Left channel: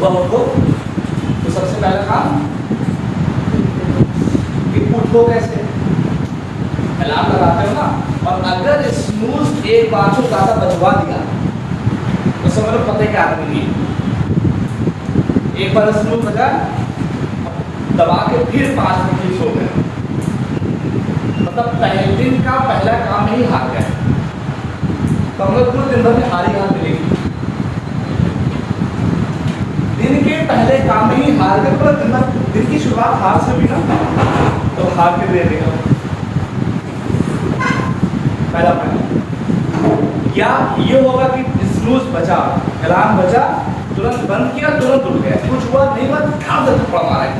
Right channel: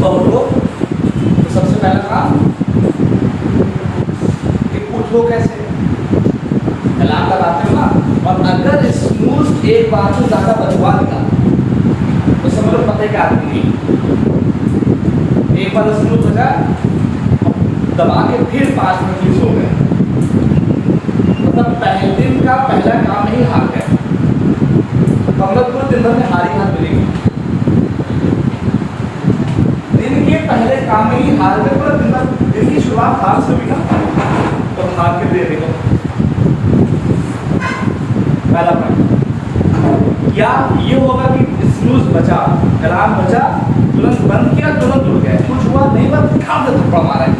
सुबह उठो तो सबसे पहला काम कि उठो कैसे, अलार्म लगाते हो ना, और अगर स्नूज एक बार से ज़्यादा बजवा दिया तो समझ लो पता ही क्या आदमी एक बार स्नूज बजा दबा के फिर 5 मिनट सो गए, मतलब पहले दिन का पहला काम ही हार गए, तो हम लोग पूरे दिन भर में हारी हार मिलेगी। दिन के पहले काम में ही हार गए, पूरा दिन की शुरुआत हार से हुई ना, तो हार के दे देगा पहला पॉइंट। या ये होगा कि स्नूज बचा, अलार्म बजा, तुरंत बंद किया, तुरंत उठ गया, कुछ हुआ नहीं, बस काम से थप्पड़ मारा है,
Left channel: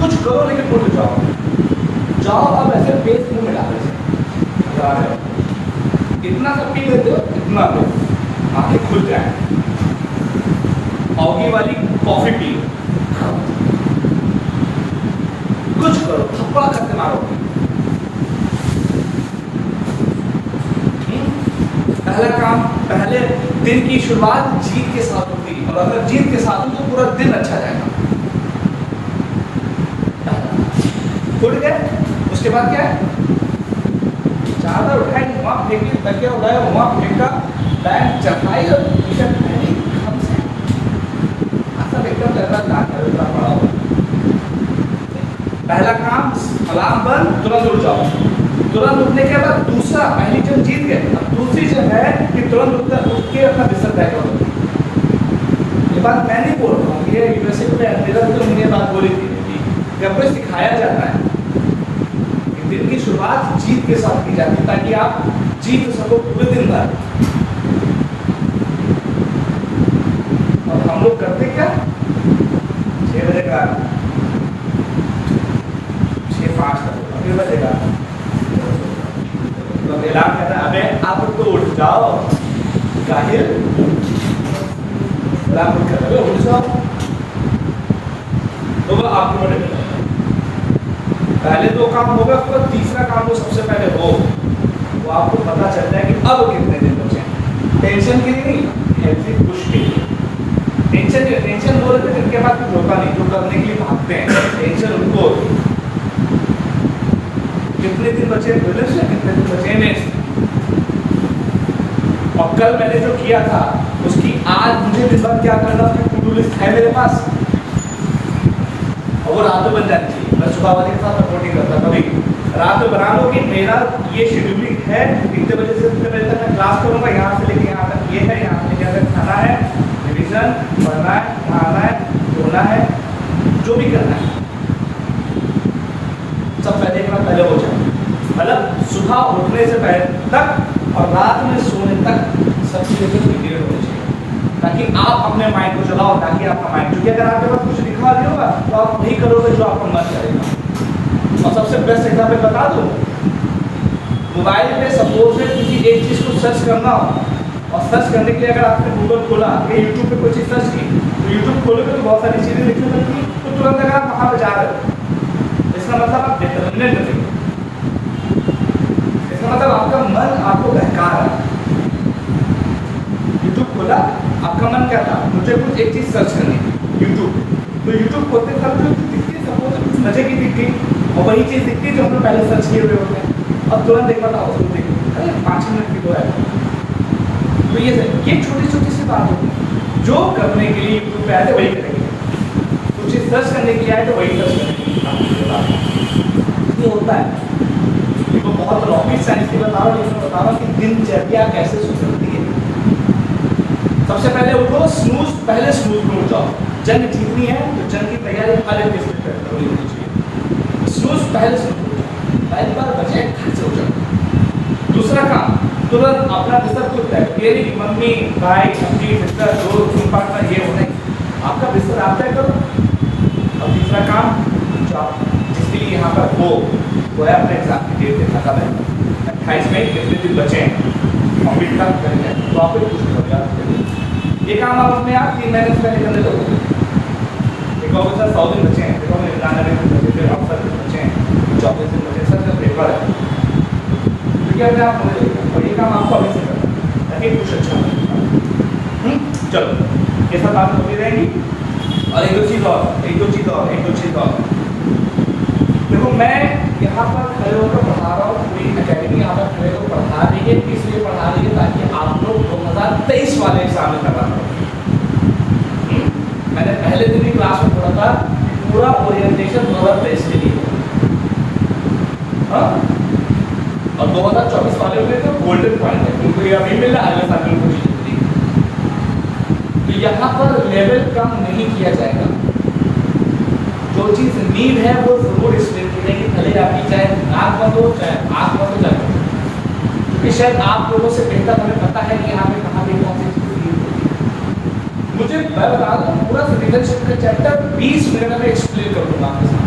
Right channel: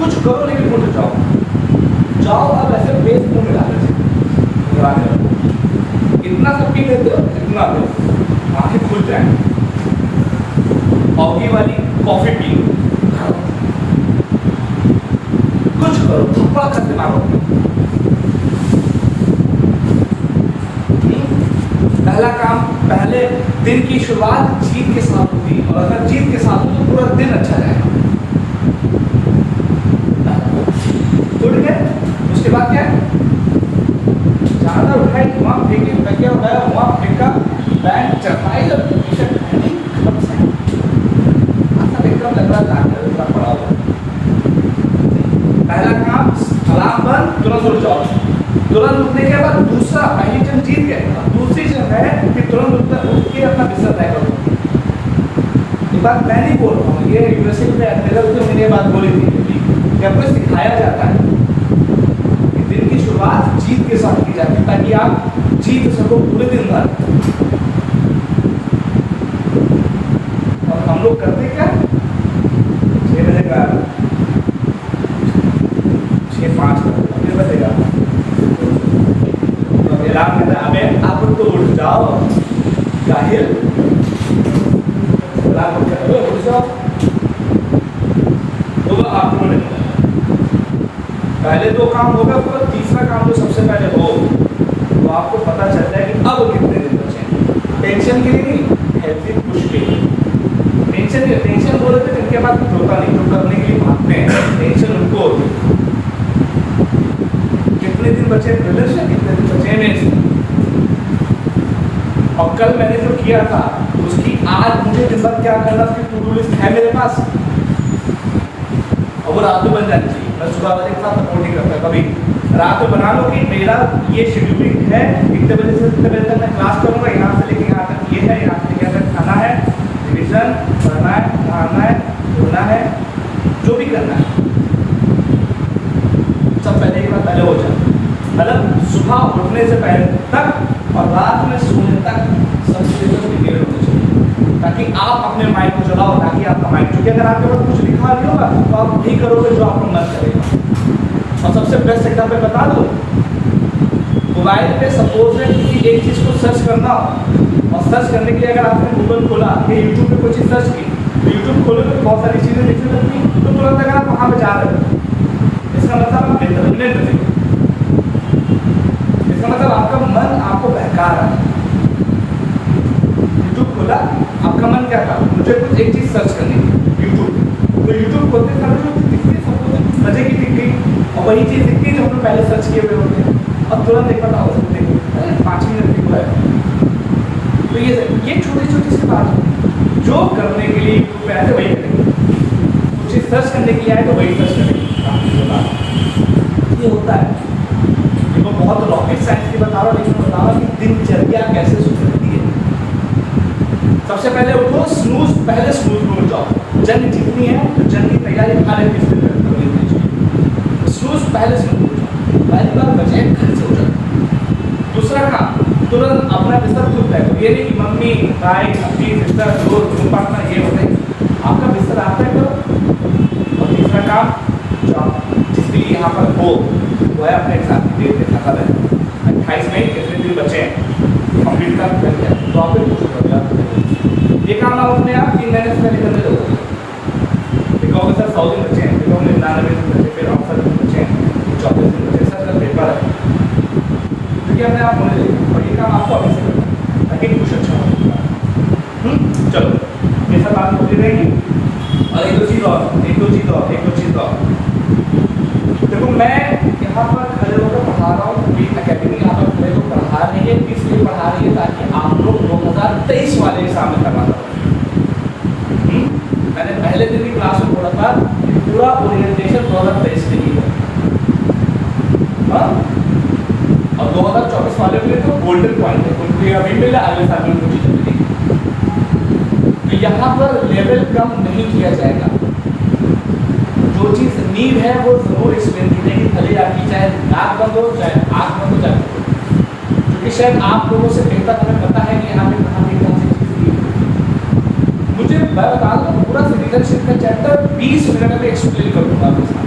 कुछ करो लेकिन उठ जाओ। अब ऐसे बेस मुंह में डाले इतना सब पी लेते हो, इतना पे आंखें खुल जाएंगे, औगी वाली कॉफी पी लो, कुछ करो, थप्पड़ करते मारो। पहला काम, पहले दिन की शुरुआत जीत के साथ होती है, और अगर जीत के साथ हो तो पूरा दिन अच्छा जाएगा। उठ गए, उसके बाद क्या है, चादर उठाई, वहाँ फेंकी, तकिया उठाया, वहाँ फेंका, पैंट चढ़ाई और टी शर्ट पहनी, कब से ऐसा एकदम लग रहा था पड़ा हुआ। पहला काम अलार्म बंद, तुरंत उठ जाओ। तुरंत उठने के बाद दूसरा, पहली जंग जीत गए, अब दूसरी जंग है कि तुरंत उठ के अपना बिस्तर तय करो। ये बात मैं नहीं बोल रहा हूँ, ये यूएसए में एडमिरल ने मुझे बात बोली थी, जब कोई सिखाया जाता है कि दिन की शुरुआत जीत के साथ की जाती है ताकि आप जीत सको पूरे दिन भर। और हम लोग करते क्या, 6 बजे का 6:05 फिर बजेगा तो अलार्म कहता है अबे आप तो उठ जाओ, काहिल अलार्म कर रहे हो, उठ जाओ, तो वो आपको बनेगा। पहले 2 काम होगा, तो तीसरा काम जो सबसे पहले हो वो आपको पता चलता है कि अब कितने दिन बचे हैं। टेंशन के लिए नहीं, हेल्थी पुश के लिए। टेंशन बोल रहे थे, इनके बाद कुछ होता नहीं, जो करने के लिए भागते हैं, टेंशन उनको होती है। कितने दिन बचे ब्रिलियंस में, कितने दिन बचे मेंस में, और कल मैंने जो किया था उसकी आज मुझे दिन भर क्या करना, उसकी टू डू लिस्ट है मेरे पास, और वो रात में बन जानी चाहिए। मैं सुबह वाले के साथ सपोर्ट नहीं करता, कभी रात में बना लो कि मेरा ये शेड्यूलिंग है, इतने बजे से इतने बजे तक मैं क्लास करूँगा, यहाँ से लेके यहाँ तक ये है, यहाँ से लेके यहाँ तक खाना है, रिविजन, पढ़ना है, नहाना है, धोना है, जो भी करना है सब पहले एक बार पहले हो जाए। मतलब सुबह उठने से पहले तक और रात में सोने तक सब चीज़ें प्रिपेयर होनी चाहिए, ताकि आप अपने माइंड को चलाओ, ताकि आपका माइंड, क्योंकि अगर आपके पास कुछ लिखा नहीं होगा तो आप वही करोगे जो आपका मन करेगा। और सबसे बेस्ट एग्जाम्पल बता दूँ, मोबाइल पे सपोज है किसी एक चीज़ को सर्च करना हो, और सर्च करने के लिए अगर आपने गूगल खोला या यूट्यूब पे कोई चीज़ सर्च की, तो यूट्यूब खोलोगे तो बहुत सारी चीज़ें दिखने लगती हैं, तो तुरंत अगर आप वहाँ पर जा रहे हो, इसका मतलब आप डिटर्मिनेट बनेंगे, इसका मतलब आपका मन आपको बहका रहा है। यूट्यूब खोला, आपका मन क्या था, मुझे कुछ एक चीज़ सर्च करनी है यूट्यूब, तो यूट्यूब खोलते समय जो दिखती है सपोज मजे की दिख गई, और वही चीज़ दिखती है जो हमने पहले सर्च किए हुए होते हैं, अब तुरंत एक बार उसमें देखो, अरे 5 मिनट की तो है। तो ये छोटी छोटी सी बात है जो करने के लिए यूट्यूब पे आए थे वही करेंगे, कुछ चीज़ सर्च करने के लिए आए तो वही सर्च करेंगे। ये होता है, देखो बहुत रॉकेट साइंस की बता रहा हूँ, लेकिन बता रहा हूँ कि दिनचर्या कैसे सुधरती है। सबसे पहले उठो, स्नूज, पहले स्नूज में उठ जाओ। जंग जीतनी है तो जंग की तैयारी हर एक चीज में होनी चाहिए। स्नूज पहले स्नूज उठ जाओ, 12 बजे घर से उठ जाओ। दूसरा काम, तुरंत अपना बिस्तर खुद तय करो, ये नहीं कि मम्मी, भाई, अपनी सिस्टर, दोस्त, रूम पार्टनर ये होता है, आपका बिस्तर आप तय करो। और तीसरा काम, जो आप जिसके लिए यहाँ पर हो वो है अपने एग्जाम की डेट के खाता है 28 मई, कितने दिन बचे हैं कंप्लीट कर जाए, तो आप फिर कुछ करेगा। ये काम आप अपने आप 3 महीने से निकलने दो, देखो सर 100 दिन बचे हैं, देखो 99 दिन बचे, फिर अवसर दिन बचे हैं, 34 दिन बचे, सर पेपर है, क्योंकि अपने आप होने देगा। और ये काम आपको अभी से करना है ताकि कुछ अच्छा हो। चलो ये सब बात होती रहेगी। और एक दो चीज़ और देखो, मैं यहाँ पर खड़े होकर पढ़ा रहा हूँ, पूरी अकेडमी यहाँ पर खड़े होकर पढ़ा रही है, किस लिए पढ़ा रही है, ताकि आप लोग 2023 वाले एग्जाम में करवा दो। मैंने पहले दिन की क्लास में बोला था पूरा ओरिएंटेशन 2023 के लिए, हाँ, और 2024 वाले के लिए तो गोल्डन पॉइंट है, उनको ये अभी मिला, अगले साल में कुछ नहीं। तो यहाँ पर लेवल कम नहीं किया जाएगा, जो चीज़ नीड है वो जरूर स्टूडेंट मिलेगी, भले आपकी चाहे नाक बंद हो चाहे आँख बंद हो जाए, क्योंकि शायद आप लोगों से बेहतर हमें पता है कि यहाँ पे कहाँ पे कौन सी चीज़ नीड है। मुझे मैं बता दूँ पूरा सिटीजनशिप का चैप्टर 20 मिनट में एक्सप्लेन कर दूँगा आपके साथ,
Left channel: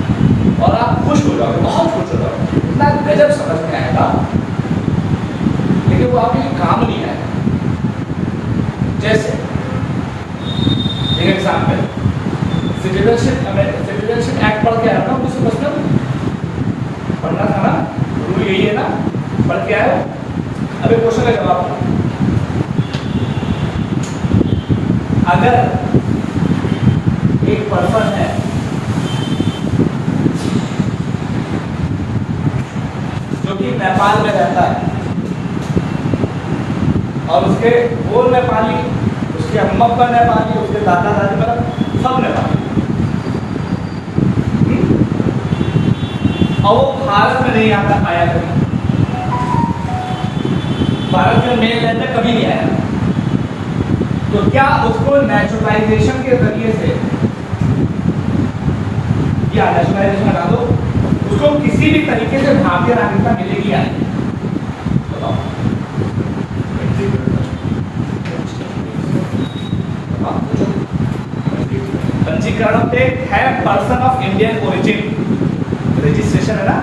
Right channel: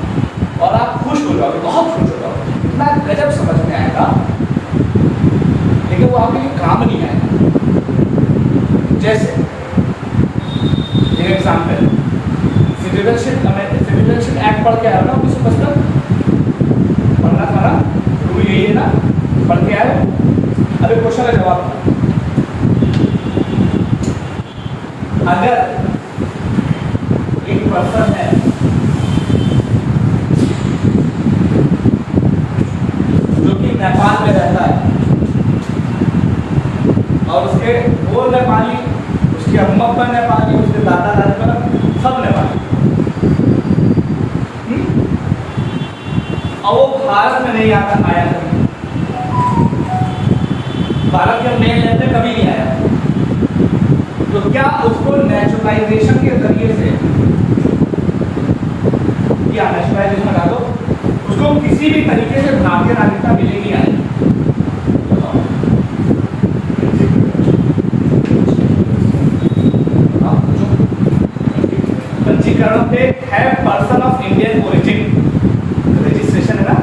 और आप खुश हो जाओगे, बहुत खुश हो जाओगे, इतना गजब समझ में आएगा, लेकिन वो आपके लिए काम नहीं आएगा। जैसे एक एग्जाम्पल, सिटीजनशिप एक्ट पढ़ के आया ना 1955, पढ़ना था ना, रूल यही है ना, पढ़ के आए। अभी क्वेश्चन का जवाब, अगर एक पर्सन है जो कि नेपाल में रहता है और उसके वो नेपाली, उसकी अम्मा पर नेपाली, उसके दादा दादी पर सब नेपाली, और वो भारत में नहीं आया कभी, भारत के मेन लैंड में कभी नहीं आया, तो क्या उसको नेचुरलाइजेशन के जरिए से, या नेचुरलाइजेशन हटा दो, उसको किसी भी तरीके से भारतीय नागरिकता मिलेगी या नहीं? बताओ। पंजीकरण पे है person of Indian origin, registration है ना,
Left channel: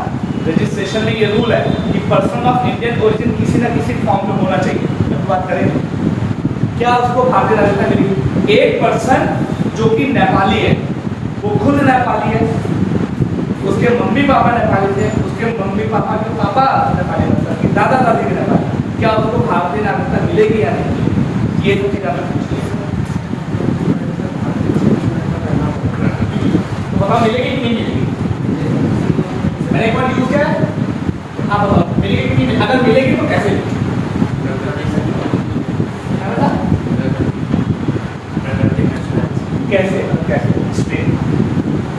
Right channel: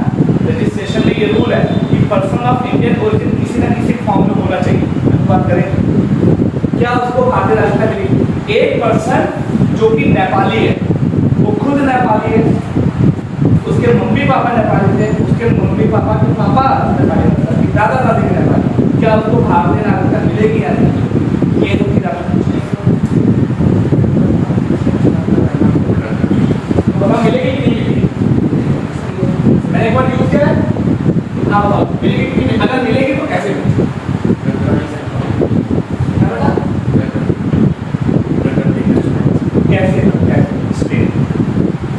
रजिस्ट्रेशन में ये रूल है कि पर्सन ऑफ इंडियन ओरिजिन किसी ना किसी फॉर्म में होना चाहिए। अब बात करेंगे क्या उसको भारतीय नागरिकता मिलेगी? एक पर्सन जो कि नेपाली है, वो खुद नेपाली है, उसके मम्मी पापा नेपाली थे, उसके मम्मी पापा के पापा नेपाली, दादा दादी के नेपाली, क्या उसको भारतीय नागरिकता मिलेगी या नहीं? ये तो फिर पापा मिलेगी कि नहीं मिलेगी? मैंने एक बार यूज किया है, हाँ बताओ मिलेगी कि नहीं? अगर मिलेगी तो कैसे? कैसे?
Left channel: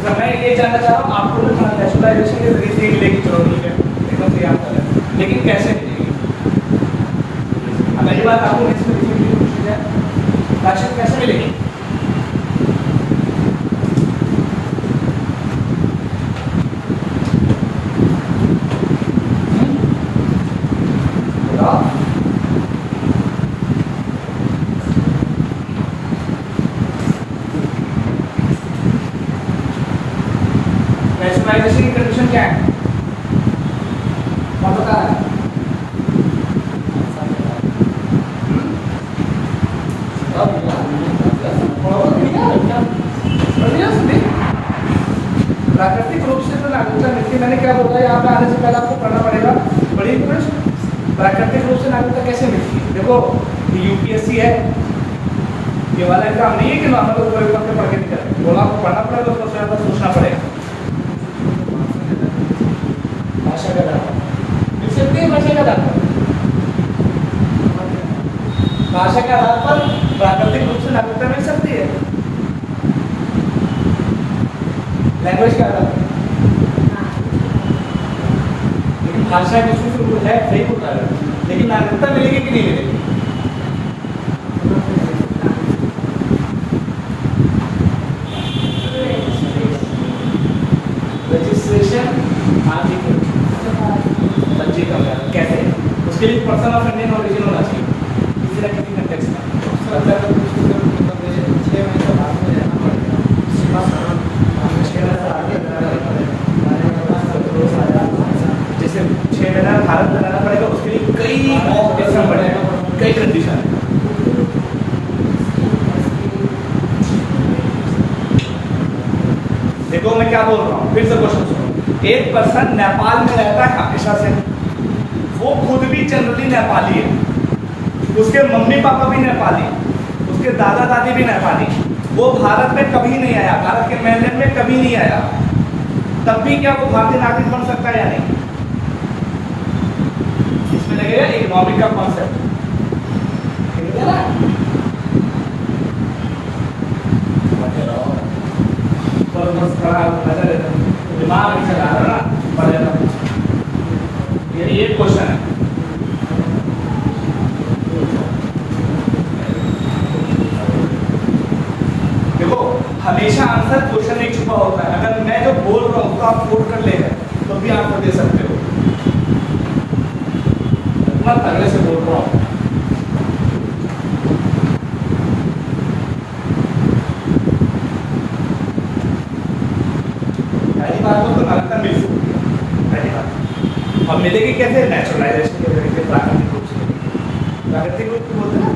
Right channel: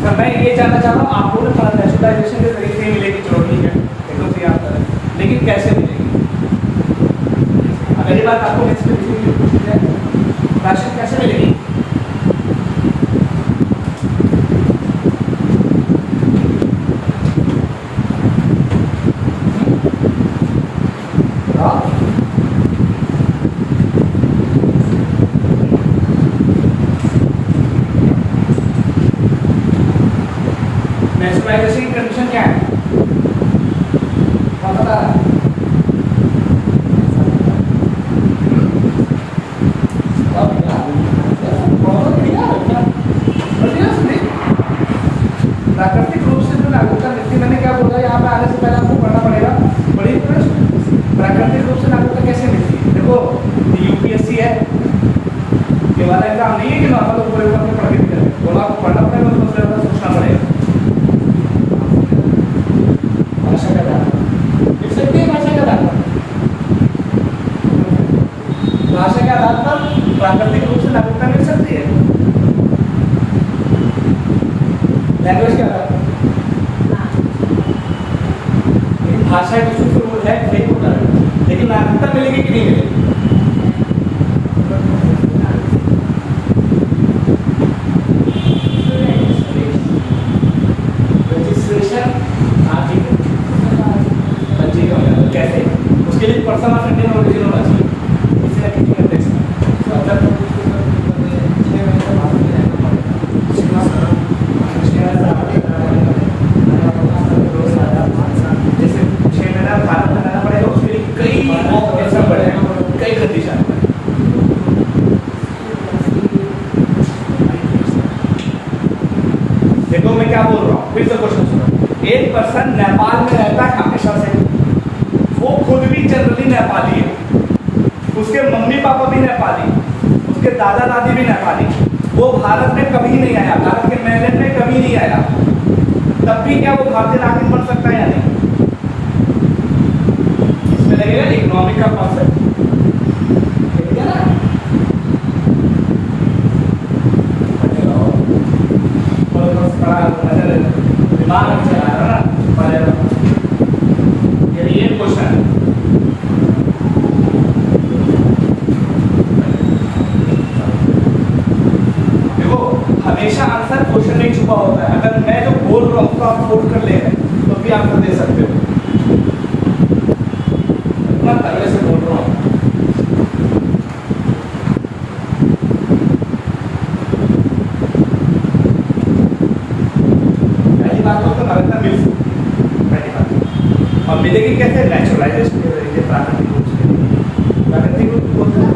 तो मैं ये जानना चाह रहा हूँ, आपको तो नेशनलाइजेशन के जरिए नहीं मिलेगी, चलो ठीक है, एकदम सही आप कर रहे हैं, लेकिन कैसे मिलेगी? अगली बात आपको नेक्स्ट में पूछी जाए, राशन कैसे मिलेगी? नेशनलाइजेशन की कंडीशन क्या है? कौन बता रहा है? प्राकृतिक रूप से जो नागरिकता मिलती है, मैंने क्या बोला, यहाँ पे आने से पहले आपको पढ़ना पड़ेगा, बड़ी प्रश्न, प्राकृतिक रूप से नागरिकता कैसे मिलती है? देखो यूपीएससी है, ये वाला एग्जाम नहीं है कि नॉर्मल ऊपर ऊपर के पढ़ के निकल, बोला आपको पढ़ना पड़ेगा, उसको सोचना पड़ेगा। भाषा का दान मिल सकती है, भाषा का दान पर, भाषा के आधार पर प्राकृतिक रूप से नागरिकता मिल सकती है, लैंग्वेज के आधार पर, लेकिन भाषा की शुद्ध रूप है सही होता है, लेकिन नागरिकता मिलेगी कि नहीं मिलेगी? रजिस्ट्रेशन कैसे? उसके लिए पर्सन ऑफ इंडियन ओरिजिन होना चाहिए, किसी ना किसी कंटेक्स्ट में। जैसे 6 महीना भारत में रहना पड़ेगा, उसके लिए कई ऑप्शन बढ़ेगा, कई कंडीशन। देखो मैं क्या बोल रहा हूँ, फिर से क्वेश्चन सुनो। एक पर्सन नेपाल में रहता है हमेशा से, वो खुद भी जनरली नेपाली है, उसके मम्मी पापा भी नेपाली, उसके दादा दादी भी नेपाली, वो भारत में कभी नहीं आया, भारत के मेनलैंड में कभी नहीं आया, तब भी क्या वो भारतीय नागरिक बन सकता है या नहीं? इसमें लगेगा इकोनॉमिक का कॉन्सेप्ट, ठीक है ना? दिमाग नहीं चला रहा ना, पढ़ेगा। ये क्वेश्चन है। देखो हमेशा आंसर क्वेश्चन में छुपा होता है। अगर मैं जो बोल रहा हूँ तो आप कोट कर लेंगे तो भी आंसर दे सकते हो। मैं अगले से बोल रहा हूँ। पहली बात तो नागरिकता मिल सकती है, पहली बात। और मिलेगी कैसे? नेचुरलाइजेशन के तरीके, प्राकृतिक रूप से मिलेगी। प्राकृतिक रूप बोलते हैं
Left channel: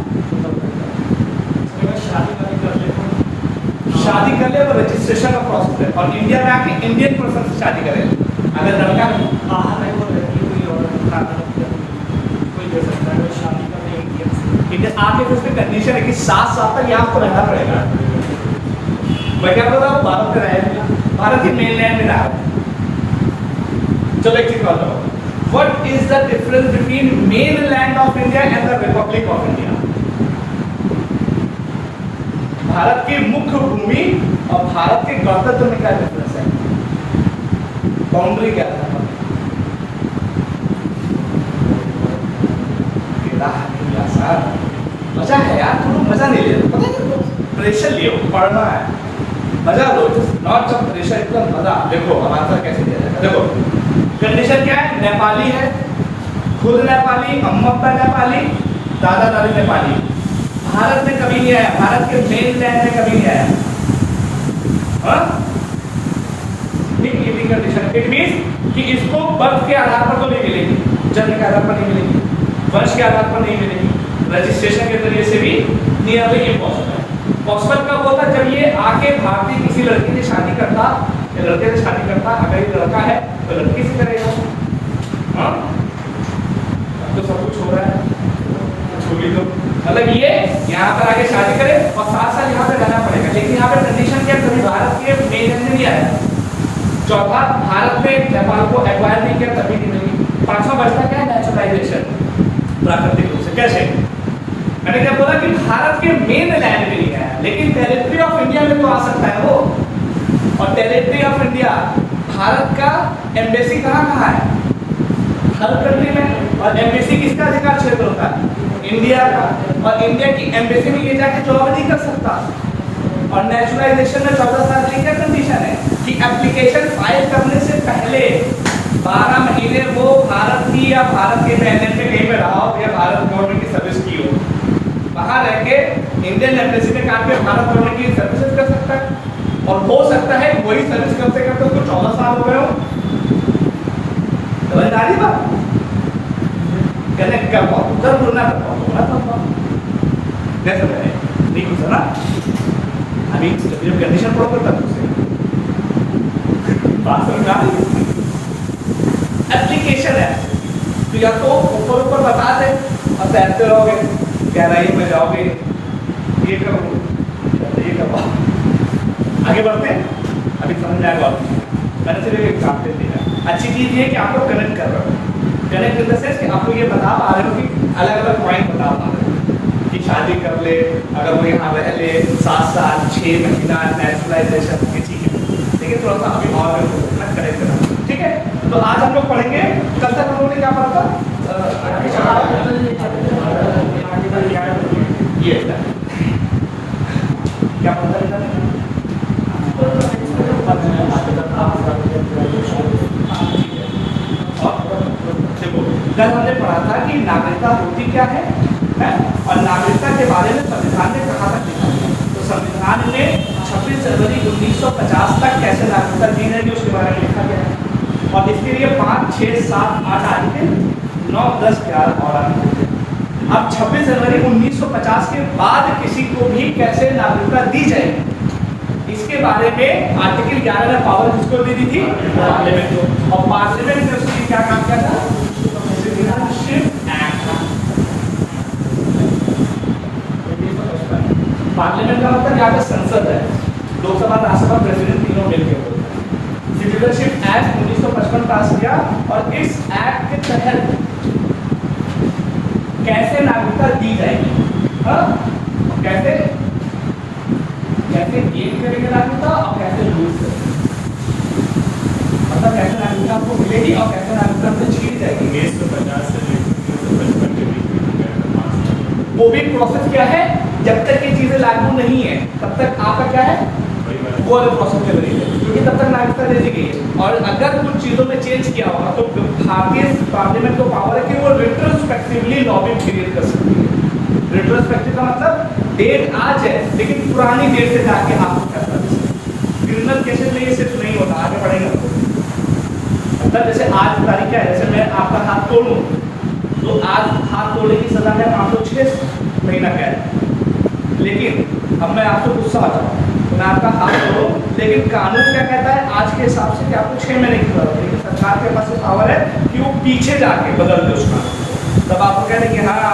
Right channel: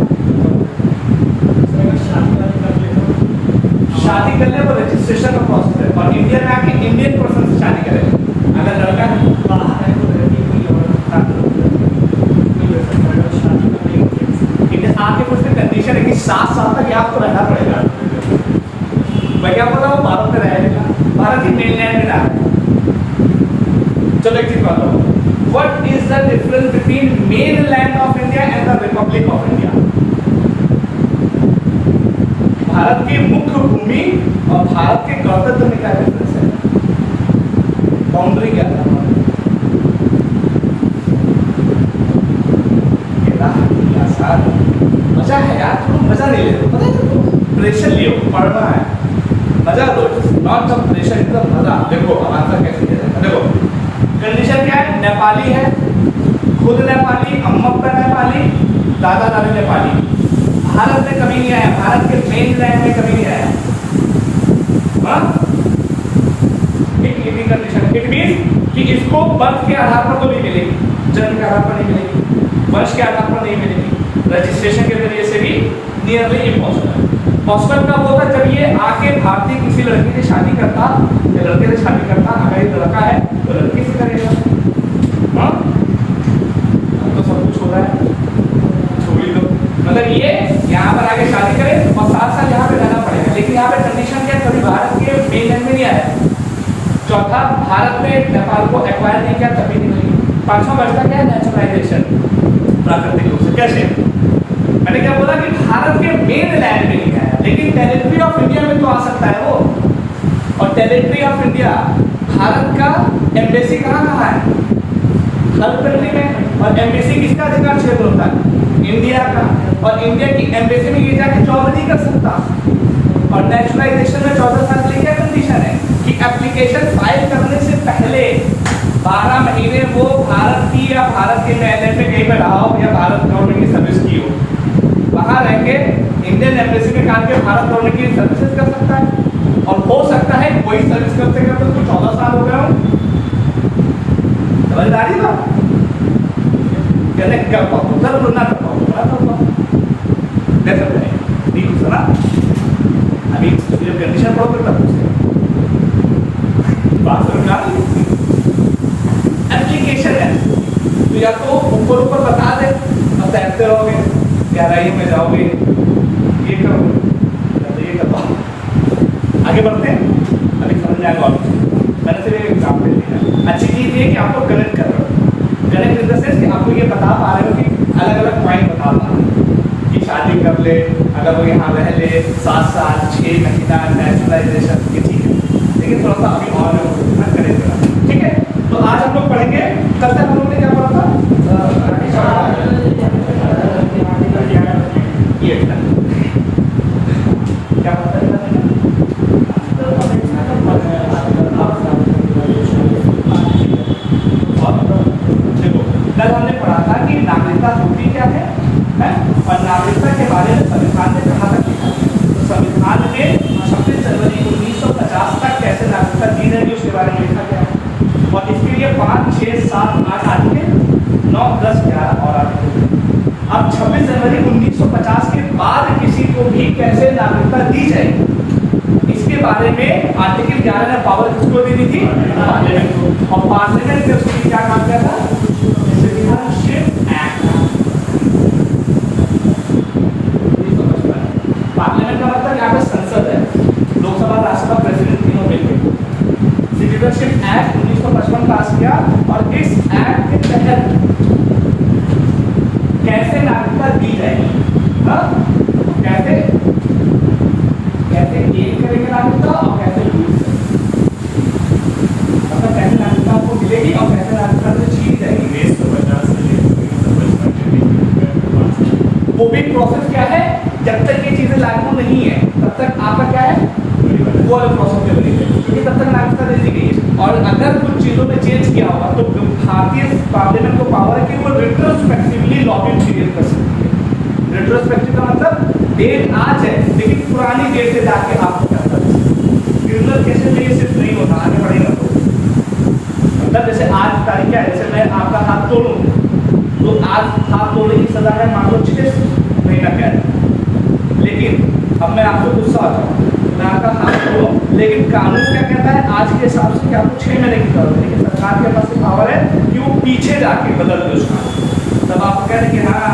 शादी कर ले, वो रजिस्ट्रेशन का प्रोसेस है। और इंडिया में आके इंडियन पर्सन से शादी करें, अगर लड़का बाहर है तो लड़की कोई और कोई हो सकता है। शादी करेंगे इंडिया आके फिर उसमें कंडीशन है कि 7 साल तक आपको रहना पड़ेगा। मैं क्या बोल रहा हूँ, भारत में रहेगा, भारत की मेनलैंड में रहा। चलो एक चीज बात बताओ, what is the difference between mainland of India and the Republic of India? Bharat की मुख्य भूमि और भारत के गणतंत्र में क्या डिफरेंस है? बाउंड्री क्या है? मजा है यार, थोड़ा मजा नहीं ले लो, पता है? प्रेशर लियो, पढ़ना है, मजा लो, नॉट जब प्रेशर, एकदम मजा। देखो आंसर कैसे दे रहे हैं, देखो कंडीशन क्या है? नेपाली है, खुद नेपाली, अम्मा अब्बा नेपाली, दादा दादी नेपाली, भारत में कभी नहीं आया, भारत के मेनलैंड में कभी नहीं आया। हाँ ठीक, ये कंडीशन। इट मींस कि इसको बर्थ के आधार पर तो नहीं मिलेगी, जन्म के आधार पर नहीं मिलेगी, वंश के आधार पर नहीं मिलेगी, रजिस्ट्रेशन के जरिए से भी नियरली इम्पॉसिबल है। पॉसिबल कब होता? जब ये आके भारतीय किसी लड़की से शादी करता या लड़के से शादी करता, अगर ये लड़का है तो लड़की से करेगा। हाँ तो सब कुछ हो रहा है, छोड़ी दो, मतलब ये यहाँ पर आके शादी करे और 7 साल यहाँ पे रहना पड़ेगा। लेकिन यहाँ पे कंडीशन क्या? कभी भारत के मेनलैंड में नहीं आया। चौथा, भारत में नेपाल को एक्वायर नहीं किया, तभी नहीं मिली। 5वां बचता क्या है? नेचुरलाइजेशन, प्राकृतिक रूप से। कैसे? मैंने क्या बोला कि भारत के मेनलैंड में नहीं आया, लेकिन टेरिटरी ऑफ इंडिया में तो आ सकता है वो। और टेरिटरी ऑफ इंडिया, भारत का एम्बेसी कहाँ कहाँ है? हर कंट्री में। और एम्बेसी किसका अधिकार क्षेत्र होता है? इंडिया का। और इंडिया की एम्बेसी में ये जाके जॉब नहीं कर सकता। और नेचुरलाइजेशन में 14 साल की क्या कंडीशन है कि एप्लीकेशन फाइल करने से पहले 12 महीने वो भारत की या भारत के मेनलैंड में कहीं पे रहा हो या भारत गवर्नमेंट की सर्विस की हो, वहां रह के इंडियन एम्बेसी में काम के भारत गवर्नमेंट की सर्विसेज कर सकता है। और हो सकता है वही सर्विस करते करते उसको 14 साल हो गए हो। समझदारी बात कहने कर पाओ, उधर बोलना कर पाओ, बोलना कर पाओ, नहीं समझ रहे, नहीं कुछ ना। अभी जब कंडीशन पढ़ो तब बात समझ आ रही है। एप्लीकेशन है तो या तो ऊपर ऊपर बता दे और तैरते रहोगे, गहराई में जाओगे, ये करो या तो ये करवा। आगे बढ़ते हैं, अभी समझ में आएगा। मैंने सिर्फ एक एग्जाम्पल दिया। अच्छी चीज़ ये है कि आपको कनेक्ट कर रहे हो, कनेक्ट इन द सेंस कि आपको ये बता पा रहे हो कि अलग अलग पॉइंट बता पा रहे हो कि शादी कर ले, अगर वो यहाँ रह ले 7 साल 6 महीना, नेचुरलाइजेशन की चीज़ है। लेकिन थोड़ा सा अभी और कनेक्ट करा, ठीक है। तो आज हम लोग पढ़ेंगे, कल तक हम लोग ने क्या पढ़ा था? ये क्या देखो कल हमने पढ़ा था कि नागरिकता होती क्या है? और नागरिकता के बारे में संविधान ने कहा था। तो संविधान में 26 जनवरी 1950 तक कैसे नागरिकता दी जाएगी उसके बारे में लिखा गया है। और इसके लिए 5, 6, 7, 8 आर्टिकल, 9, 10, 11 और आर्टिकल। अब 26 जनवरी 1950 के बाद किसी को भी कैसे नागरिकता दी जाएगी इसके बारे में आर्टिकल 11 ने पावर किसको दे दी थी? पार्लियामेंट को। और पार्लियामेंट ने उसकी क्या काम किया था? Citizenship act. पार्लियामेंट का मतलब यहाँ पे संसद है, लोकसभा, राज्यसभा, प्रेसिडेंट तीनों मिलकर। सिटीजनशिप एक्ट 1955 पास किया और इस एक्ट के तहत कैसे नागरिकता दी जाएगी, हाँ कैसे कैसे गेन करेंगे नागरिकता और कैसे लूज करेंगे, मतलब कैसे नागरिकता आपको मिलेगी और कैसे नागरिकता से छीन जाएगी। 1950 से लेकर 1955 के बीच वो भी प्रोसेस क्या है, जब तक ये चीजें लागू नहीं है तब तक आपका क्या है वो वाला प्रोसेस चल रही है, क्योंकि तब तक नागरिकता दे दी गई है। और अगर कुछ चीजों में चेंज किया होगा तो भारतीय पार्लियामेंट को पावर है कि वो रिट्रोस्पेक्टिवली लॉ भी क्रिएट कर सकती है। रिट्रोस्पेक्टिव का मतलब डेट आज है लेकिन पुरानी डेट से जाके आपको फैसला दे सकते हैं। क्रिमिनल केसेस में ये सिर्फ नहीं होता, आगे बढ़ेगा तो मतलब जैसे आज तारीख क्या है, जैसे मैं आपका हाथ तोड़ूं तो आज हाथ तोड़ने की सजा है मान लो 6 महीना कैद, लेकिन अब मैं आपको गुस्सा आ जाऊँ मैं आपका हाथ तोड़ूं, लेकिन कानून क्या कहता है आज के हिसाब से कि आपको 6 महीने की जरूरत है, लेकिन सरकार के पास पावर है कि वो पीछे जाके बदल दे उसका, तब आपको कहते हैं कि हाँ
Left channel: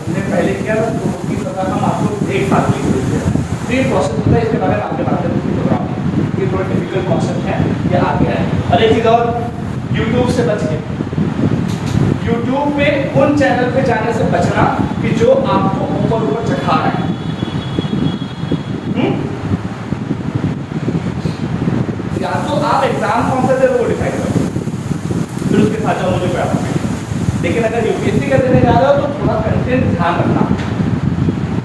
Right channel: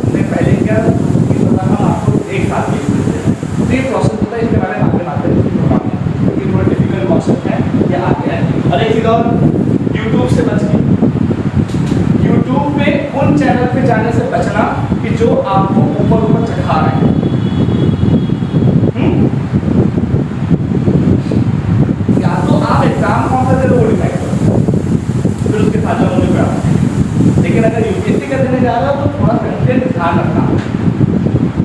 तुमने पहले किया था तो उसकी सजा हम आपको 1 साल की दे रहे हैं। तो ये प्रोसेस होता है, इसके बारे में आगे बात करें प्रोग्राम में, क्योंकि थोड़ा डिफिकल्ट कॉन्सेप्ट है, ये आगे है। और एक चीज़ और, यूट्यूब से बचने, यूट्यूब पे उन चैनल पे जाने से बचना कि जो आपको ऊपर ऊपर चढ़ा रहे हैं। या तो आप एग्जाम कौन सा दे रहे हो वो डिसाइड करो, फिर उसके साथ जो मुझे पढ़ा। लेकिन अगर यूपीएससी का देने जा रहे हो तो थोड़ा कंटेंट ध्यान रखना,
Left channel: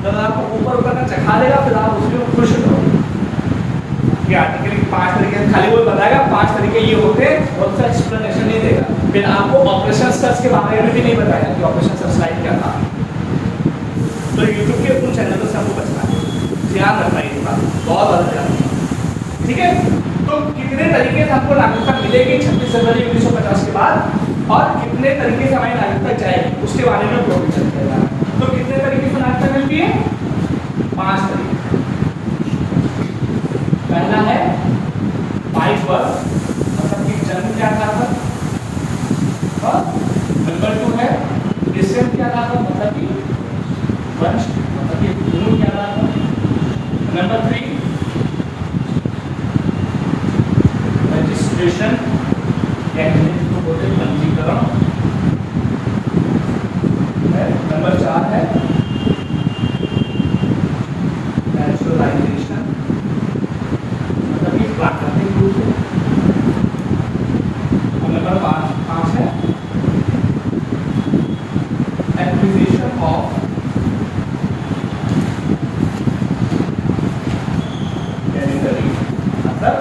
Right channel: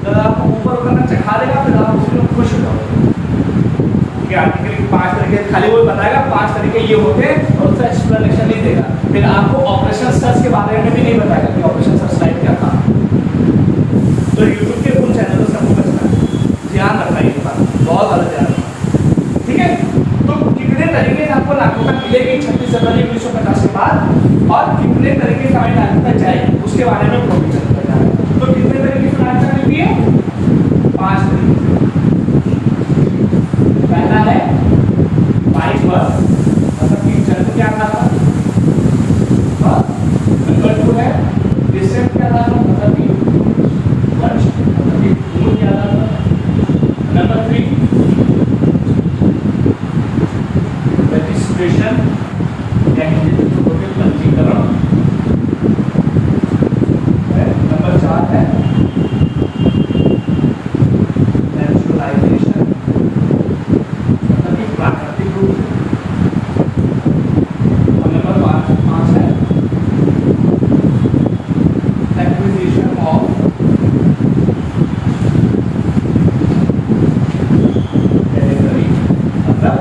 जब आपको ऊपर ऊपर का चढ़ा देगा फिर आप उसी में खुश हो जाओगे कि आर्टिकल के 5 तरीके, खाली वो बताएगा 5 तरीके ये होते हैं और उसका एक्सप्लेनेशन नहीं देगा, फिर आपको ऑपरेशन सर्च के बारे में भी नहीं बताएगा कि ऑपरेशन सर्च लाइट क्या था। तो यूट्यूब के उन चैनलों से आपको बचना है, ध्यान रखना ये बात, बहुत ज़्यादा ध्यान रखना, ठीक है। तो कितने तरीके से आपको नागरिकता मिलेगी 26 जनवरी 1950 के बाद और कितने तरीके से हमारी नागरिकता जाएगी उसके बारे में प्रोविजन किया जा रहा है। तो कितने तरीके से नागरिकता मिलती है, 5 तरीके। पहला है बाई बर्थ, मतलब कि जन्म के आधार पर। नंबर 2 है डिसेंट के आधार पर, मतलब कि वंश, मतलब कि मूल के आधार पर। नंबर 3 रजिस्ट्रेशन या पंजीकरण। नंबर 4 है नेचुरलाइजेशन, मतलब कि प्राकृतिक रूप से। और नंबर 5 है एक्विजिशन ऑफ टेरिटरी, मतलब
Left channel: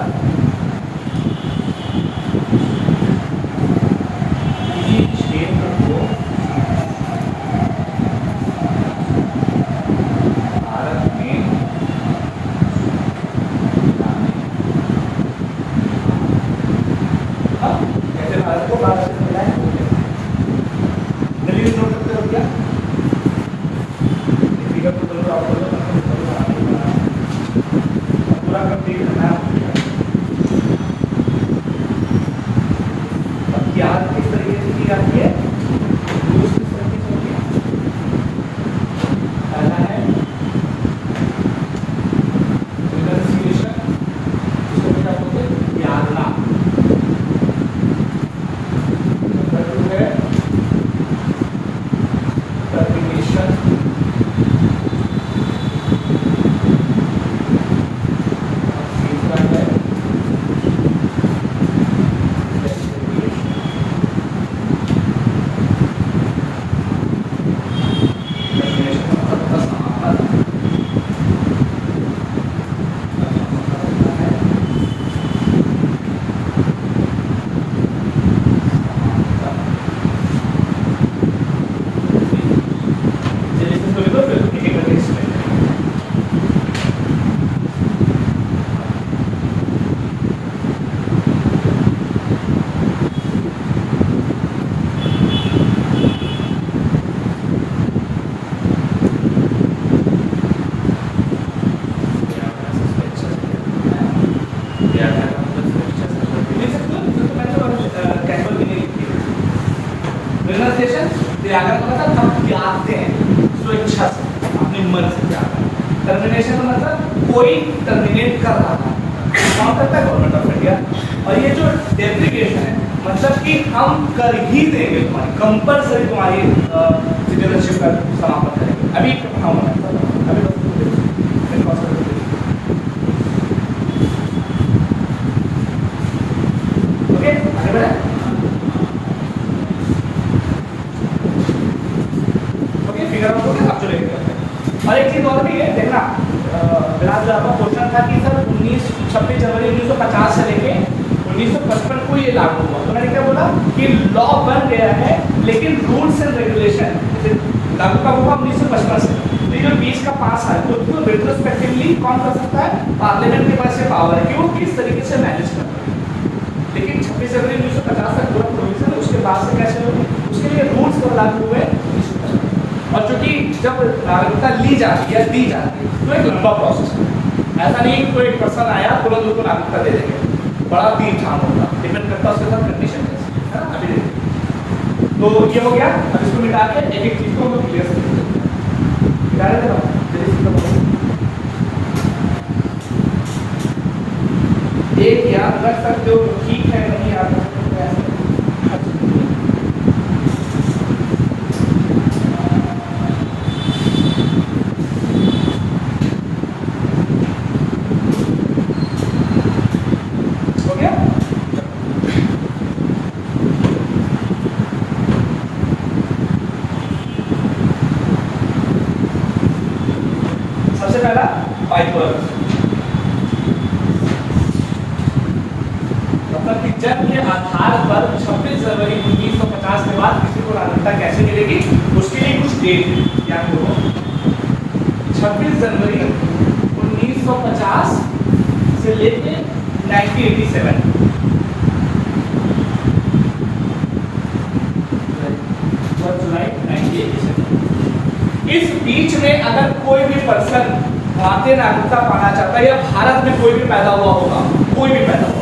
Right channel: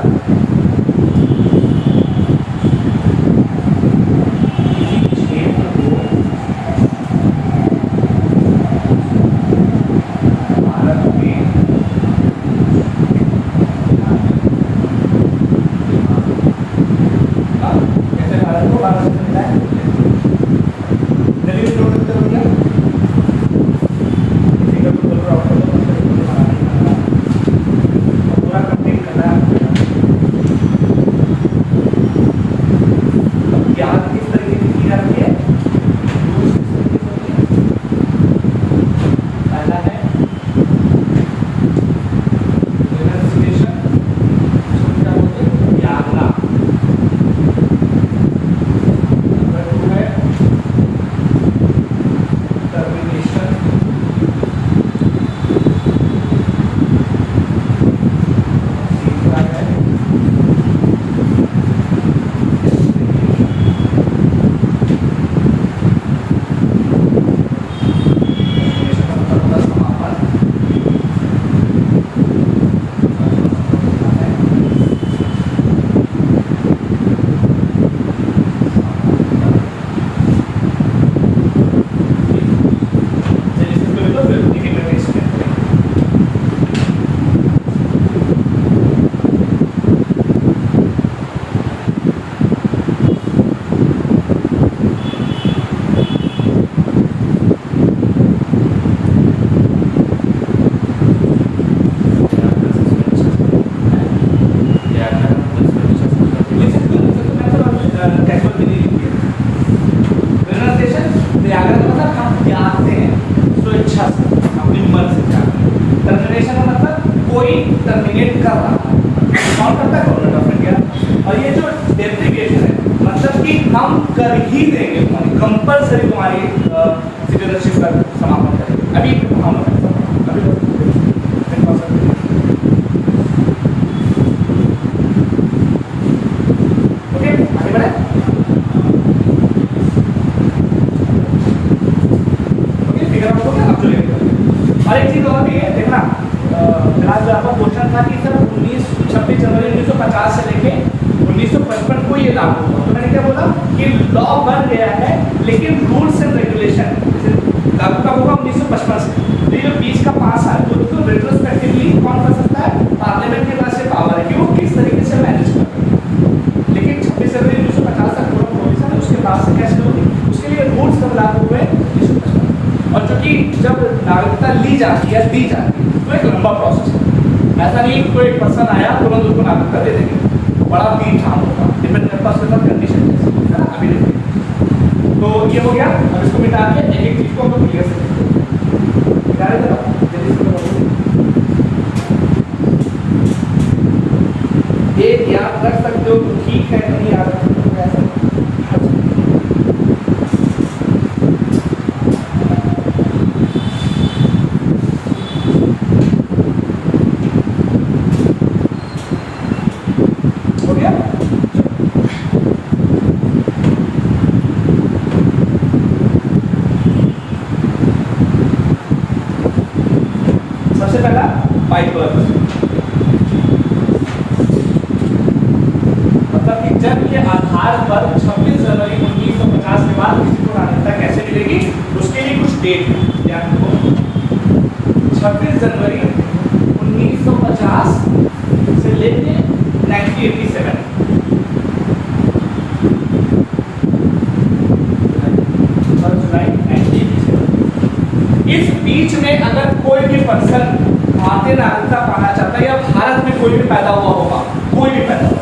टर्मिनेशन का मतलब कोई टर्मिनेट कर रहा है, कौन करता है? Government of India. और ये जो डेप्रिकेशन है मतलब कि हम कर ही देंगे, तुम्हारी कंपलसरी तुम्हारी सिटीजनशिप का समापन करेंगे। अभी हम अभी ओके आगे बढ़े। ओके फिगर आउट हो गया, अब चलेंगे करते हैं। और एक चीज और भी है देखना, फिलहाल आपका क्वेश्चन था कि सर 26 जनवरी 1950 से लेके 1955 को ये लागू हुआ। तो मैंने क्या बोला कि लॉ बन गया है लेकिन रूल्स एंड रेगुलेशन लागू कब हुआ? 1955 से। तो ये जो 20 का 5 साल तो रेट्रोस्पेक्टिवली कौन कर सकता है? पार्लियामेंट के पास ये पावर है कि वो किस तरीके से मैनेज कर रहा है। लेकिन 26 जनवरी 1950 तक पूरा प्रोविजन, उसके बाद से कैसे होगी उसके लिए रूल्स कब लागू हुए? 1955। और चूंकि जब नागरिकता ली जाती है दी जाती है तो एक लंबा प्रोसेस है, ऐसा नहीं कोई पर्सन आया तुरंत उसको नागरिकता दे देंगे, बड़ा तीन ठाम होगा, डिपेंड करता है उसके साथ कंडीशन है ना। अभी देखिए तो ये हो गया। अब इसको मिटा के एक एक चीज को हम लोग क्लियर से देखते हैं। एक याद रख सकते हो तो ठीक है, नहीं याद रख सकते तो ऐसा हो गया। सबसे पहला बाइकोलॉजी, मतलब कि जन्म के आधार पर 26 जनवरी 1950 के बाद किसी को नागरिकता कैसे मिलेगी उसके लिए कुछ डेट है, याद रखो। 26 जनवरी 1950 से लेके 1987 और जुलाई 1987, इस बीच में अगर कोई भी पर्सन भारतीय नागरिकता पाना चाहता है या भारत में कोई भी पैदा हुआ होगा, कोई भी पैदा हुआ,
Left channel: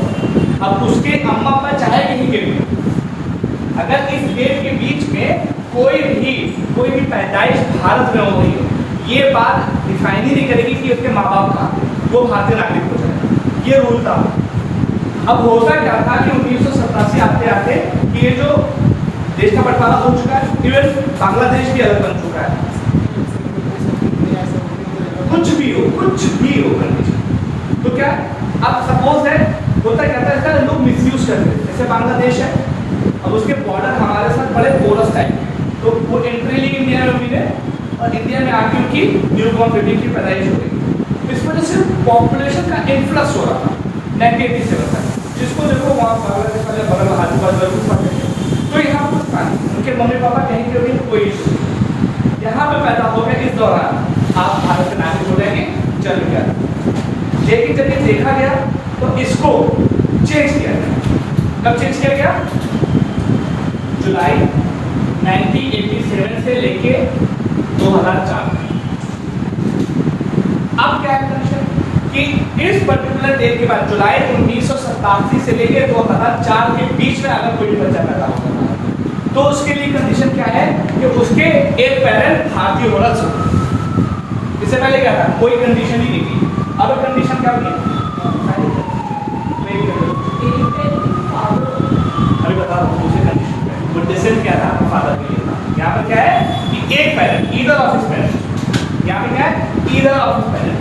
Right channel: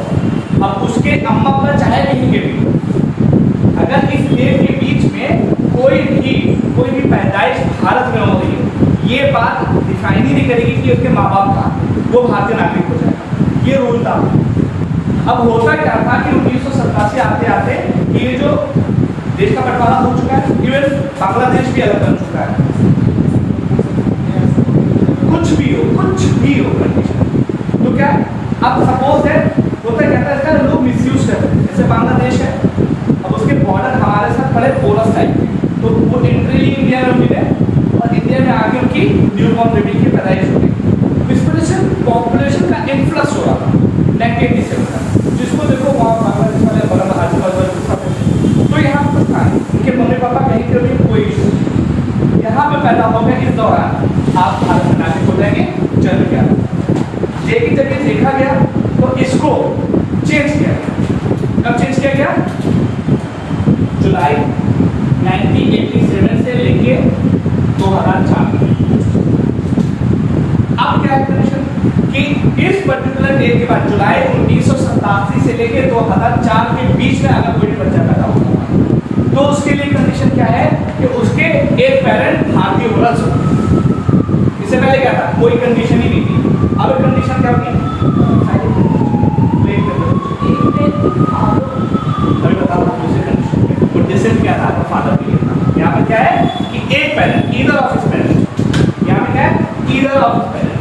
अब उसके अम्मा पर चाहे कहीं के भी, अगर इस डेट के बीच में कोई भी पैदाइश भारत में हो रही है, ये बात डिफाइन ही नहीं करेगी कि उसके माँ बाप कहाँ थे, वो भारतीय नागरिक हो जाएगा। ये रूल था। अब होता क्या था कि 1987 आते आते ये जो देश का बंटवारा हो चुका है, इवन बांग्लादेश भी अलग बन चुका है। कुछ भी हो कंडीशन तो क्या अब सपोज है होता क्या था, इसका लोग मिसयूज करते हैं। जैसे बांग्लादेश है, अब उसके बॉर्डर हमारे साथ बड़े पोरस टाइप, तो वो एंट्री ली इंडिया में मिले और इंडिया में आके उनकी न्यूबॉर्न बेबी की पैदाइश हो गई। इस वजह से पॉपुलेशन का इन्फ्लक्स हो रहा था 1987 तक, जिसको देखो वहाँ बांग्लादेश वाले बगल आजू बाजू, तो यहाँ कुछ था उनके मम्मी पापा कहीं के भी कोई इशू, यहाँ पे पैदा हो गया, इस दौरान आप भारत में नागरिक हो जाएंगे, चल गया। लेकिन जब ये देखा गया तो इसको चेंज किया गया। कब चेंज किया गया? जुलाई 1987 से लेके 2004। अब क्या कंडीशन कि इस पर्टिकुलर डेट के बाद जुलाई 1987 से लेके 2004 के बीच में अगर कोई बच्चा पैदा होता है तो उसके लिए कंडीशन क्या है कि उसके एक पेरेंट भारतीय होना चाहिए। इससे पहले क्या था? कोई कंडीशन ही नहीं थी। अब कंडीशन क्या होगी? अभी बता रहा हूँ दूसरी कंडीशन। तो डिसीजन क्या था फादर के लिए? यहाँ पे क्या है कि एक parent, either of his parent. यहाँ पे क्या है? Either of his parent.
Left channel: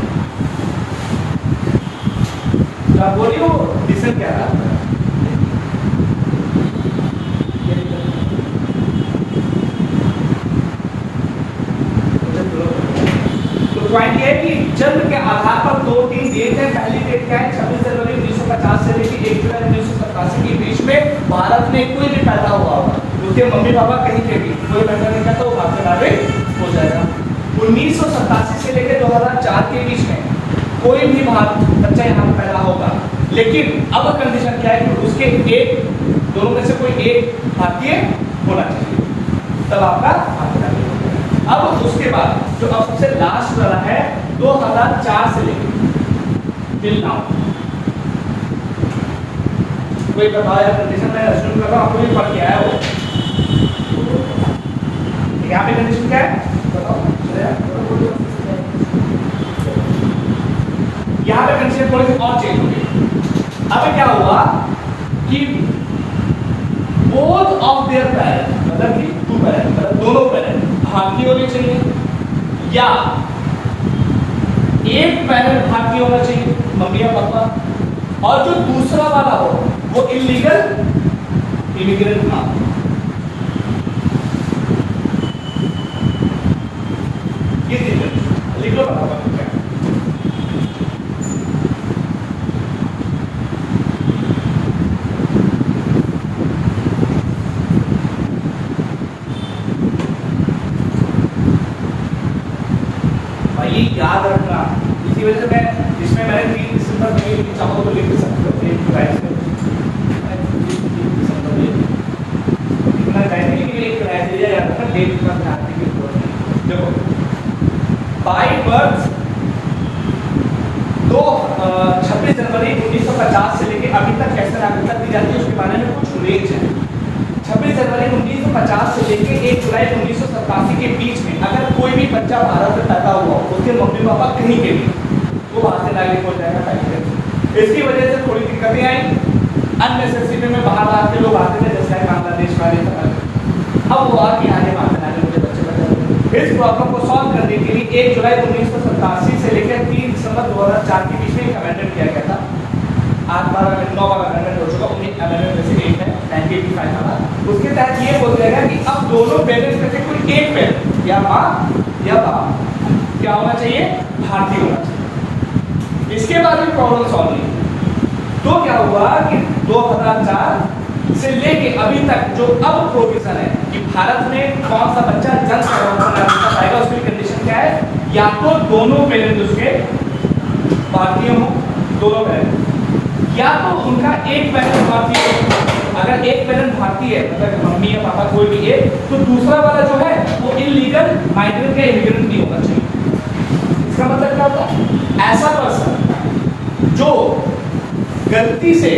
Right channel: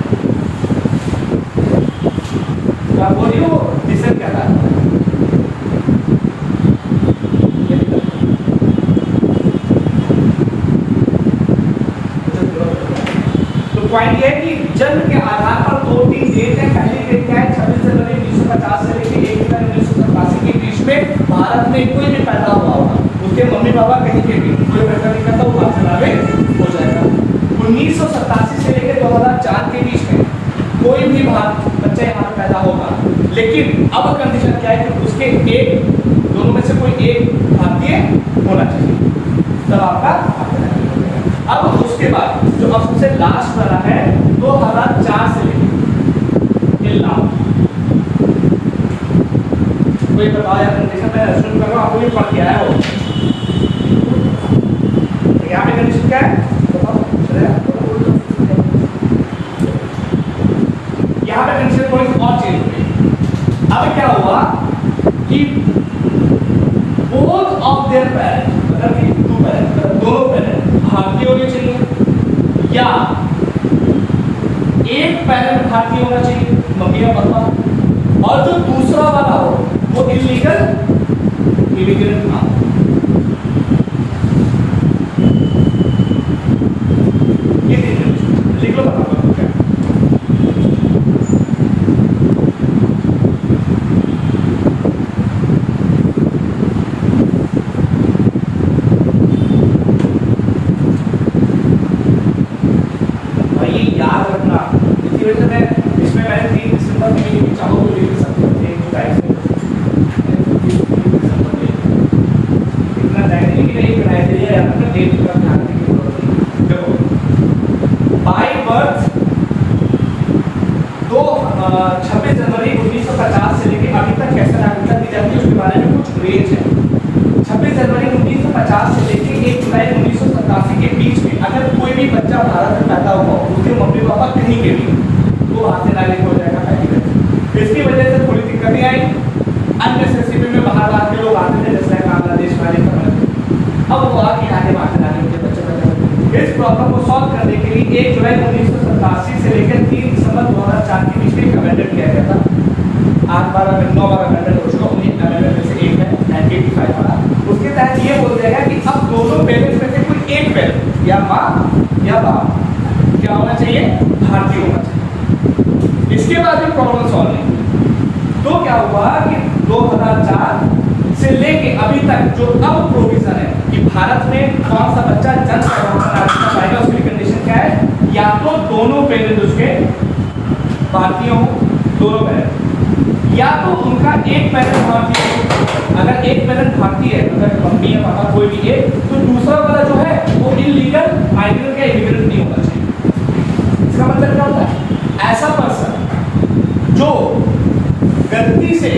तो आप बोलिए वो डिसीजन क्या था? पॉइंट ये है कि जन्म के आधार पर 2-3 डेट है। पहली डेट क्या है? 26 जनवरी 1950 से लेकर 1 जुलाई 1987 के बीच में भारत में कोई भी पैदा हुआ होगा, उसके मम्मी पापा कहीं के भी कोई पैदा नहीं करता, वो भारत से नागरिक हो जाएगा। 1987 से लेकर 2004 के बीच में कोई भी बच्चा यहाँ पे पैदा होगा, लेकिन अब कंडीशन क्या है कि उसके एक दोनों में से कोई एक भारतीय होना चाहिए, तब आपका अब उसके बाद जो अब सबसे लास्ट वाला है 2004 से लेकर टिल नाउ, कोई बताओ यार कंडीशन में रेस्टोरेंट लगा आपको ये पढ़ के आया हो, यहाँ पे कंडीशन क्या है बताओ? चलेगा अब चेंज हो गई। अब क्या हुआ कि बोथ ऑफ देयर पेरेंट्स, मतलब कि टू पेरेंट्स, दोनों पेरेंट्स भारतीय होने चाहिए या एक पेरेंट भारतीय होना चाहिए, मम्मी या पापा, और जो दूसरा वाला हो वो इलीगल इमिग्रेंट ना हो। ये लिख लो बराबर क्या भाई याद रखना। इसी वजह से मैं इसमें मैंने 3 दिसंबर में चाहो तो लिख सकते हो 1 जुलाई से इतना टाइम नहीं कि एक बनाया दिया जाता है डेट के बाद ध्यान देने की जरूरत है। देखो बाय बर्थ 26 जनवरी 1950 से लेके अभी तक कैसे नागरिकता दी जाती है उसके बारे में कुछ रेंज है। 26 जनवरी 1950 से लेके 1 जुलाई 1987 के बीच में अगर कोई भी बच्चा भारत में पैदा हुआ उसके मम्मी पापा कहीं के भी तो भारतीय नागरिक हो जाएगा पहले। इसकी वजह से थोड़ी दिक्कतें आई, अननेसेसरी में बाहर के लोग आते थे जैसे बांग्लादेश वाले समझ। अब वो आगे आगे भारतीय नागरिक के बच्चे पैदा हुए। इस प्रॉब्लम को सॉल्व करने के लिए 1 जुलाई 1987 से लेकर 3 दिसंबर 2004 के बीच में एक अमेंडमेंट किया गया था। 8 बार 9 बार अमेंडमेंट हो चुका, उन्हीं अमेंडमेंट में से एक है 1985 वाला। उसके तहत ये बोल दिया गया कि अब दोनों पेरेंट्स में से कोई एक पेरेंट या माँ या बाप क्या होना चाहिए, भारतीय होना चाहिए। इसके बाद भी प्रॉब्लम सॉल्व नहीं। तो क्या हुआ कि 2004 से लेके अभी तक जो अब प्रोविजन है कि भारत में कौन सा बच्चा जन्म नागरिकता पाएगा उसकी कंडीशन क्या है, या तो दोनों पेरेंट उसके भारतीय हो, दोनों पेरेंट, या तो उनका एक पेरेंट भारतीय है। अगर एक पेरेंट भारतीय है मतलब मम्मी या पापा कोई भी एक, तो दूसरा वाला जो है वो इलीगल माइग्रेंट या इमिग्रेंट नहीं होना चाहिए। इसका मतलब क्या होता है, ऐसा पर्सन जो गलती से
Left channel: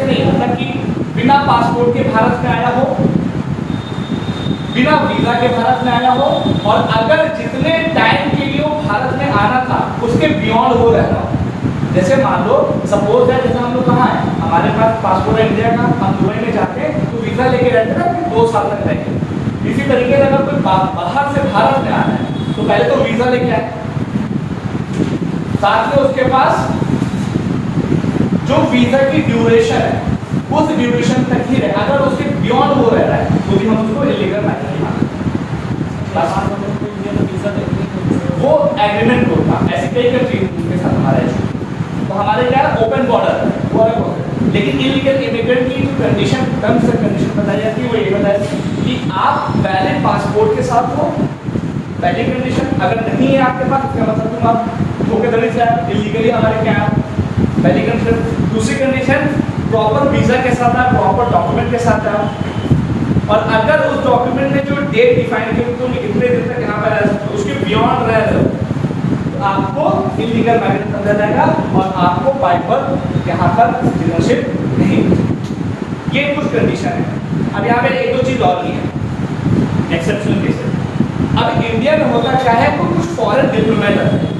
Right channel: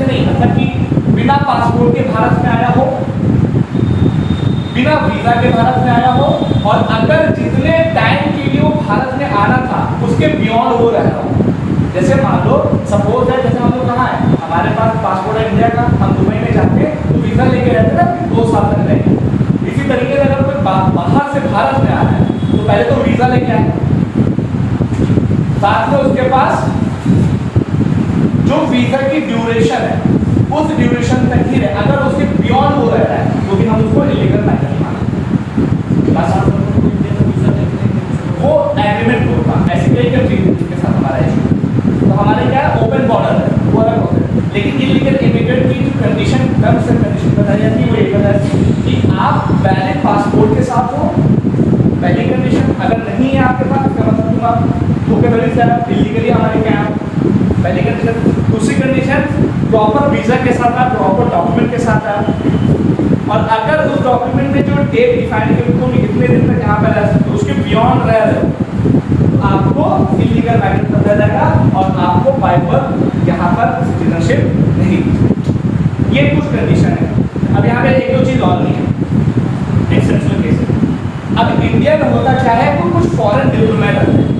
नहीं मतलब कि बिना पासपोर्ट के भारत में आया हो, बिना वीजा के भारत में आया हो, और अगर जितने टाइम के लिए वो भारत में आना था उसके बियॉन्ड वो रह रहा हो। जैसे मान लो सपोज है, जैसे हम लोग कहाँ है, हमारे पास पासपोर्ट है इंडिया का, हम दुबई में जाते हैं तो वीजा लेके रहते हैं ना 2 साल तक रहेंगे। इसी तरीके से अगर कोई बाहर से भारत में आ रहा है तो पहले तो वीजा लेके आए, साथ में उसके पास जो वीजा की ड्यूरेशन है उस ड्यूरेशन तक ही रहे। अगर उसके बियॉन्ड वो रह रहा है तो भी हम उसको इलीगल माइग्रेंट मानते हैं। वो एग्रीमेंट होता है, ऐसी कई कंट्री के साथ हमारा इशू। तो हमारे क्या ओपन बॉर्डर है वो अलग होता है, लेकिन इलीगल इमिग्रेंट की जो कंडीशन टर्म्स एंड कंडीशन बताई जाती है वो ये बताती है कि आप वैलिड पासपोर्ट के साथ हो, पहली कंडीशन। अगर नहीं है आपके पास इसका मतलब तुम आप धोखाधड़ी से इलीगली हमारे क्या है, पहली कंडीशन। दूसरी कंडीशन प्रॉपर वीजा के साथ आप, प्रॉपर डॉक्यूमेंट के साथ आप, और अगर उस डॉक्यूमेंट में जो डेट डिफाइन की तुम कितने दिन तक यहाँ पर रह सकते हो उसके बियॉन्ड रह रहे हो तो आपको इलीगल माइग्रेंट समझा जाएगा और आपको बाय बर्थ यहाँ पर सिटीजनशिप नहीं मिलेगी। ये कुछ कंडीशन है। अब यहाँ पे एक दो चीज और नहीं है, एक्सेप्शनल केसेस। अब इंडिया में होता क्या है, वो कुछ फॉरेन डिप्लोमेट रहते हैं।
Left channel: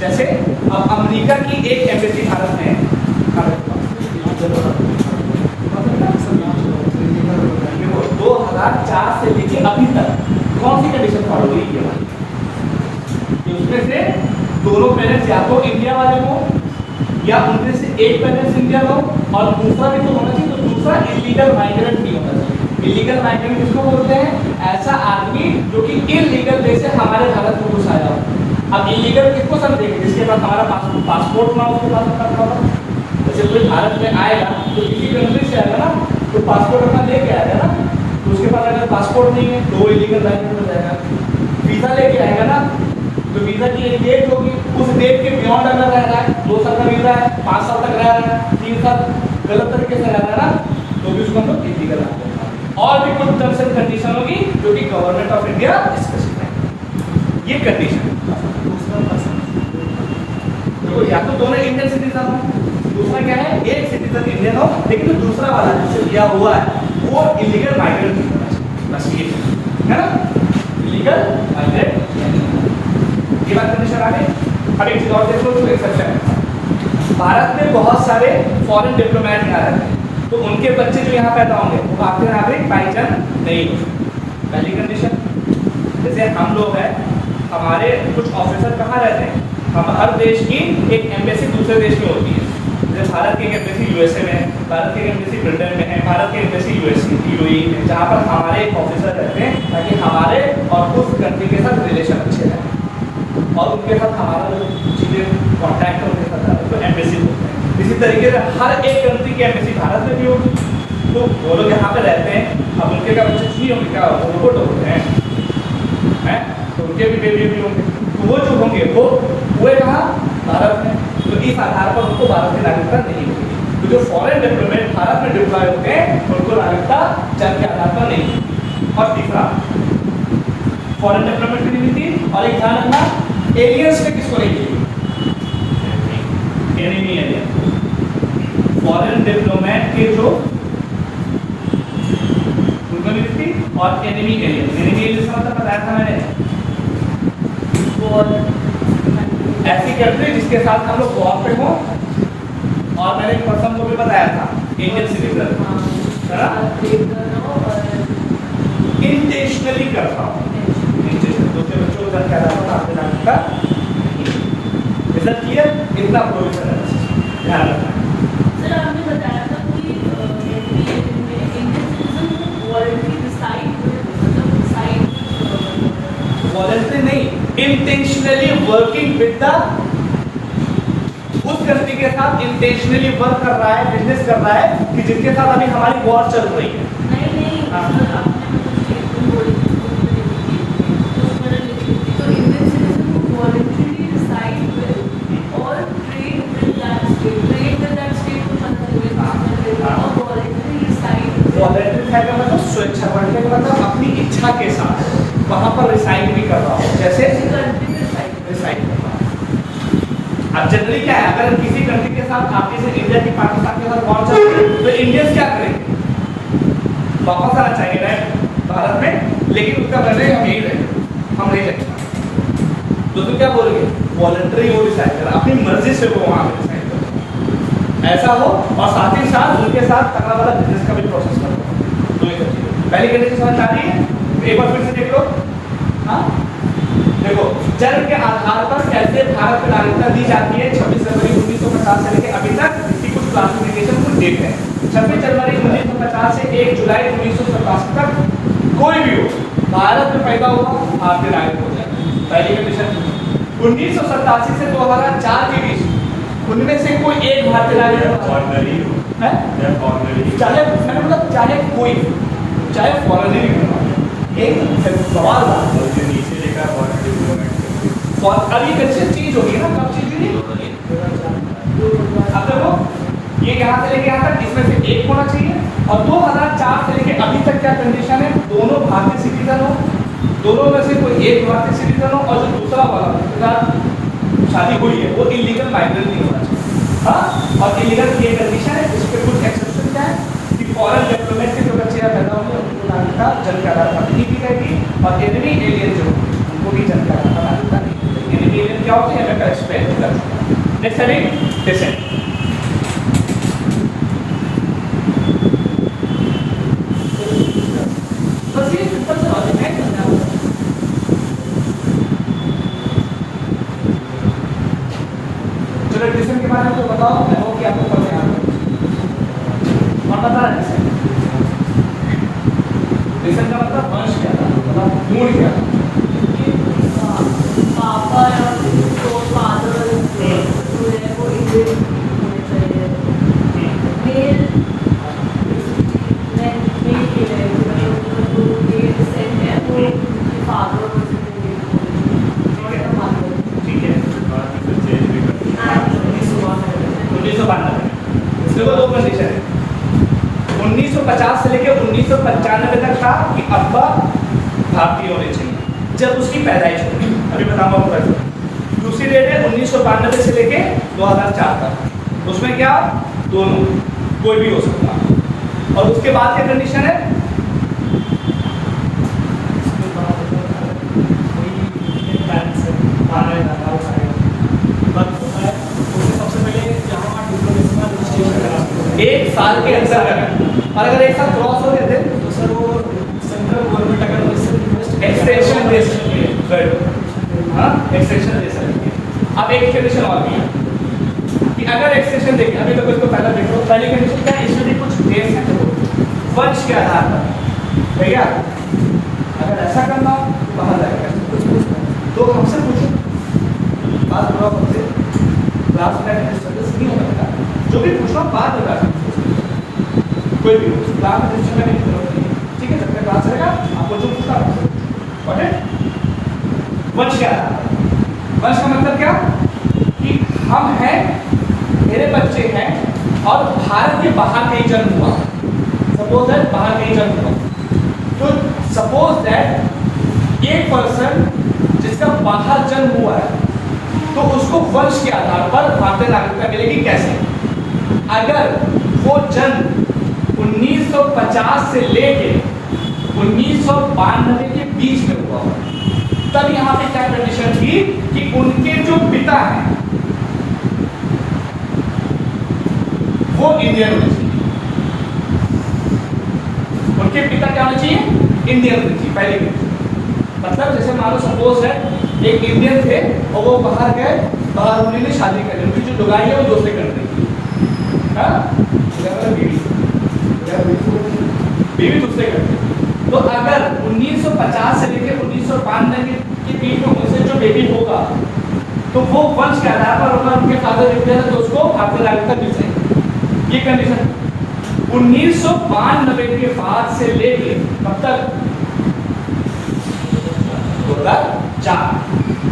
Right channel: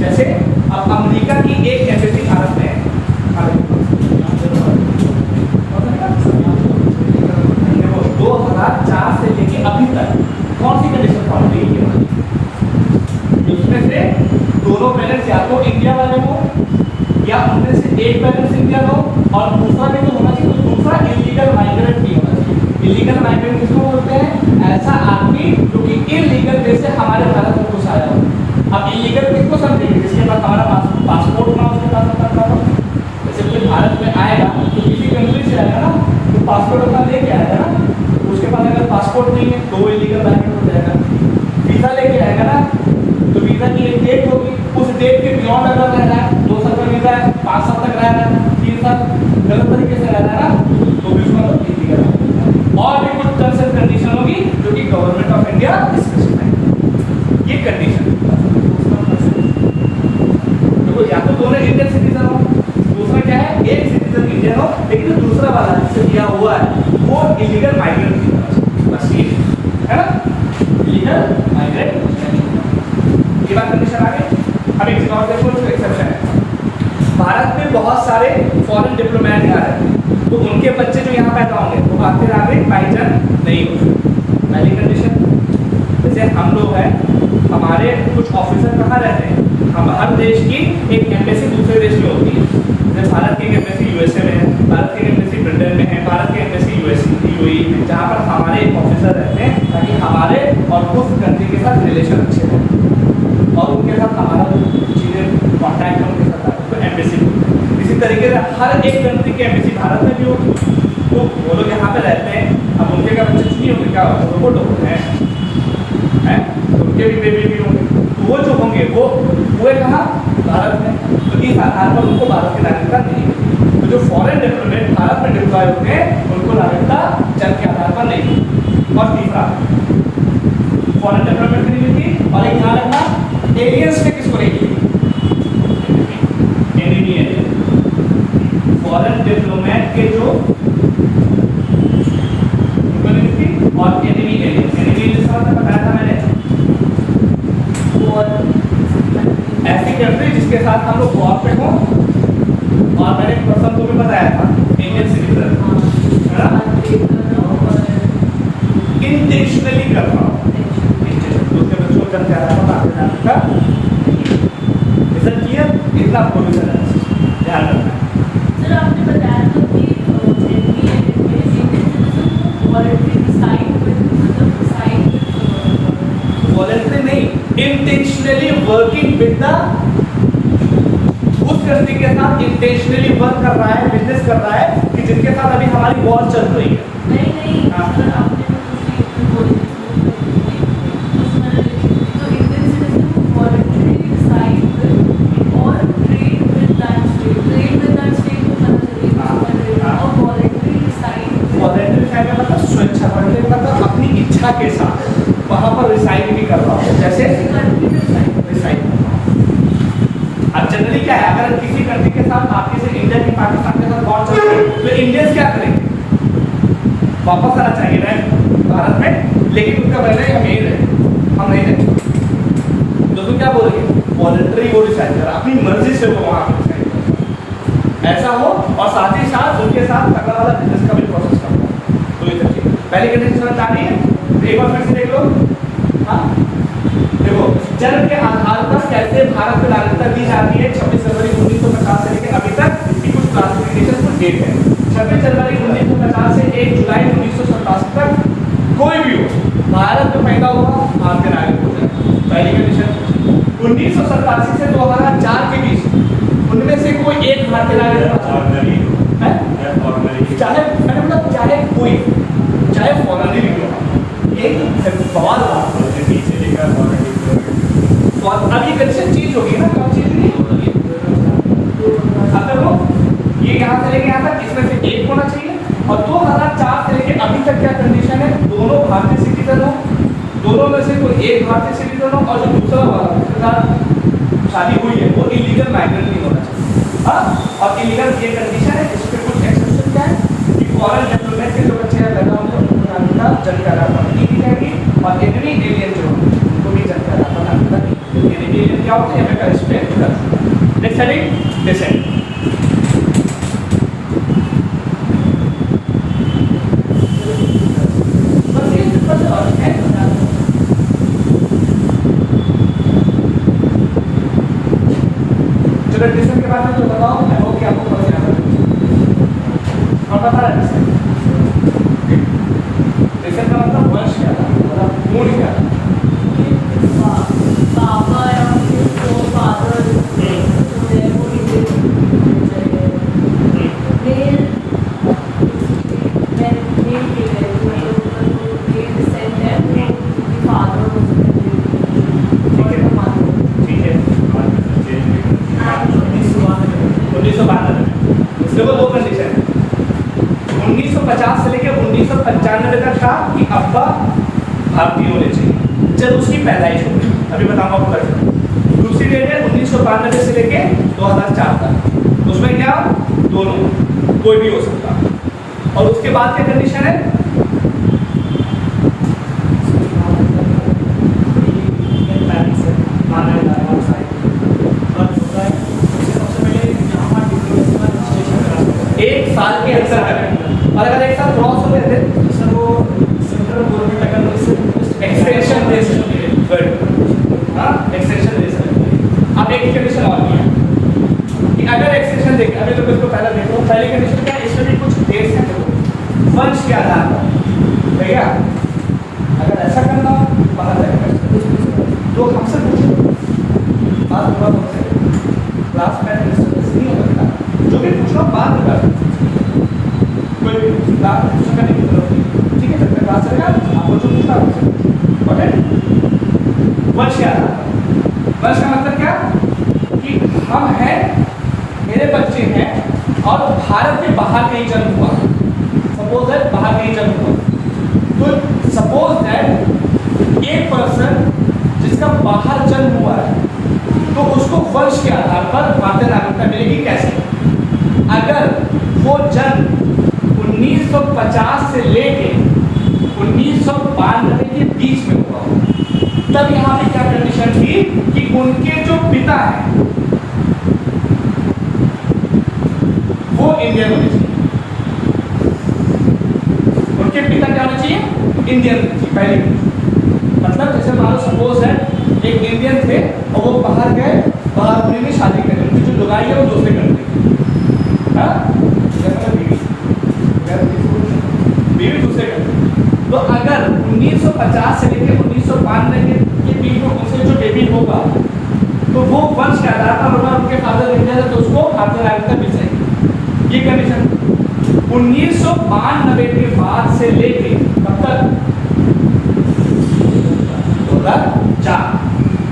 जैसे अब अमेरिका की एक एम्बेसी भारत में 2004 से लेके अभी तक कौन सी कंडीशन फॉलो हुई है, उसमें से दोनों पेरेंट्स या तो इंडिया वाले हो या उनमें से एक पेरेंट्स इंडियन हो और दूसरा भी तो होना चाहिए, तो दूसरा इलीगल माइग्रेंट भी होना चाहिए। इलीगल माइग्रेंट किसको बोलते हैं, ऐसा आदमी जो कि इलीगल वे से हमारे भारत में घुस आया हो। अब इलीगल किसको समझेंगे, जिसके पास हमारा पासपोर्ट ना उसके पास अपना प्रॉपर। जैसे कोई भारत में आएगा तो किसी कंट्री से आएगा ना तो पासपोर्ट अपना लेके आएगा ना, तो उसके पास अगर पासपोर्ट नहीं है तो वो इलीगल माइग्रेंट हो जाएगा। वीजा लेके आएगा ना तो वीजा की एक डेट होगी, उस डेट के बियॉन्ड अगर रह रहा है, 2 साल का वीजा है, 5 साल तक रह रहा है, 3 साल गलत तरीके से रह रहा है ना, तो भी उसको तो इलीगल है। और भी कुछ टर्म्स एंड कंडीशन होगी जो कि गवर्नमेंट ऑफ इंडिया स्पेसिफाई। ये कंडीशन देखो, या तो दोनों इंडियन सिटीजन हो, दूसरा क्या है एक सिटीजन इंडियन हो लेकिन दूसरा वाला जिससे लिया हुआ है वो इलीगल माइग्रेंट नहीं होना चाहिए, बस ये है ना, इलीगल माइग्रेंट। ये बात कंडीशन आ गई। अब एक चीज और देख लो, तो एक्सेप्शन है। भारत में बहुत सारे फॉरेन डिप्लोमेट आ रहे हैं, तो उनके बच्चे जो यहाँ पैदा होंगे वो भारतीय नागरिक पहचान नहीं होंगे। पहली कंडीशन। जैसे हम लोग हैं, हमारे कुछ ऑफिसर कहाँ रहते हैं, हम हर देश की एक एम्बेसी दूसरे देश में होती है। जैसे भारत की एक एम्बेसी यूएसए में है, भारत की एम्बेसी ब्रिटेन में है, भारत की एम्बेसी यूएई में, जहाँ पर हमारे एक ऑफिसर रहते हैं ताकि हमारे और उस कंट्री के साथ रिलेशन अच्छे रहें और उनके साथ हमारा जो चीज़ें कॉन्टैक्ट उनके साथ आए तो एम्बेसी बोलते हैं। इसी तरीके से हर एक कंट्री की एम्बेसी भारत में भी होगी, तो वो लोग यहाँ पे रहते हैं। अब उनके का बच्चे नहीं होंगे, क्या होता है, रोबोट होते हैं, तो उनके भी बेबी भी होंगे, तो वो जो होंगे वो कहाँ, भारत में। तो इस आधार पर उनको भारत की नागरिकता नहीं होगी। तो जो फॉरेन डिप्लोमेट भारत में डिप्लॉय होते हैं उनको नागरिकता जन्म के आधार पर नहीं होगी। और तीसरा, फॉरेन डिप्लोमेट की नहीं थी। और एक ध्यान रखना, एलियंस में किसको नहीं थी, एनिमी एलियन। फॉरेन डिप्लोमेट के जो उनको नहीं थी, और एनिमी एलियन। एनिमी एलियन का मतलब बताया था मैंने, ऐसी कंट्री जिसके साथ हम लोग वॉर पे हों, और मैंने एक पर्सन को भी बताया था, इंडियन सिटीजन, है ना, इंटेंशनली कर रहा हूँ, दूसरे बच्चों को जन्म का रिजल्ट किया, इतना प्रोविजन है, ध्यान रखना है। सर आपने बताया था कि वॉलंटरी नहीं, इंटेंशनली वर्किंग विद द, उस कंट्री के साथ इंटेंशनली वर्क कर रहा है, बिजनेस कर रहा है कि जिसके साथ अभी हमारी वॉर चल रही है। नहीं सर आपने मतलब बोली तो इंडियन सिटीजन वॉलंटरी रिसाइड और ट्रेड विद दैट स्टेट और वॉलंटरी रिसाइड। वॉलंटरी रिसाइड का मतलब स्वेच्छा पढ़ने का मतलब अपनी इच्छा के साथ वहाँ पर रिसाइड भी कर रहा हो, जैसे रिसाइड कर रहा हो। अब जनरली क्या है, अगर किसी कंट्री के साथ आपके से इंडिया की पाकिस्तान के साथ वॉर चल रही है तो इंडियंस क्या करेंगे, वापस आना चाहेंगे ना भारत में, लेकिन उसका कहना हम यही रहेंगे, हम नहीं जाएंगे। तो तुम क्या बोलोगे, वॉलंटरी वो रिसाइड कर रहा, अपनी मर्जी से वो वहाँ पर रिसाइड कर रहा, ऐसा हो, और साथ ही साथ उनके साथ तगड़ा वाला बिजनेस का भी प्रोसेस कर रहा है। तो ये सब पहली कंडीशन समझ आ रही है, एक बार फिर से देख लो। हाँ देखो, जन्म के आधार पर कैसे भारत को नागरिकता दी जाती है 26 जनवरी 1950 से लेकर अभी तक, इसकी कुछ क्लासिफिकेशन कुछ डेट है। 26 जनवरी 1950 से 1 जुलाई 1987 तक कोई भी हो भारत में पैदा हुआ भारतीय नागरिक हो जाए, पहली कंडीशन। 1987 से 2004 के बीच उनमें से कोई एक भारतीय नागरिक है, चाहे मैंने मतलब चाहे कोई, चाहे फॉरेन ही क्यों, एक सवाल नीचे लिखा और अब ये कंडीशन चेंज होगी ना, कब चेंज होगी, अब तक वो ये यहाँ से लेके यहाँ तक इसमें से एक होना चाहिए, और 2004 से लेके अभी तक क्या कंडीशन है, दोनों भारतीय सिटीजन हो, दोनों में से कोई एक भारतीय सिटीजन हो, और जो दूसरा वाला शादी हुई है वो इलीगल माइग्रेंट नहीं होना चाहिए। हाँ, और इलीगल ये कंडीशन है, इस पर कुछ एक्सेप्शन क्या है कि फॉरेन डिप्लोमेट के जो बच्चे या पैदा होंगे उनको नागरिकता जन्म का आधार पर नहीं दी जाएगी, और एनिमी एलियन जो होंगे उनको भी जन्म का आधार पर नागरिकता नहीं दी जाएगी। एनिमी एलियन क्या होते हैं, हमें इस पे नेक्स्ट हेडिंग डिसेंट। बस ये सिंपल सा बात है, चलो डिसेंट के बारे में तो बताओ, मैं हो कि आपको पता है और बता रहा है डिसेंट का मतलब वंश क्या था, मतलब मूल क्या था, पापा या तो फादर वो इंडियन मेल डिसेंट है वो फादर ठीक है। बाद में फिर चेंज भी कर दिया। 1992 देखो दो कंडीशन है, 1950 से लेकर 1995 तक था कि अब्बा भारतीय होने चाहिए जब उसकी पैदाइश होगी, अभी बताऊंगा पता चला। दूसरी डेट है 1992 से लेके 2004 तक, उसमें क्या दोनों कोई भी हो सकता, और उसके बाद क्या कंडीशन है, सबसे पहले साल के अंदर करें, और अगर एक साल क्रॉस हो गया तो सर वो सेंट्रल गवर्नमेंट अगर एक्सटेंशन दे सकती है। गुड, हाँ एक्सटेंशन दे सकती है। अब एक कंडीशन और भी है कि अगर एक्सटेंशन देखें, अभी तो इसको पहला देख लो, पहली कंडीशन क्या है, इसमें कुछ देश है तो वंश के आधार पर भैया अगर ऐसा करना हो तो बाहर जाएगा, लोग हमसे पूछो बात थोड़ा हमसे क्लास में डिस्टर्बेंस नहीं हो सकता, जो भी पूछना बाद में बात कोई भी क्लास में डिस्टर्ब करने की जरूरत नहीं, ठीक है, जब मैं क्लास चलेगा आपको जो पूछना हो ओके। वंश क्या है, वंश का मतलब क्या कि हम हैं, मेरे बच्चे हैं और भारत के बाहर कहीं जन्म हुआ, सपोज दैट बाहर कहीं जन्म हुआ, तो सपोज दैट एक पर्सन जिसका बाहर जन्म हुआ है तो उसको वंश के आधार पर भारतीय नागरिकता मिलेगी। कैसे, अगर वो जन्म 1950 से लेके 1992 के बीच में हुआ हो, तब यहाँ पे क्या कंडीशन थी कि उनके जो पिता हैं वो इंडियन होने चाहिए, उनके पिता क्या होने चाहिए, इंडियन होने चाहिए। पहली मतलब जैसे मान लो सपोज है एक इंडियन थे और वो बाहर गए, बाहर ने शादी कर ली, उनकी जो लुगाई है वो दूसरे कंट्री की, हाँ बीवी दूसरे कंट्री, तो अगर 1950 से लेकर 1992 के बीच में उनसे जो बेबी होगा तो वो वंश के आधार पर होगा, उनके फादर इंडियन है तो उसको भारतीय नागरिकता मिल जाएगी। ये कंडीशन 1992 के बाद से लेके कब तक,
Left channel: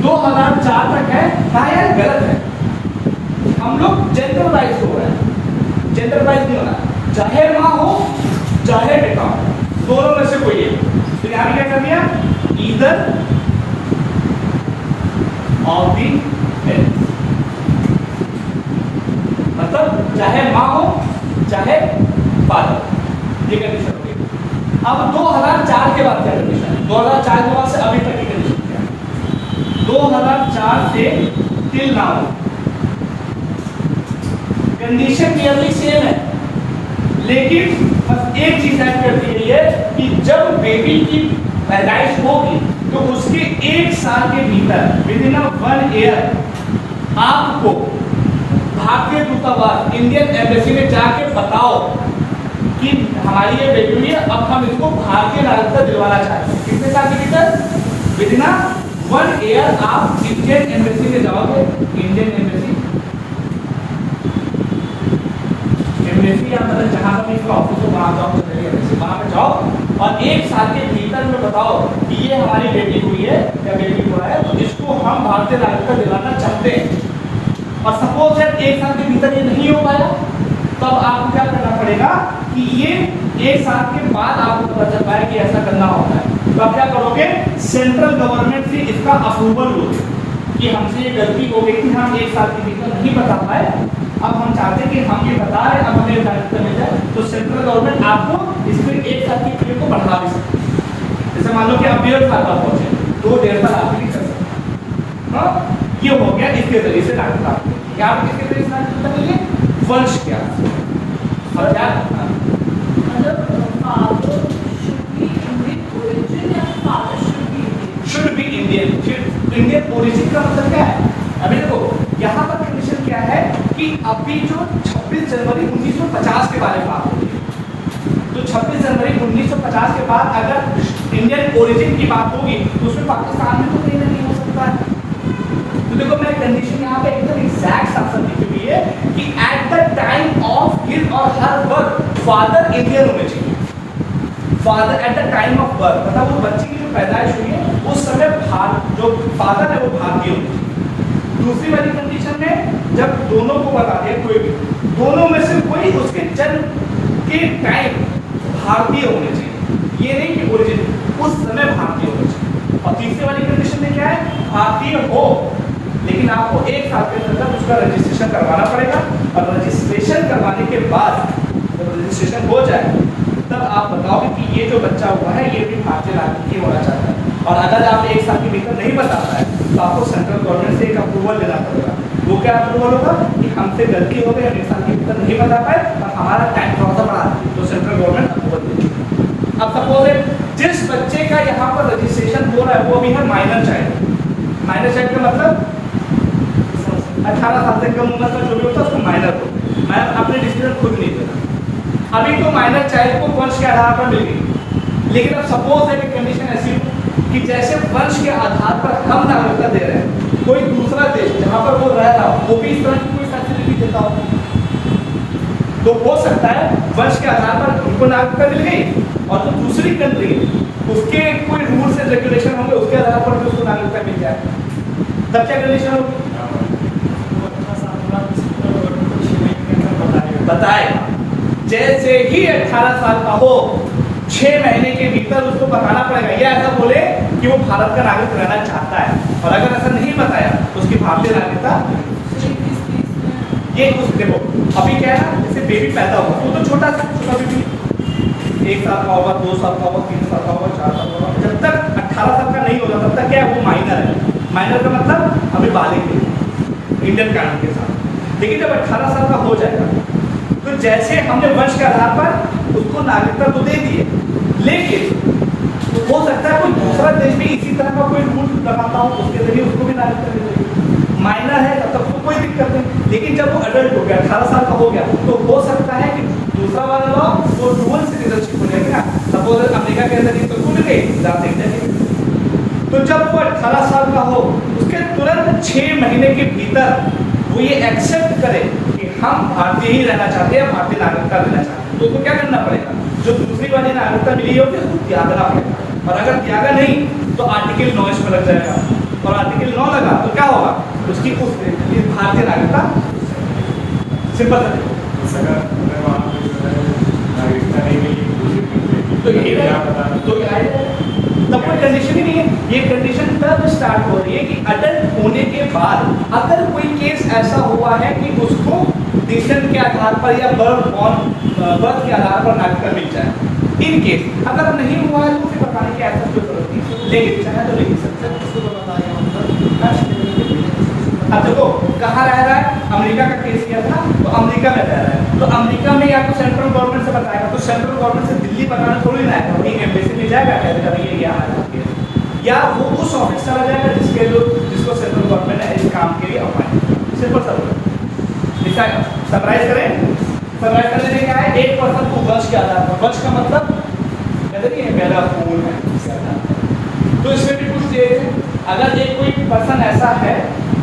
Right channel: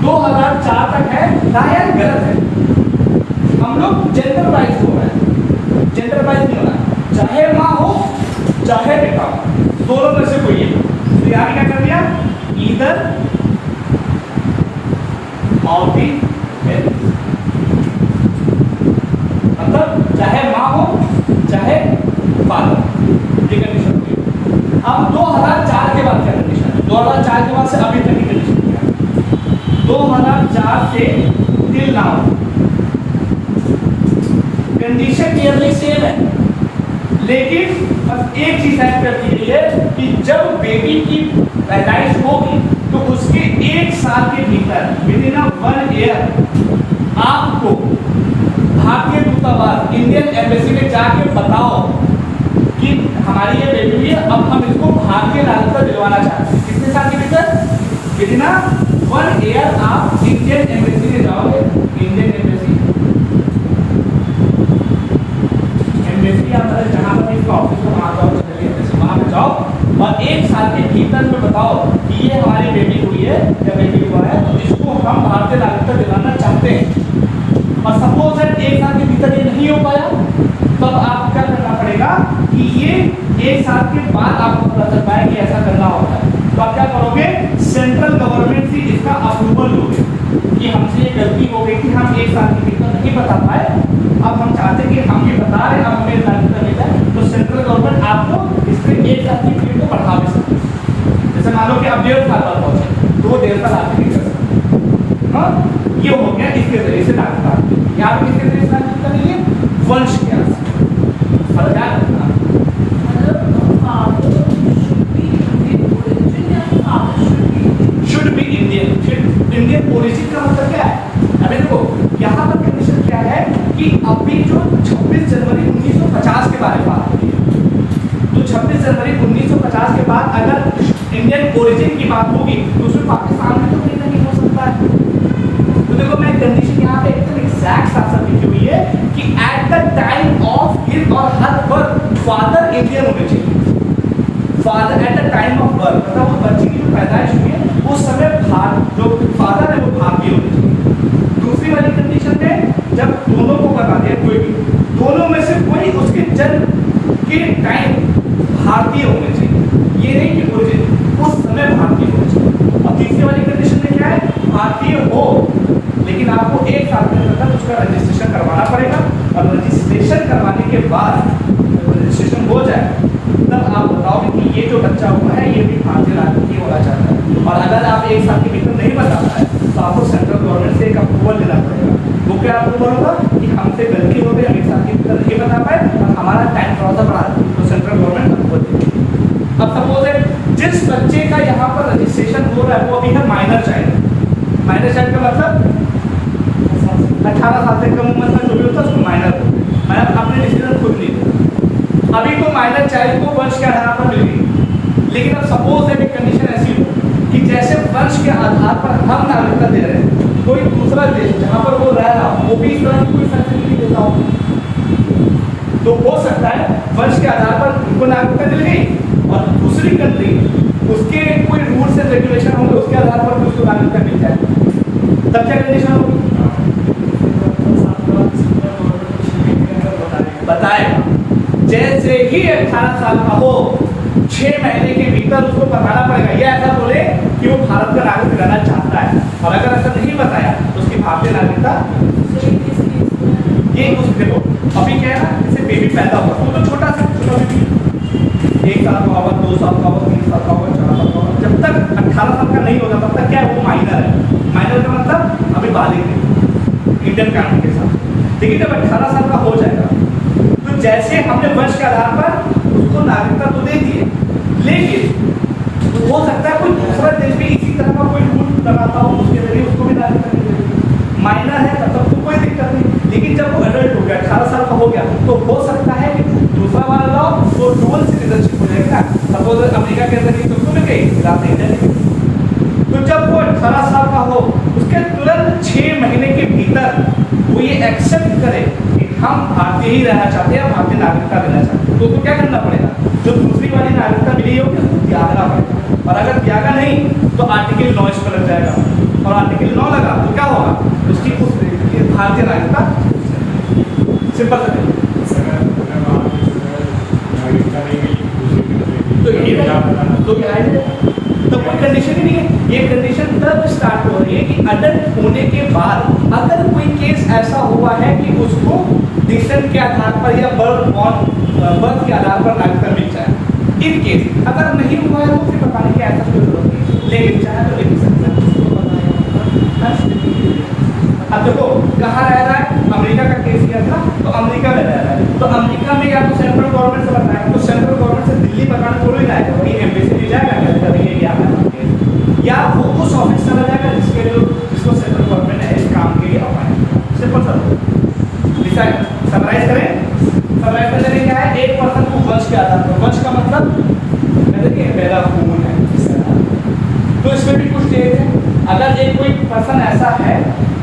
2004 तक है। कहा यार गलत है, हम लोग जेंडर वाइज हो रहे हैं, जेंडर वाइज नहीं हो रहा, चाहे माँ हो चाहे बेटा हो, दोनों में से कोई एक, तो यहाँ क्या कर दिया, ईदर ऑफ दी हेल्थ, मतलब चाहे माँ हो चाहे फादर, ये कंडीशन होती है। अब 2004 के बाद क्या कंडीशन है, 2004 के बाद से अभी तक की कंडीशन क्या है, 2004 से till now condition nearly same है, लेकिन बस एक चीज ऐड कर दी गई है कि जब बेबी की पैदाइश होगी तो उसके 1 साल के भीतर विदिन 1 ईयर आपको भारतीय दूतावास इंडियन एम्बेसी में जाके बताओ कि हमारी ये बेबी हुई है, अब हम इसको भारतीय नागरिकता दिलवाना चाहते हैं। कितने साल के भीतर, विदिन 1 ईयर आप इंडियन एम्बेसी में जाओगे, इंडियन एम्बेसी या मतलब जहाँ पर इसका ऑफिस हो वहाँ जाओ, वहाँ पे जाओ और 1 साल के भीतर में बताओ कि ये हमारी बेटी हुई है या बेटी हुआ है, तो इसको हम भारतीय नागरिकता दिलाना चाहते हैं। और सपोज दैट 1 साल के भीतर ये नहीं हो पाया, तब आपको क्या करना पड़ेगा कि ये 1 साल के बाद आपको पता चल पाए कि ऐसा करना होता है, तो आप क्या करोगे, सेंट्रल गवर्नमेंट से इसका अप्रूवल लोगे कि हमसे ये गलती हो गई कि हम 1 साल के भीतर नहीं बता पाए, अब हम चाहते हैं कि हम ये बता रहे हैं, अब हमें नागरिकता मिल जाए, तो सेंट्रल गवर्नमेंट आपको इसके 1 साल की पीरियड को बढ़ा भी सकती है। जैसे मान लो कि आप 1.5 साल पर पहुंचे तो वो 1.5 साल आगे नहीं कर सकते। हाँ, ये हो गया इसके जरिए से नागरिकता, यहाँ पे किसके जरिए से नागरिकता मिली है, वंश के आधार should be Indian. Indian origin का मतलब क्या है, अभी देखो यहाँ पर कंडीशन क्या है कि अभी जो 26 जनवरी 1950 के बारे में बात होती है, तो 26 जनवरी 1950 के बाद अगर इंडियन ओरिजिन की बात होगी तो उसमें पाकिस्तान में तो कहीं ना नहीं हो सकता है। तो देखो मैं कंडीशन यहाँ पे एकदम एग्जैक्ट साथ लिखी हुई है कि at the time of his और हर बर्थ फादर इंडियन होने चाहिए। Father at the time of birth मतलब उस बच्चे की जो पैदाइश हुई है उस समय जो फादर है वो भारतीय होने चाहिए। दूसरी वाली कंडीशन में जब दोनों को बता दिया, कोई भी दोनों में से कोई उसके जन्म के टाइम भारतीय होने चाहिए, ये नहीं कि ओरिजिन उस समय भारतीय होने चाहिए। और तीसरी वाली कंडीशन में क्या है, भारतीय हो लेकिन आपको 1 साल के अंदर उसका रजिस्ट्रेशन करवाना पड़ेगा, और रजिस्ट्रेशन करवाने के बाद जब रजिस्ट्रेशन हो जाए तब आप बताओगे कि ये जो बच्चा हुआ है ये भी भारतीय नागरिक ही होना चाहता है। और अगर आप 1 साल के भीतर नहीं बता पाए तो आपको सेंट्रल गवर्नमेंट से एक अप्रूवल लेना पड़ेगा वो क्या अप्रूवल होगा कि हमसे गलती हो गई, हम एक साल के भीतर नहीं बता पाए और हमारा टाइम थोड़ा सा बढ़ा दी, तो सेंट्रल गवर्नमेंट अप्रूवल देगी। अब सपोज जिस बच्चे का यहाँ पर रजिस्ट्रेशन हो रहा है वो अभी है माइनर चाइल्ड। माइनर चाइल्ड का मतलब 18 साल से कम उम्र का जो भी होता है उसको माइनर बोलते हैं। मैं अपने डिसीजन खुद नहीं देता। अभी तो माइनर चाइल्ड को वंश के आधार पर मिल गई, लेकिन अब सपोज है कंडीशन ऐसी हो कि जैसे वंश के आधार पर हम नागरिकता दे रहे हैं, कोई दूसरा देश जहाँ पर वो रह रहा हो वो भी इस तरह की कोई फैसिलिटी देता हो, तो हो सकता है वंश के आधार पर उनको नागरिकता मिल गई और दूसरी कंट्री उसके कोई रूल्स एंड रेगुलेशन होंगे उसके आधार पर भी उसको नागरिकता मिल जाए, तब क्या कंडीशन होगी बताएगा। जैसे ही 18 साल का हो 6 महीने के भीतर उसको बताना पड़ेगा, या ऐसा बोले कि वो भारत का नागरिक रहना चाहता है, और अगर ऐसा नहीं बताया तो उसकी भारतीय नागरिकता ये उस देखो अभी क्या है ना, जैसे बेबी पैदा होगा वो तो छोटा बेबी 1 साल का होगा, 2 साल का होगा, 3 साल का होगा, 4 साल का होगा, जब तक 18 साल का नहीं होगा तब तक क्या है वो माइनर है। माइनर का मतलब अभी बालिग है इंडियन कानून के साथ। लेकिन जब 18 साल का हो जाएगा तो जैसे हमने वंश के आधार पर उसको नागरिकता तो दे दी है, लेकिन हो सकता है कोई दूसरा देश भी इसी तरह का कोई रूल लगाता हो, उसके जरिए उसको भी नागरिकता मिल जाएगी। माइनर है तब तक तो कोई दिक्कत नहीं, लेकिन जब वो अडल्ट हो गया 18 साल का हो गया तो हो सकता है कि दूसरा वाला लॉ वो डुअल सिटीजनशिप हो जाएगा। सपोज अमेरिका के अंदर तो मिल गई, तो जब वो 18 साल का हो उसके तुरंत 6 महीने के भीतर वो ये एक्सेप्ट करे कि हम भारतीय ही रहना चाहते हैं, भारतीय नागरिकता लेना चाहते हैं, तो उसको क्या करना पड़ेगा, जो दूसरी वाली नागरिकता मिली होगी उसको त्यागना पड़ेगा। और अगर त्यागा नहीं तो आर्टिकल 9 इस पर लग जाएगा, और आर्टिकल 9 लगा तो क्या होगा, उसकी उस भारतीय नागरिकता सिंपल कर तो कोई कंडीशन ही नहीं है। ये कंडीशन तब स्टार्ट हो रही है कि अडल्ट होने के बाद अगर कोई केस ऐसा हुआ है कि उसको डिसेंट के आधार पर या बर्थ के आधार पर नागरिकता मिल जाए। इन केस अगर नहीं हुआ है तो फिर बताने की ऐसा कोई जरूरत नहीं, लेकिन चाहे तो लेकिन सकते। अब देखो कहाँ रह रहा है, अमेरिका का केस किया था तो अमेरिका में रह रहा है, तो अमेरिका में या तो सेंट्रल गवर्नमेंट से बताएगा, तो सेंट्रल गवर्नमेंट से दिल्ली बताना थोड़ी ना आएगा, वही एम्बेसी में जाएगा क्या करेंगे या वो उस ऑफिस चला जाएगा जिसको सेंट्रल गवर्नमेंट ने इस काम के लिए अपॉइंट किया। सिंपल सा समराइज करें, समराइज करने में क्या है, एक पर्सन को वंश के आधार पर, वंश का मतलब कहते हैं मेरा खून है, तो इसमें भी कुछ चीजें हैं। अगर एक कोई पर्सन ऐसा है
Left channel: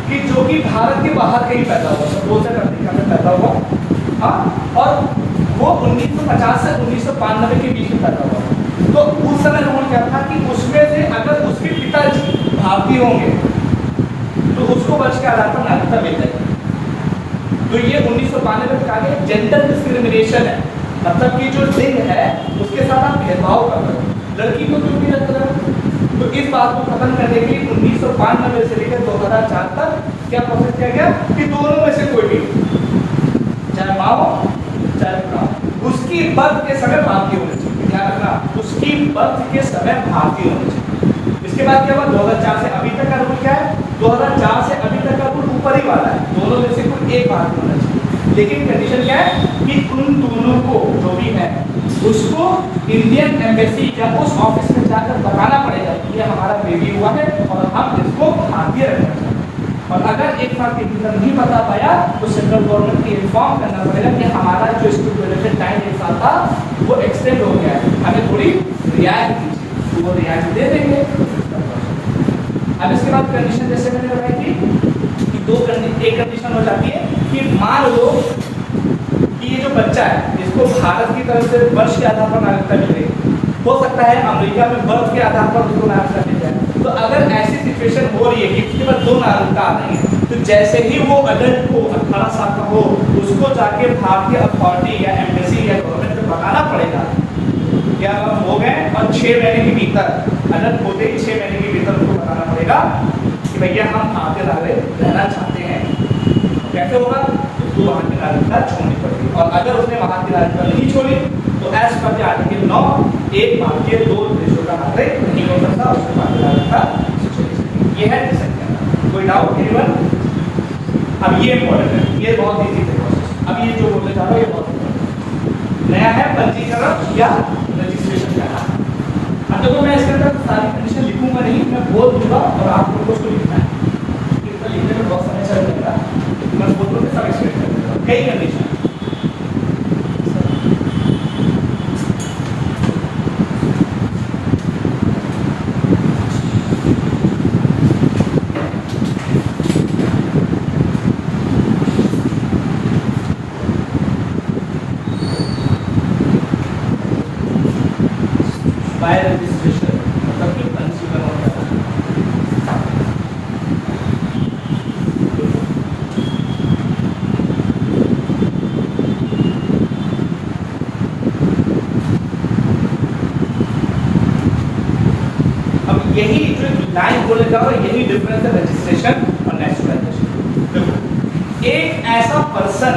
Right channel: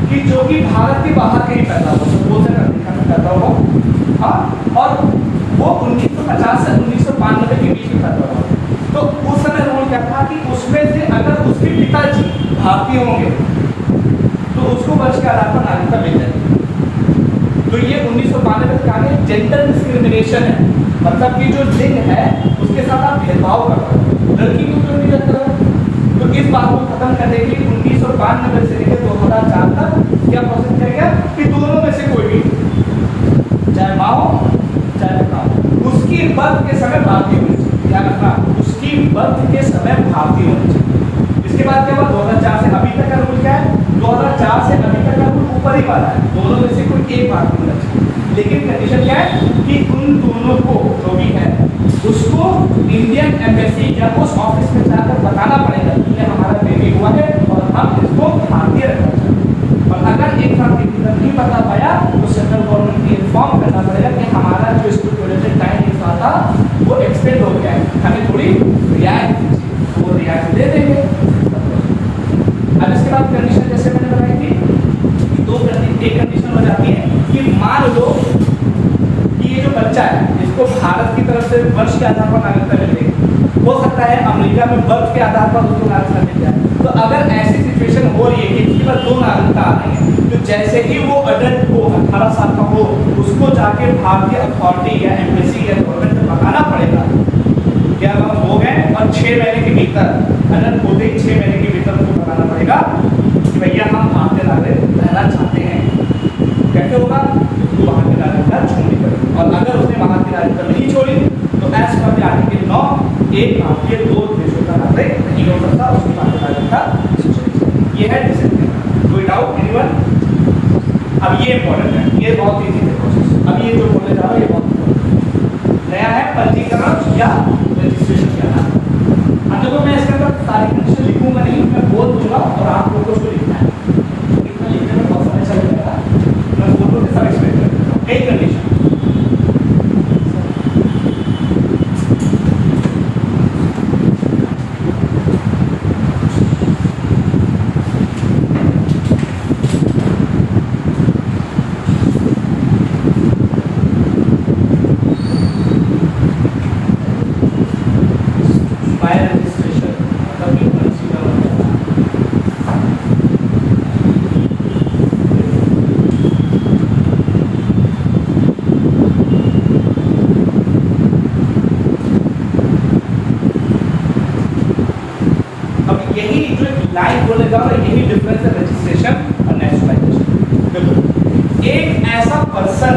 कि जो कि भारत के बाहर कहीं पैदा हुआ, सपोज अमेरिका में पैदा हुआ, हाँ, और वो 1950 से 1992 के बीच में पैदा हुआ, तो उस समय रूल क्या था कि उसमें से अगर उसके पिताजी भारतीय होंगे तो उसको वंश के आधार पर नागरिकता मिल जाएगी। तो ये 1992 में कहा गया जेंडर डिस्क्रिमिनेशन है, मतलब कि जो लिंग है उसके साथ आप भेदभाव करते हो, लड़की को क्यों नहीं लगता है। तो इस बात को खत्म करने के लिए 1992 से लेकर 2004 तक क्या प्रोसेस किया गया कि दोनों में से कोई भी, चाहे माँ हो चाहे पिता हो, उसकी बर्थ के समय भारतीय होनी चाहिए। ध्यान रखना, उसकी बर्थ के समय भारतीय होनी चाहिए। इसके बाद क्या हुआ, 2004 से अभी तक का रूल क्या है, 2004 से अभी तक का रूल ऊपर ही वाला है, दोनों में से कोई एक भारतीय होना चाहिए। लेकिन कंडीशन क्या है कि उन दोनों को जो भी है उसको इंडियन एम्बेसी या उस ऑफिस में जाकर बताना पड़ेगा कि ये हमारा बेबी हुआ है और हम इसको भारतीय रखना चाहते हैं। और अगर एक साल के भीतर नहीं बता पाया तो सेंट्रल गवर्नमेंट को इन्फॉर्म करना पड़ेगा कि हमारा जो इसको टाइम 1 साल था वो एक्सटेंड हो गया है, हमें थोड़ी रियायत दीजिए, तो वो रियायत दे देंगे। अब इसके बाद कंडीशन जैसे मैंने बताई थी कि एक कंडीशन हो जाती है कि मान लो कि ये जो बच्चा है इसको भारत की तरफ से वंश के आधार पर नागरिकता मिल रही, हो सकता है अमेरिका में बर्थ के आधार पर उसको नागरिकता मिल जाए। तो अगर ऐसी सिचुएशन हो रही है कि उसके पास 2 नागरिकता आ रही है, तो जैसे ही वो अडल्ट हो 18 साल का हो उसको जाके भारतीय अथॉरिटी या एम्बेसी या गवर्नमेंट को बताना पड़ेगा क्या हो गए, और 6 महीने के भीतर अडल्ट होते ही 6 महीने के भीतर उनको बताना पड़ेगा कि भैया हम भारतीय नागरिक रहना चाहते हैं। कैसे होगा, तो वहाँ की नागरिकता छोड़नी पड़ेगी, और अगर उसने वहाँ की नागरिकता नहीं छोड़ी तो एज पर आर्टिकल 9 एक भारतीय 2 देशों का नागरिक नहीं हो सकता, उसकी भारतीय नागरिकता छोड़ी। ये है डिसेंट। कोई डाउट एनीवन? अब ये इंपॉर्टेंट है, ये बहुत ईजी है प्रोसेस। अब ये जो बोलने जा रहा हूँ ये बहुत important है। नया है पंजीकरण या रजिस्ट्रेशन का नाम। अब देखो मैं इसके अंदर सारी कंडीशन लिखूंगा नहीं, मैं बोल दूंगा और आप लोगों को उसको लिखना है। इसमें लिखने में बहुत समय चल जाएगा, मैं बोल दूंगा सब एक्सप्लेन कर दूंगा। कई कंडीशन बाय रजिस्ट्रेशन मतलब कि पंजीकरण करना। अब यही जो लाइन बोले जा रहा है यही डिफरेंस है रजिस्ट्रेशन और नेशनलाइजेशन। देखो एक ऐसा पर्सन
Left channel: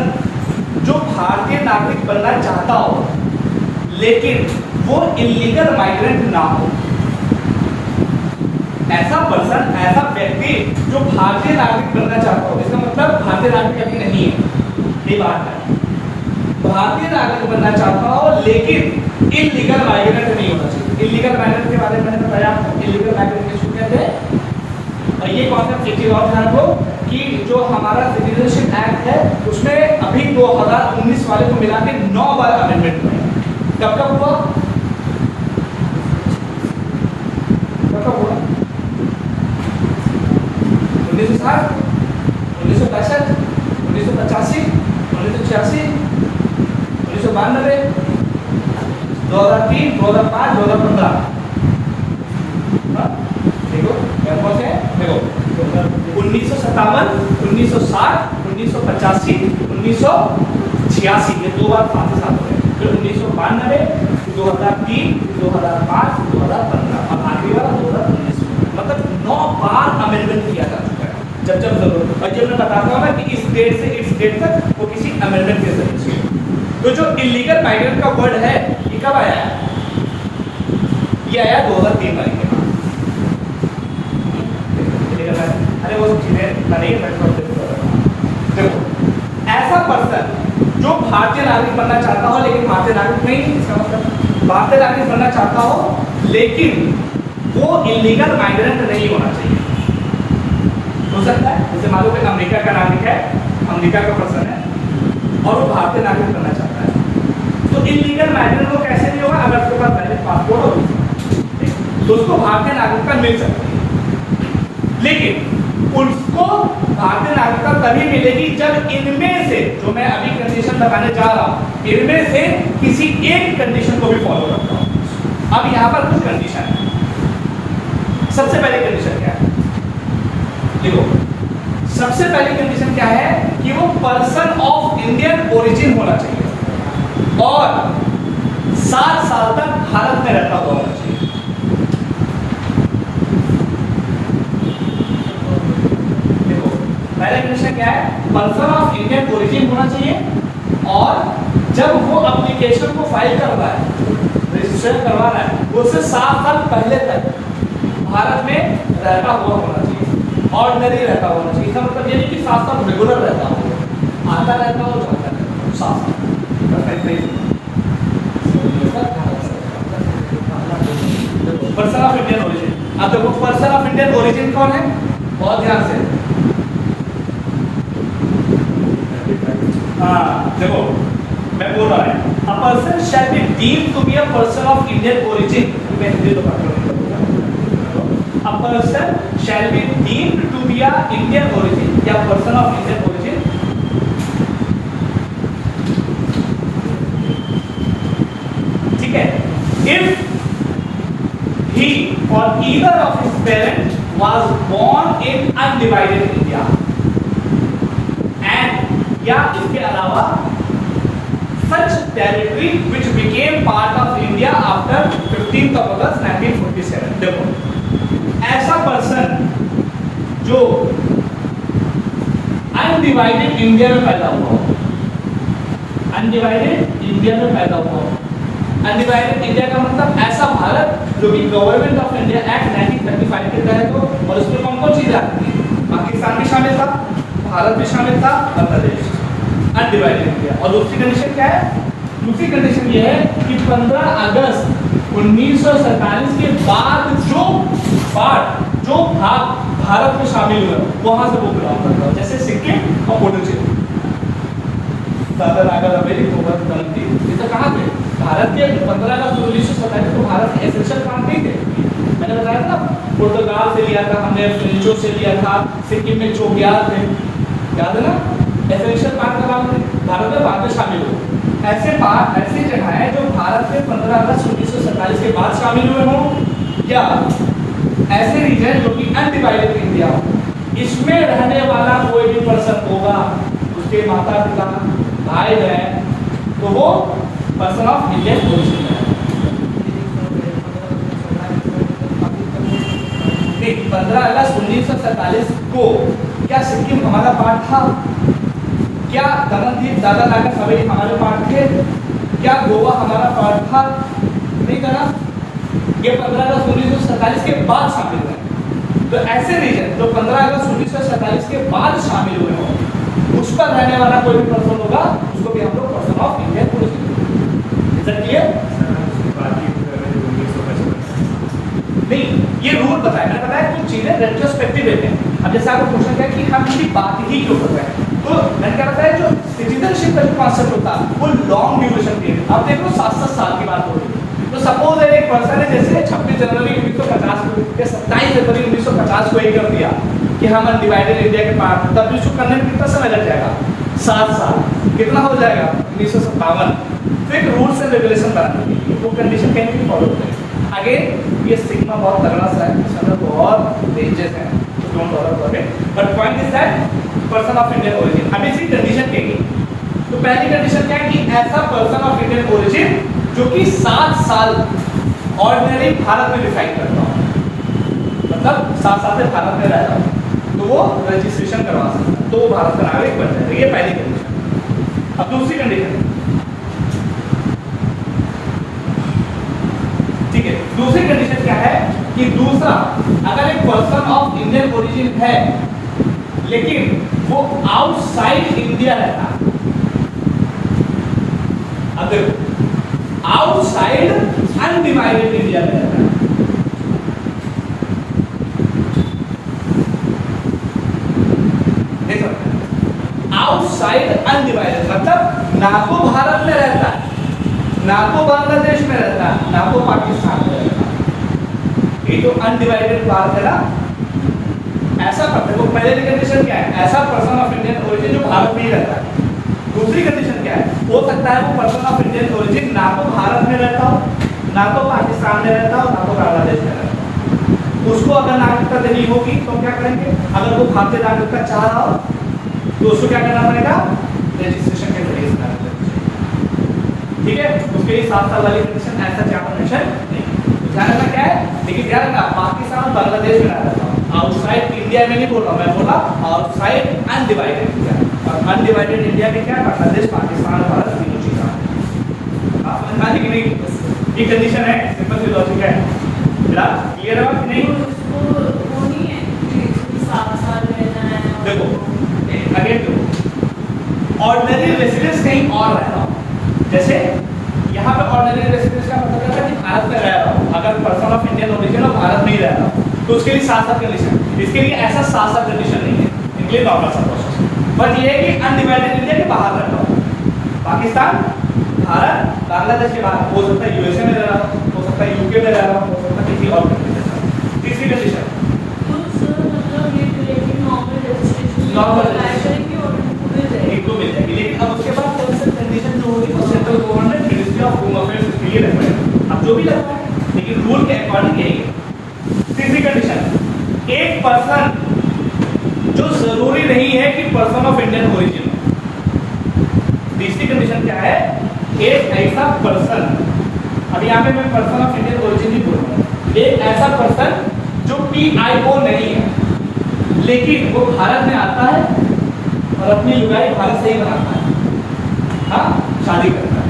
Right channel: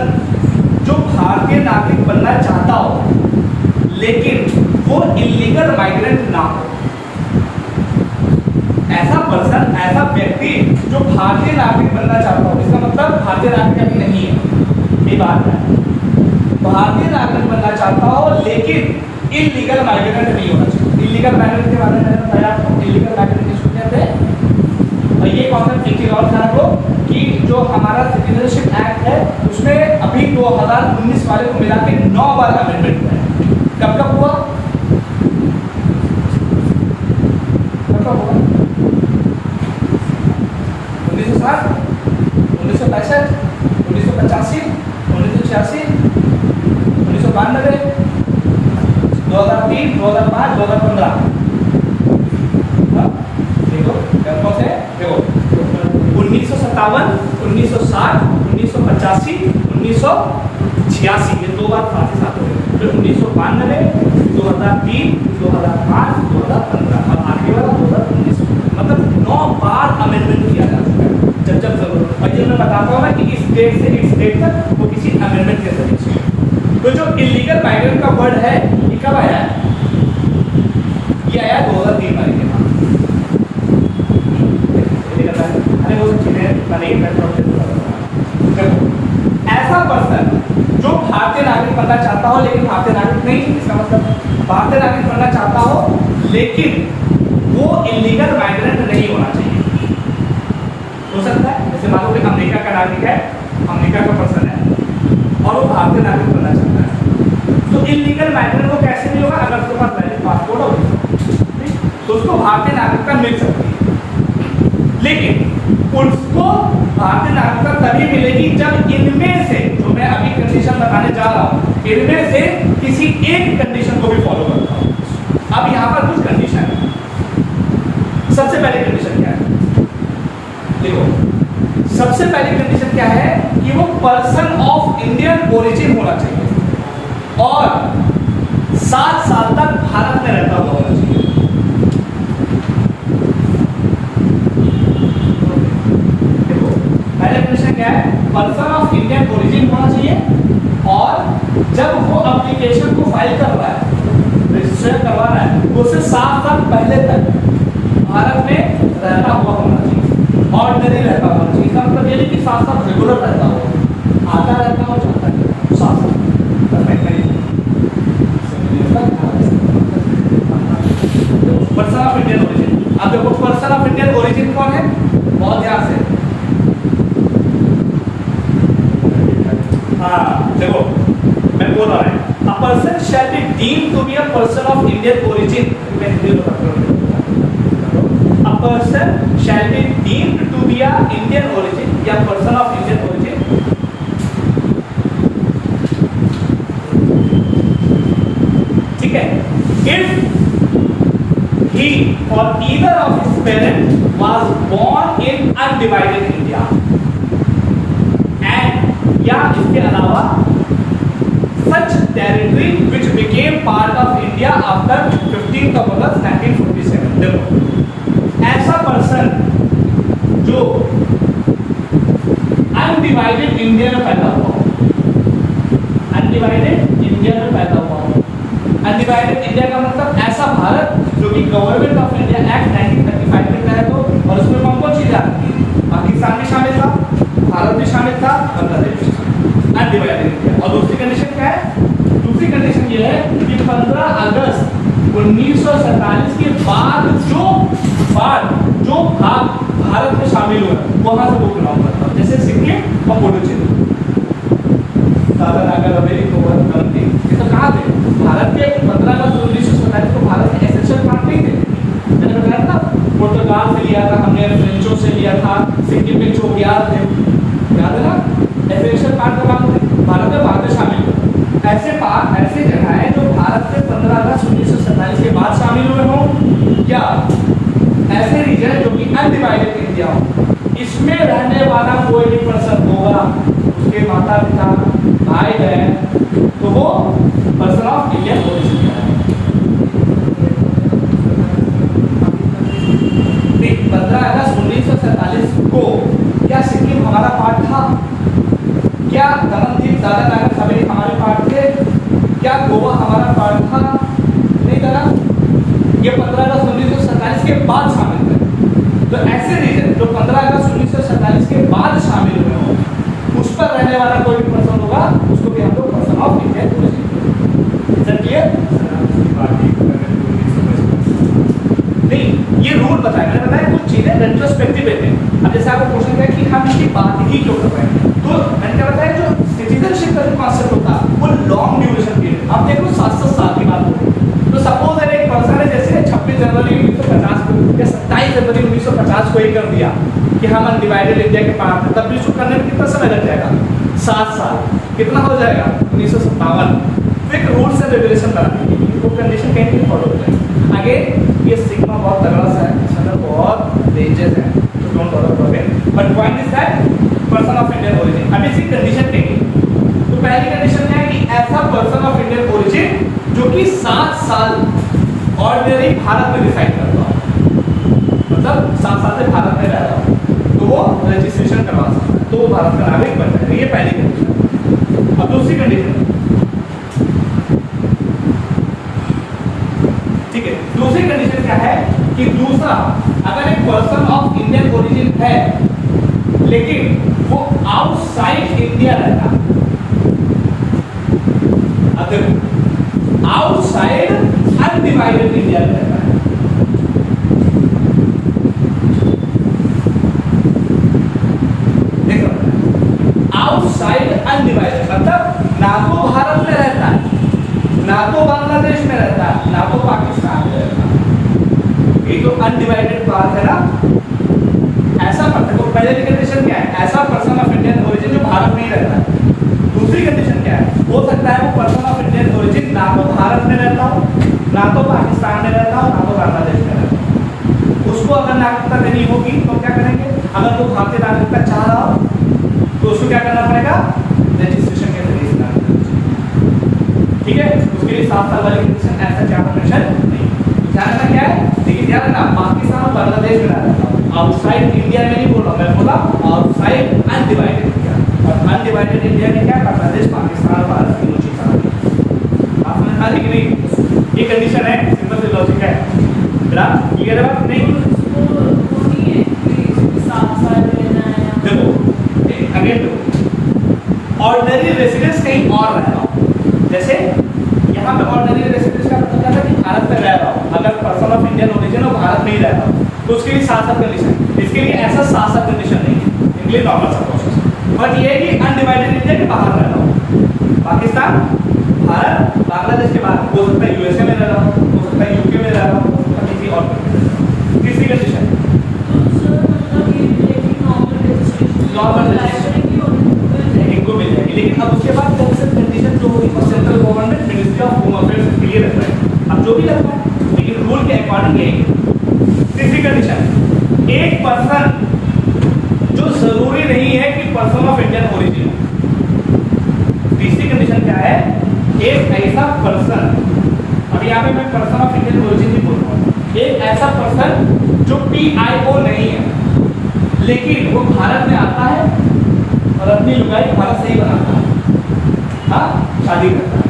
जो भारतीय नागरिक बनना चाहता हो लेकिन वो इलीगल माइग्रेंट ना हो, ऐसा पर्सन ऐसा व्यक्ति जो भारतीय नागरिक बनना चाहता हो, इसका मतलब भारतीय नागरिक अभी नहीं है, ये बात है। भारतीय नागरिक बनना चाहता हो लेकिन इलीगल माइग्रेंट नहीं होना चाहिए। इलीगल माइग्रेंट के बारे में मैंने बताया आपको, इलीगल माइग्रेंट किसको कहते हैं। और ये कॉन्सेप्ट एक चीज और ध्यान दो कि जो हमारा सिटीजनशिप एक्ट है उसमें अभी 2019 वाले को मिला के 9 बार अमेंडमेंट हुआ है। कब कब हुआ? कब हुआ? 1960, 1965, 1985, 1986, 1992, 2003, 2005, 2015। देखो कौन से देखो 1957, 1960, 1985, 1986 ये 2 बार साथ ही साथ हो गए। फिर 1992, 2003, 2005, 2015 अब आखिरी वाला 2019। मतलब 9 बार अमेंडमेंट किया जा चुका है जब जब जरूरत। और जब मैं बताता हूँ ना कि इस डेट से इस डेट तक वो किसी अमेंडमेंट के जरिए से। तो जो इलीगल माइग्रेंट का वर्ड है ये कब आया है? ये आया 2003 वाले के बाद। अरे वो चीजें नहीं देखो ऐसा पर्सन जो भारतीय नागरिक बनना चाहता हो लेकिन भारतीय नागरिक नहीं, इसका मतलब भारतीय नागरिक बनना चाहता हो लेकिन वो इलीगल माइग्रेंट नहीं होना चाहिए। हो सकता है जैसे मान लो कि अमेरिका का नागरिक है, अमेरिका का पर्सन है और वो भारतीय नागरिक बनना चाहता है, तो इलीगल माइग्रेंट वो कैसे नहीं होगा? अगर उसके पास वैलिड पासपोर्ट हो तो उसको भारतीय नागरिकता मिल सकती है। लेकिन उसको भारतीय नागरिकता तभी मिलेगी जब इनमें से जो मैं अभी कंडीशन बताने जा रहा हूं इनमें से किसी एक कंडीशन को भी फॉलो करता हूं। अब यहां पर कुछ कंडीशन है। सबसे पहली कंडीशन क्या है? देखो सबसे पहली कंडीशन क्या है कि वो पर्सन ऑफ इंडियन ओरिजिन होना चाहिए और 7 साल तक भारत में रहता हुआ होना चाहिए। देखो पहला कंडीशन क्या है? पर्सन ऑफ इंडियन ओरिजिन होना चाहिए और जब वो एप्लीकेशन को फाइल कर रहा है, रजिस्टर करवा रहा है, उससे 7 साल पहले तक भारत में रहता हुआ होना चाहिए, ऑर्डिनरी रहता होना चाहिए। इसका मतलब ये नहीं कि 7 साल रेगुलर रहता हो, आता रहता हो जाता है 7 साल पर्सन ऑफ इंडियन ओरिजिन। अब देखो पर्सन ऑफ इंडियन ओरिजिन कौन है? बहुत ध्यान से देखो मैं बोल रहा हूं a person shall be deemed to be a person of Indian origin। मैं हिंदी में बात करूंगा। A person shall be deemed to be a Indian origin या person of Indian origin ठीक है if he or either of his parents was born in undivided India and या इसके अलावा such territory which became part of India after 15th of August 1947। देखो ऐसा person जो undivided India में पैदा हुआ हो, अनडिवाइडेड इंडिया में पैदा हुआ हो। अनडिवाइडेड इंडिया का मतलब ऐसा भारत जो कि गवर्नमेंट ऑफ इंडिया एक्ट 1935 के तहत हो और उसमें कौन कौन चीजें आती थी? पाकिस्तान भी शामिल था भारत भी शामिल था, बांग्लादेश अनडिवाइडेड इंडिया। और दूसरी कंडीशन क्या है? दूसरी कंडीशन ये है कि 15 अगस्त 1947 के बाद जो भाग भारत में शामिल हुए वहां से वो बिलोंग करता है, जैसे सिक्किम और पुडुचेरी, दादरा नगर हवेली, कोंकण, तमिलनाडु, ये तो कहाँ थे? भारत के 15 अगस्त 1947 को भारत के एसेंशियल पार्ट नहीं थे। मैंने बताया था पुर्तगाल से लिया था हमने, फ्रेंचों से लिया था, सिक्किम में चोगियार थे, याद है ना? एसेंशियल पार्ट का नाम थे, भारत में बाद में शामिल हुए। ऐसे जगह है जो भारत में 15 अगस्त 1947 के बाद शामिल हुए हों, या ऐसे रीजन जो कि अनडिवाइडेड इंडिया हो, इसमें रहने वाला कोई भी पर्सन होगा, उसके माता पिता भाई बहन, तो वो पर्सन ऑफ इंडियन ओरिजिन है। 15 अगस्त 1947 को क्या सिक्किम हमारा पार्ट था? क्या दमनदीप, दादरा नगर हवेली हमारे पार्ट थे? क्या गोवा हमारा पार्ट था? नहीं था ना। ये 15 अगस्त 1947 के बाद शामिल हुए। तो ऐसे रीजन जो 15 अगस्त 1947 के बाद शामिल हुए हों, उस पर रहने वाला कोई भी पर्सन होगा, उसको भी हम लोग person of Indian origin. Is that clear? नहीं, ये रूल बताया, मैंने बताया कुछ चीजें रेट्रोस्पेक्टिव है। अब जैसे आपको क्वेश्चन किया कि हम इसकी बात ही क्यों कर रहे हैं, तो मैंने क्या बताया, जो सिटीजनशिप का जो कॉन्सेप्ट होता है वो लॉन्ग ड्यूरेशन के, अब देखो 7-7 साल की बात हो रही है। तो सपोज एक पर्सन है, जैसे 26 जनवरी 1950 को या 27 जनवरी 1950 को ही कर दिया कि हम अनडिवाइडेड इंडिया के पार्ट थे, तब भी इसको करने में कितना समय लग जाएगा? 7 साल। कितना हो जाएगा? 1957। तो एक रूल्स एंड रेगुलेशन बनाने के लिए वो कंडीशन कहीं फॉलो होते हैं। आगे ये सिग्मा बहुत तगड़ा सा है, इसमें बहुत रेंजेस हैं, तो don't bother about it, but point is that person of Indian origin. अब इसकी कंडीशन क्या है? तो पहली कंडीशन क्या है कि ऐसा पर्सन ऑफ इंडियन ओरिजिन जो कि 7 साल ऑर्डिनरी भारत में रिसाइड कर रहा हो, मतलब 7 साल से भारत में रह रहा हो, तो वो रजिस्ट्रेशन करवा सकता है, तो वो भारत का नागरिक बन जाएगा। ये पहली कंडीशन। अब दूसरी कंडीशन, ठीक है, दूसरी कंडीशन क्या है कि दूसरा, अगर एक पर्सन ऑफ इंडियन ओरिजिन है लेकिन वो आउटसाइड इंडिया रहता, अगर आउटसाइड अनडिवाइडेड इंडिया में रहता है, देखो आउटसाइड अनडिवाइडेड मतलब ना तो भारत में रहता है, ना तो बांग्लादेश में रहता है, ना तो पाकिस्तान में रहता है, ये जो अनडिवाइडेड पार्ट है ना, ऐसा पर्सन, वो पहले कंडीशन क्या है? ऐसा पर्सन ऑफ इंडियन ओरिजिन जो भारत में ही रहता है। दूसरी कंडीशन क्या है? हो सकता है वो पर्सन ऑफ इंडियन ओरिजिन ना तो भारत में रहता हो, ना तो पाकिस्तान में रहता हो, ना तो बांग्लादेश में रहता हो। उसको अगर नागरिकता देनी होगी तो क्या करेंगे? अगर वो भारतीय नागरिकता चाह रहा हो तो उसको क्या करना पड़ेगा? रजिस्ट्रेशन के जरिए से नागरिकता, ठीक है। उसके लिए 7 साल वाली कंडीशन, ऐसा चार्टर कंडीशन नहीं। ध्यान रखना क्या है, लेकिन ध्यान रखना पाकिस्तान और बांग्लादेश में रहता हूँ, आउटसाइड इंडिया में नहीं बोल रहा, मैं बोला आउटसाइड अनडिवाइडेड इंडिया। और अनडिवाइडेड इंडिया में क्या? बांग्लादेश, पाकिस्तान और भारत तीनों चीजें आपने कहा कि नहीं, ये कंडीशन है, सिंपल सी लॉजिक है, बेटा क्लियर है बात नहीं? वो नहीं है कि 7 साल रहना है। देखो अगेन देखो, ऑर्डिनरी रेसिडेंस कहीं और रह रहा हूँ, जैसे यहाँ पे ऑर्डिनरी रेसिडेंस का मतलब क्या है कि भारत में रह रहा हूँ, अगर पर्सन ऑफ इंडियन ओरिजिन और भारत में ही रह रहा हूँ तो उसके लिए 7 साल कंडीशन, इसके लिए ऐसा 7 साल कंडीशन नहीं है, इनके लिए नॉर्मल सा प्रोसेस। बट ये है कि अनडिवाइडेड इंडिया के बाहर रह रहा हूँ, पाकिस्तान, भारत, बांग्लादेश के बाहर, हो सकता है यूएसए में रह रहा हूँ, हो सकता है यूके में रह रहा हूँ, हो सकता है किसी और कंट्री में रह रहा हूँ। तीसरी कंडीशन, नॉर्मल इनको मिल जाएगी, लेकिन अब उसके बाद कंडीशन जो होगी central government ministry of home affairs इसलिए रख रहे हैं, अब जो भी रखा है लेकिन रूल के अकॉर्डिंग यही है। तीसरी कंडीशन, एक पर्सन जो जरूरी नहीं है कि पर्सन ऑफ इंडियन ओरिजिन हो। तीसरी कंडीशन क्या है? एक ऐसा पर्सन, अब यहाँ पे मैं पर्सन ऑफ इंडियन ओरिजिन ही बोल रहा हूँ, एक ऐसा पर्सन जो PIO नहीं है लेकिन वो भारत में आता है और अपनी लुगाई भारत से ही बनाता है, हाँ शादी करता है।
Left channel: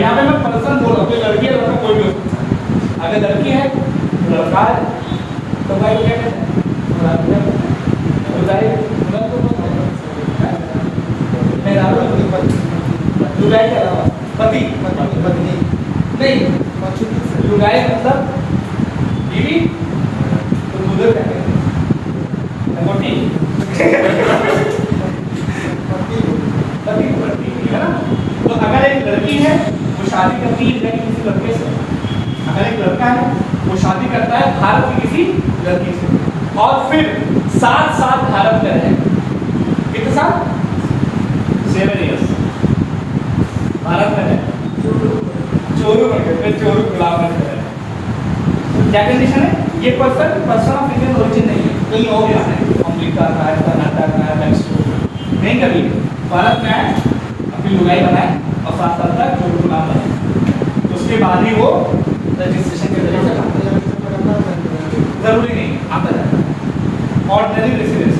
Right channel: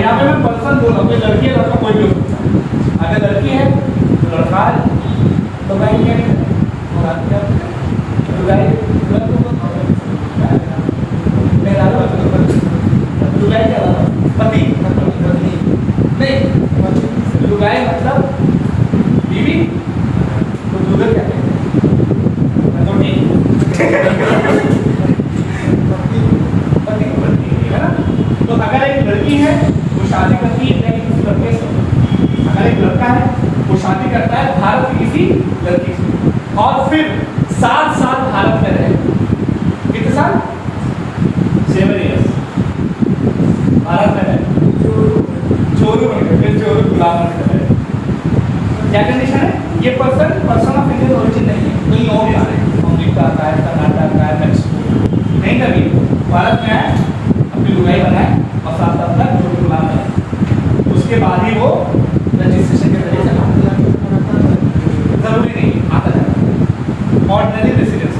यहाँ पे मैं पर्सन बोल रहा हूँ, कोई लड़की है लड़का कोई भी हो सकता है, अगर लड़की है तो लड़का है तो मैं लुगाई लुगाई क्या था? पति नहीं, लुगाई मतलब बीवी, तो मुदर क्या कहते हैं? मोटी पति है ना? तो अगर एक लड़की है वो शादी करती है किसी लड़के से, अगर एक लड़का है वो शादी करता है भारत की किसी लड़की से, और फिर 7 साल भारत में रहे, कितने साल? 7 years भारत में रहे, चोरू बन गए, फिर चोरू गुलाम बन गए। क्या कंडीशन है? ये पर्सन ऑफ इंडियन ओरिजिन नहीं है, कहीं और का है, अमेरिका का है, कर्नाटक का है, मैक्सिको नहीं, कभी भारत में आए, अपनी लुगाई बनाए और 7 साल तक चोरू गुलाम रहे, उसके बाद ही वो रजिस्ट्रेशन के जरिए से जरूरी नहीं आता जाता है। ऑर्डिनरी रेसिडेंस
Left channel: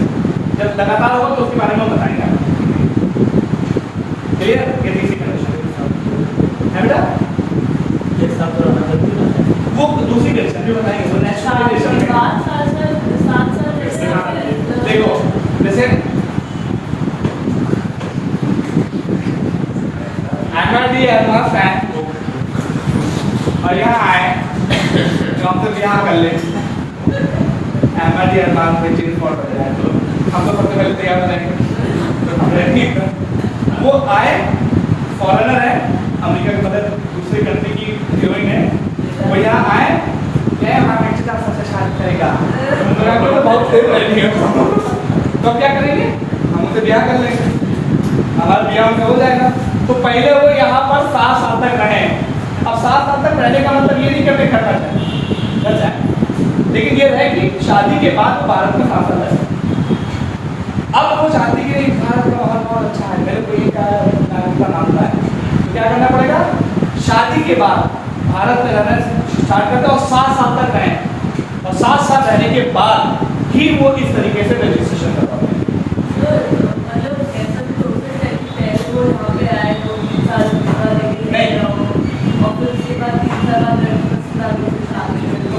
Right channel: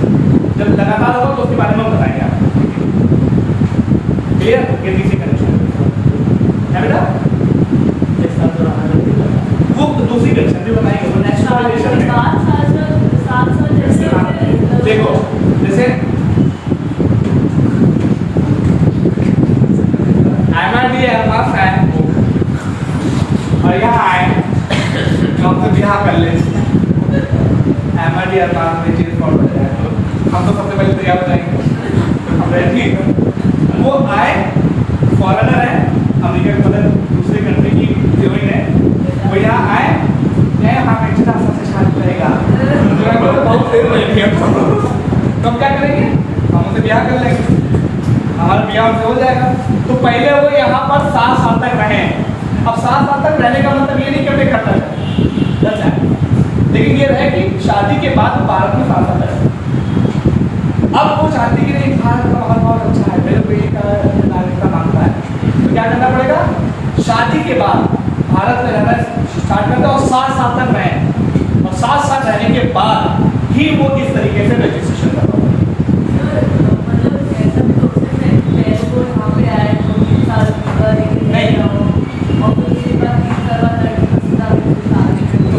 जब लगातार होगा तो उसके बारे में हम बताएंगे। क्लियर? ये तीसरी कंडीशन है बेटा। वो दूसरी कंडीशन भी बनाएंगे, वो नेशनल कंडीशन है। देखो जैसे एमआरडी एमआर फैन और यहाँ आए तो हम सब यहाँ कर ले एमआरडी एमआर के चीज और बढ़ जाए, तो हम तो सबसे पहले तैयार हो जाएंगे। वो आए, फॉरेनर है, अमेरिका के मतलब दूसरी कंट्री की हीरोइन है, वो यहाँ आए, मैं हाँ एक्चुअली सबसे शादी करेगा, तो बहुत देर रहेंगे, तो हम क्या करेंगे? हम उनसे ब्याह कर लेंगे, हमारा ब्याह उनसे हो जाएगा। तो पहले वो यहाँ पर 7 साल तक रहे, अब 7 साल तक रहने का मतलब ये नहीं करते करना चाहिए, लेकिन ये है कि शादी के बाद भारत में 7 साल रहे। अब वो चाहती कि नहीं भारत का माहौल बहुत अच्छा है, मेरे बेटी का नागरिकता मांगता है, तो क्या करना पड़ेगा? शादी के बाद भारत में रहना स्टार्ट करते और 7 साल तक रहें, और 7 साल रहने के बाद ही वो इस तरीके से रजिस्ट्रेशन करवाओ।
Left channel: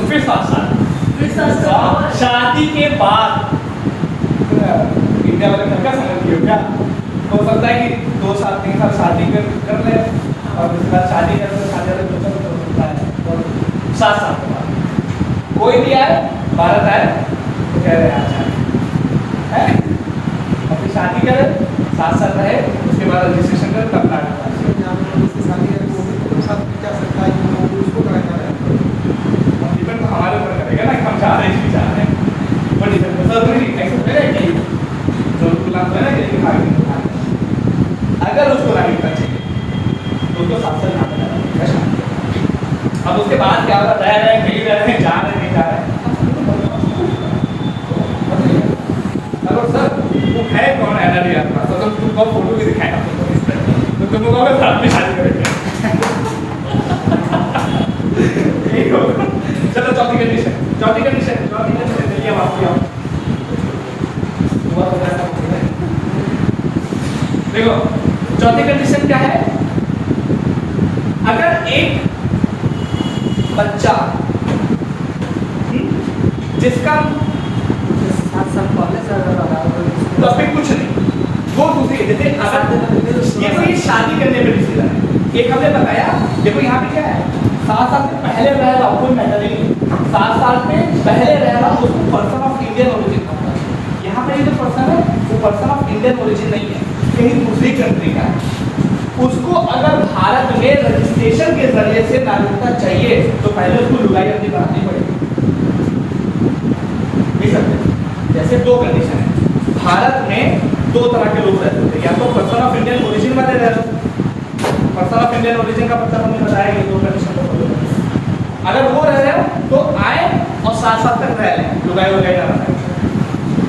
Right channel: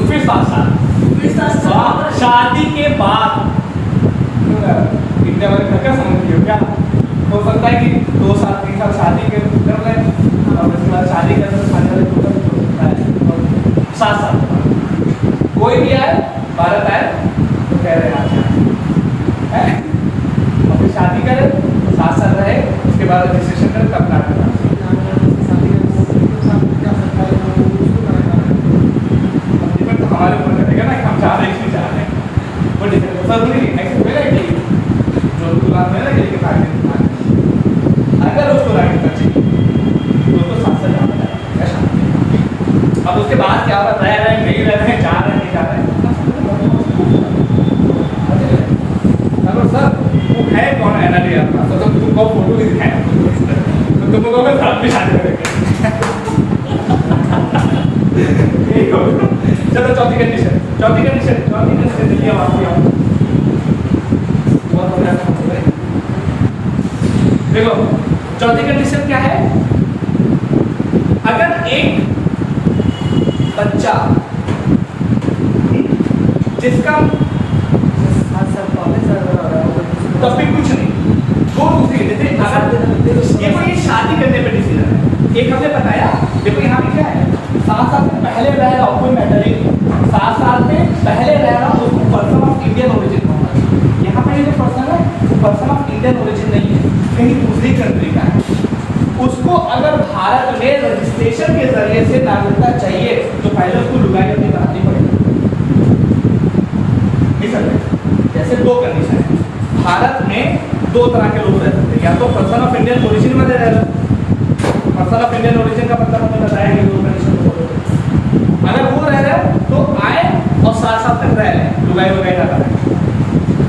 फिर 7 साल शादी के बाद इंडिया वाले क्या समझते हो? क्या हो सकता है कि 2 साल 3 साल शादी कर ले और उसके बाद शादी कर तो शादी वाले 2 साल हो सकता है, 7 साल के बाद कोई भी आए भारत आए तो कह रहे हैं अच्छा है, और फिर शादी करे 7 साल रहे, उसके बाद रजिस्ट्रेशन कर तब काट हमारे ऊपर करेगा ना, हम चाह रहे हैं चाह रहे हैं वो डिपेंड जरूरी नहीं एक्सेप्ट करेगा कि जो गुलाम है ना कि अगर उसको राइट कर चाहिए तो उसको 7 साल यहाँ पर ऐसा। अब उसके बाद क्या होगा? रह रहे नहीं रह रहे, जा रहे नहीं जा रहे। हेलो सर, वो है कौन है ना यार? तो तुमको फोटो भी दिखाएगा, तो तुमको कहोगे साथ में शादी करेंगे। चलो चौथी कंडीशन दिल्ली अब आप आओ। देखो चौथी कंडीशन क्या है? अगर एक बच्चा जिसका तो अभी कुछ नहीं, वो दूसरी जैसे अगर ये कोई शादी करने पे डिसीजन है, एक हमने बताया देखो यहाँ पे क्या है, 7 साल से पहले रह रहा कोई मैटर नहीं, 7 साल से पहले रह रहा उसको पर्सन ऑफ इंडियन ओरिजिन होता है। यहाँ पे ये जो पर्सन है वो पर्सन ऑफ इंडियन ओरिजिन नहीं है, कहीं दूसरी कंट्री का है, उसको अगर भारत में रजिस्ट्रेशन के जरिए से नागरिकता चाहिए तो पहले उसको लुगाई अपनी बनानी पड़ेगी। नहीं सकते, जैसे 2 कंडीशन है, भारत में 2 तरह के लोग रह सकते हैं, या तो पर्सन ऑफ इंडियन ओरिजिन वाले रह रहे, पर्सन ऑफ इंडियन ओरिजिन का मतलब हमने बताया कि 2 कंडीशन तो बोलो, अगर वो रह रहे तो आए और 7 साल तक रह लें, लुगाई वुगाई ना रहे,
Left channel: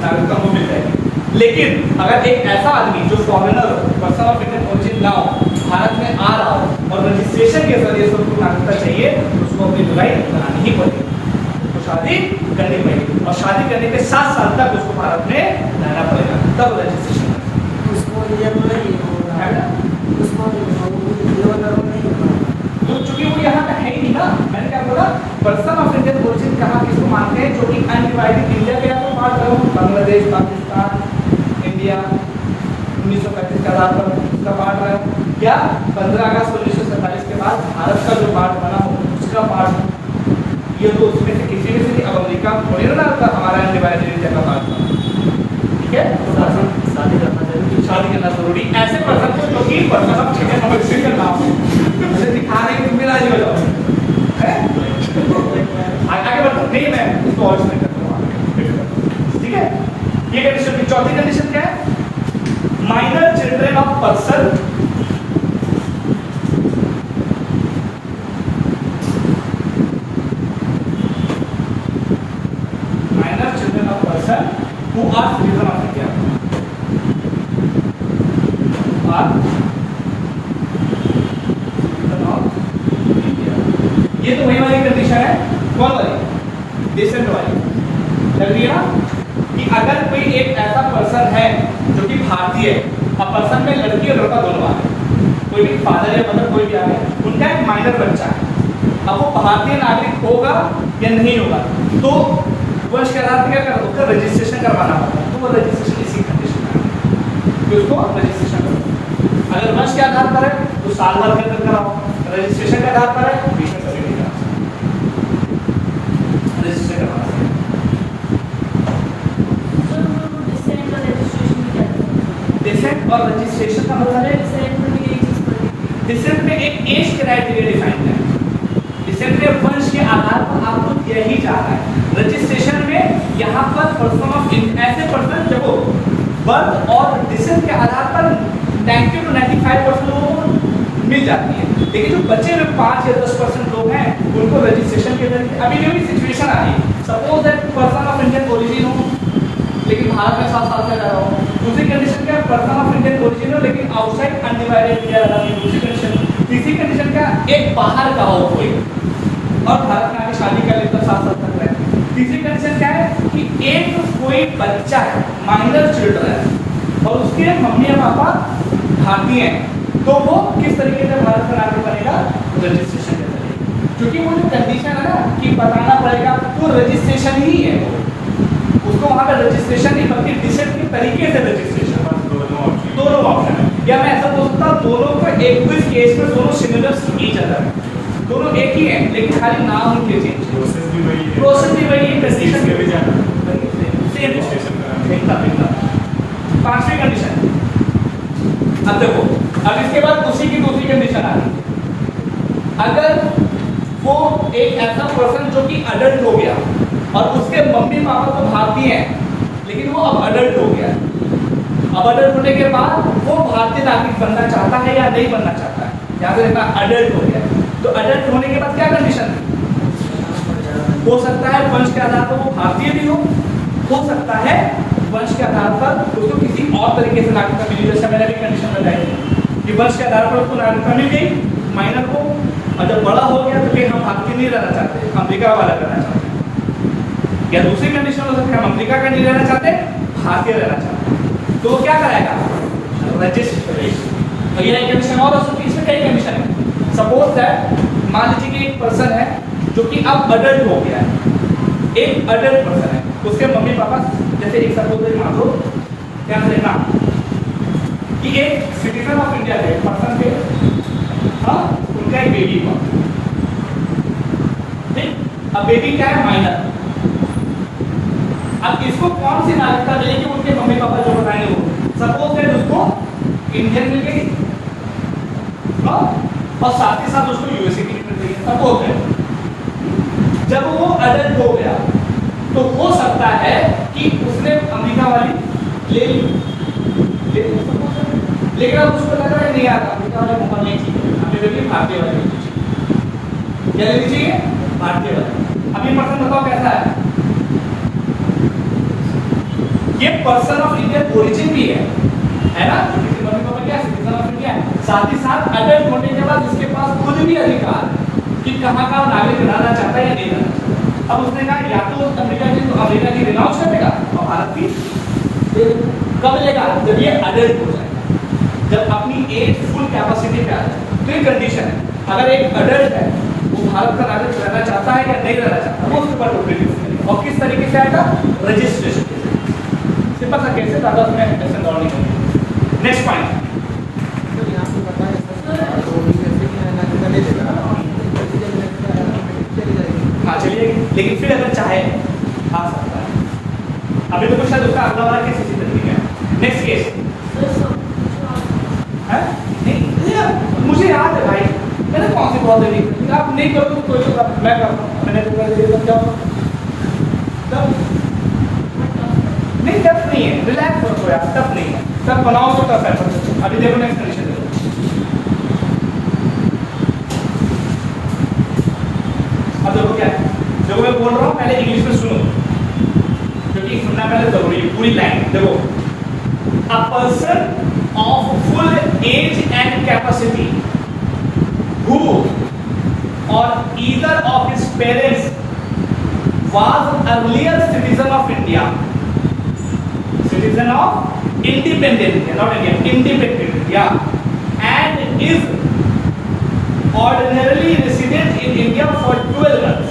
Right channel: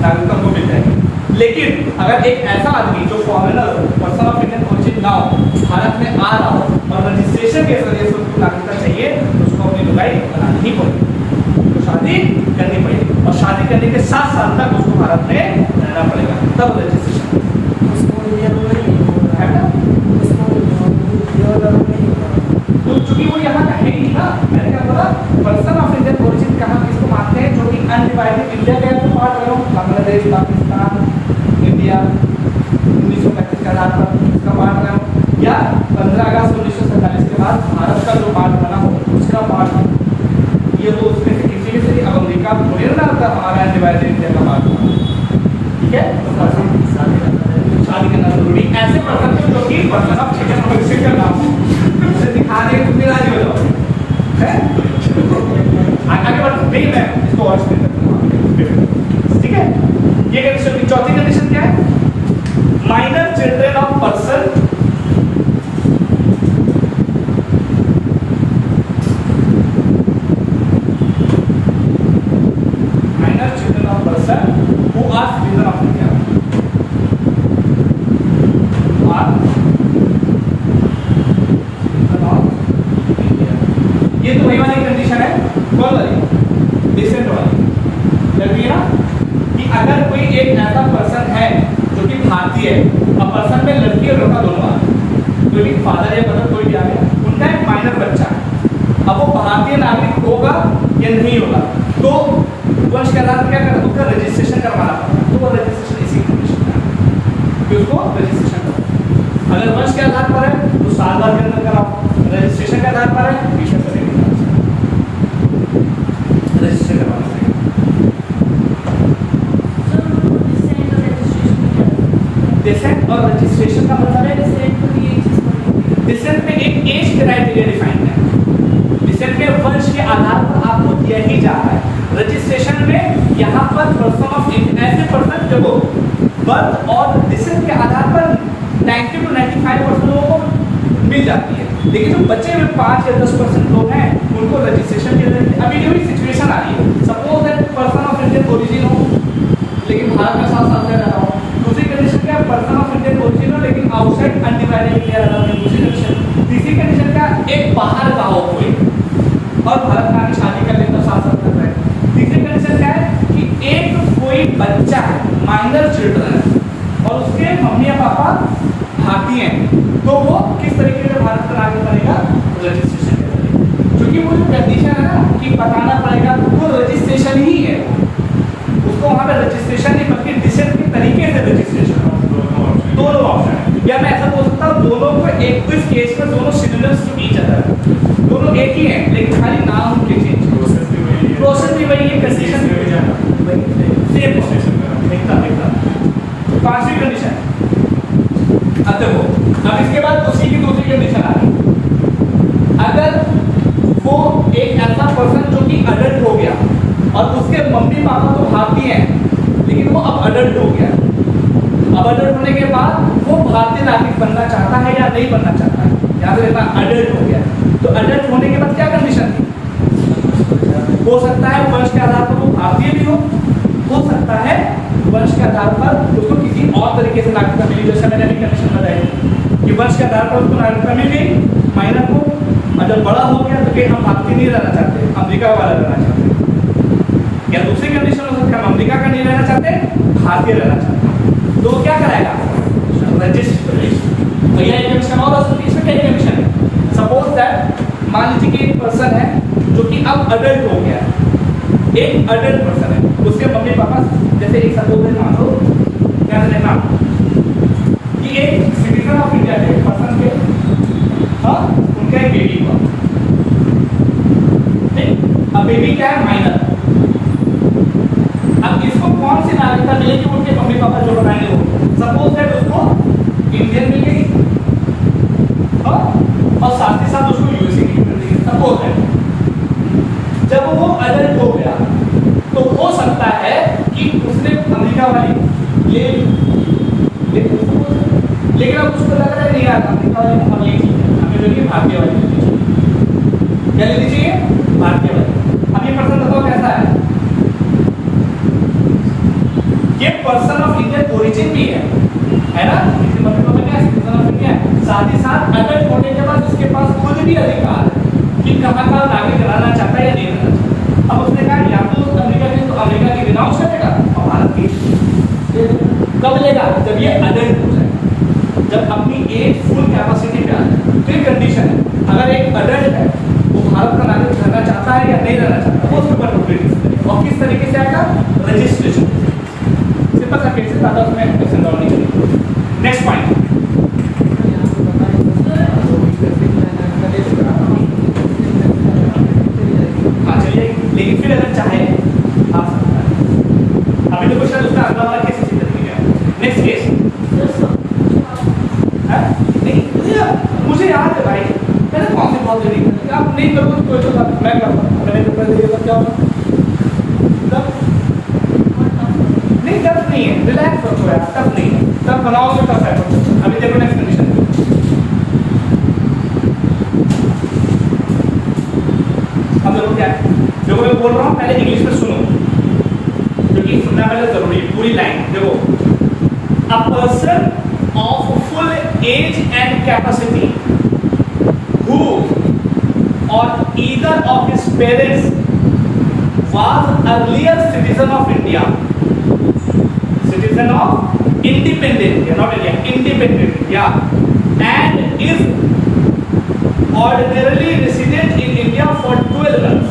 नागरिकता को मिल जाएगी। लेकिन अगर एक ऐसा आदमी जो फॉरेनर हो, पर्सन ऑफ इंडियन ओरिजिन ना हो, भारत में आ रहा हो और रजिस्ट्रेशन के जरिए से उसको नागरिकता चाहिए तो उसको अपनी लुगाई बनानी ही पड़ेगी, तो शादी करनी पड़ेगी, और शादी करने के 7 साल तक उसको भारत में रहना पड़ेगा, तब रजिस्ट्रेशन तो चूंकि वो यहाँ का है ही नहीं ना, मैंने क्या बोला पर्सन ऑफ इंडियन ओरिजिन कहाँ किसको मानते हैं, जो कि अनडिवाइडेड इंडिया का तो पार्ट रहा हूँ, बांग्लादेश, पाकिस्तान, इंडिया 1935 के आधार पर उसका पार्ट रहा हूँ, या 15 अगस्त 1947 के बाद भारत का जो पार्ट बना हो उसका पार्ट हो। ये तो उसमें से किसी में से अब अमेरिका थोड़ी ना होता हमारा अनडिवाइडेड इंडिया का पार्ट था, ठीक है। तो शादी करना जरूरी, ऐसे पर्सन को जो कि पर्सन ऑफ इंडियन नाम मुझे दिखा नहीं, तुम भी राजी हो जाओ है। आगे बढ़ते नहीं, मैं इसको और एक्सप्लेन करूंगा, ठीक है। ये कंडीशन की चौथी कंडीशन क्या है, minor children of person who are citizen of India, are citizen of India। ये तो वही वाली कंडीशन है, कौन वाली, डिसेंट वाली, लग रही है ना, कि अगर कोई एक ऐसा पर्सन है जो कि भारतीय है और पर्सन में लड़की और लड़का दोनों आ, कोई भी फादर या मदर कोई भी आ गया, उनका एक माइनर बच्चा है, अब वो भारतीय नागरिक होगा या नहीं होगा, तो वंश के आधार पर क्या करना, उसका रजिस्ट्रेशन करवाना पड़ता है। तो वो रजिस्ट्रेशन इसी कंडीशन में है, उसको रजिस्ट्रेशन करो। अगर वंश के आधार पर है तो साल भर के अंदर कराओ, रजिस्ट्रेशन के आधार पर है 20 रुपये के रजिस्ट्रेशन करवाना पड़ेगा। डिसेंट और रजिस्ट्रेशन का मतलब है, डिसेंट में एक एज क्राइटेरिया डिफाइन है, डिसेंट में वंश के आधार पर आपको दिया ही जा रहा है। रजिस्ट्रेशन में यहाँ पर पर्सन ऑफ ऐसे पर्सन जब बर्थ और डिसेंट के आधार पर 90 to 95% लोगों को मिल जाती है, लेकिन जो बचे हुए 5 या 10% लोग हैं उनको रजिस्ट्रेशन के जरिए अभी जो सिचुएशन आ रही है, suppose that person of Indian origin हो लेकिन भारत में 7 साल से रह रहा हो, दूसरी कंडीशन क्या है, पर्सन ऑफ इंडियन ओरिजिन हो लेकिन आउटसाइड अनडिवाइडेड इंडिया रह रहा हो, दूसरी कंडीशन। तीसरी कंडीशन क्या, एक बाहर का हो कोई और भारत में आके शादी कर ले तो 7 साल तक रहे। तीसरी कंडीशन क्या है कि एक कोई बच्चा है, माइनर चिल्ड्रन है और उसके मम्मी या पापा भारतीय हैं, तो वो किस तरीके से भारत में आगे बनेगा, रजिस्ट्रेशन के जरिए। क्योंकि वो जो कंडीशन है ना कि बताना पड़ेगा, वो रजिस्ट्रेशन ही है, उसको वहाँ पे रजिस्ट्रेशन नहीं बल्कि डिसेंट के तरीके से रजिस्ट्रेशन, दोनों ऑप्शन है। या मैं ऐसा बोल सकता हूँ दोनों को एक इस केस में दोनों सिमिलर टू ईच अदर, दोनों एक ही है लेकिन खाली नाम उनके चेंज, प्रोसेस भी वही है, कंडीशन भी वही है, सेम रजिस्ट्रेशन करा। पांचवी कंडीशन, अब देखो, अब इसके बाद उसी की दूसरी कंडीशन आ रही है, अगर वो एक ऐसा पर्सन जो कि अडल्ट हो गया और उसके मम्मी पापा तो भारतीय हैं लेकिन वो अब अडल्ट हो गया, अब अडल्ट होने के बाद वो भारतीय नागरिक बनना चाहता है या नहीं बनना चाहता है, यहाँ पे अडल्ट हो गया, तो अडल्ट होने के बाद क्या कंडीशन थी, हो सकता है वंश के आधार पर वो भारतीय भी हो सकता है वंश के आधार पर उसको किसी और तरीके से नागरिकता मिली, जैसे मैंने भी कंडीशन बताई कि वंश के आधार पर उसको नागरिकता मिल गई माइनर को, और जब बड़ा हो गया तो फिर हम भारतीय नहीं रहना चाहते, अमेरिका वाला रहना चाहते, या दूसरी कंडीशन हो सकती है हम अमेरिका का नहीं रहना चाहते, भारतीय रहना चाहते, तो क्या कराएगा, रजिस्ट्रेशन। और यह कंडीशन और इसमें क्या कंडीशन है, सपोज दैट मान लीजिए कि एक पर्सन है जो कि अब अडल्ट हो गया है, एक अडल्ट पर्सन है, उसके मम्मी पापा जैसे एक सपोज मान लो ध्यान देना कि एक सिटीजन ऑफ इंडिया के पर्सन के उनका एक बेबी हुआ, ठीक, अब बेबी क्या है, माइनर। अब इसको कौन सी नागरिकता मिलेगी, उनके मम्मी पापा जो बताएंगे वो, सपोज दैट उसको इंडियन मिल गई और साथ ही साथ उसको यूएसए की मिल गई, सपोज दैट। जब वो अडल्ट हो गया तो हो सकता है कि उसने अमेरिका वाली ले लेकिन अब उसको लग रहा है नहीं यार अमेरिका वाली बहुत ये चीज है, हमें लगी भारतीय वाली क्या ले लीजिए, भारतीय वाली। अब ये पर्सन बताओ कैसा है, ये पर्सन ऑफ इंडियन ओरिजिन भी है ना, किसी मम्मी पापा क्या सिटीजन ऑफ इंडिया, साथ ही साथ अडल्ट होने के बाद इसके पास खुद भी अधिकार है कि कहाँ का नागरिक रहना चाहता है या नहीं रहना चाहता। अब उसने कहा या तो अमेरिका की, तो अमेरिका की रिनाउंस करेगा और भारत की कब लेगा, जब ये अडल्ट हो जाए, जब अपनी एज फुल कैपेसिटी पे आ जाए। फिर कंडीशन है, अगर एक अडल्ट है वो भारत का नागरिक रहना चाहता है या नहीं रहना चाहता, वो उसके ऊपर प्रोसीड करेगा। और किस तरीके से आएगा? रजिस्ट्रेशन। सिंपल सा केस है, ज़्यादा उसमें एक्सप्लेनेशन और नहीं करेंगे। नेक्स्ट पॉइंट, हाँ चलिए, लेकिन फिर अगर चाहे आ सकता है। अभी तो कुछ उसका अगला वाला केस इसी तरीके का है। नेक्स्ट केस है नहीं, मुझे याद है भाई, मैंने कौन सी कॉल देनी थी, आप नहीं करो तो कोई तो मैं करता हूँ, मैंने तो कर दिया क्या होगा तब? नहीं टफ नहीं है, रिलैक्स करो यार, टफ नहीं है, तब बनाओ तो टफ है। अभी देखो नेक्स्ट कंडीशन, अब देखो क्या है, जो मैं बोल रहा हूँ पहले इंग्लिश में सुनो, क्योंकि सुनना पहले जरूरी है। पूरी लाइन देखो, a person of full age and capacity who or either of his parents was earlier citizen of India, citizen of independent India, not India, independent India, and is ordinarily resident in India for 12 months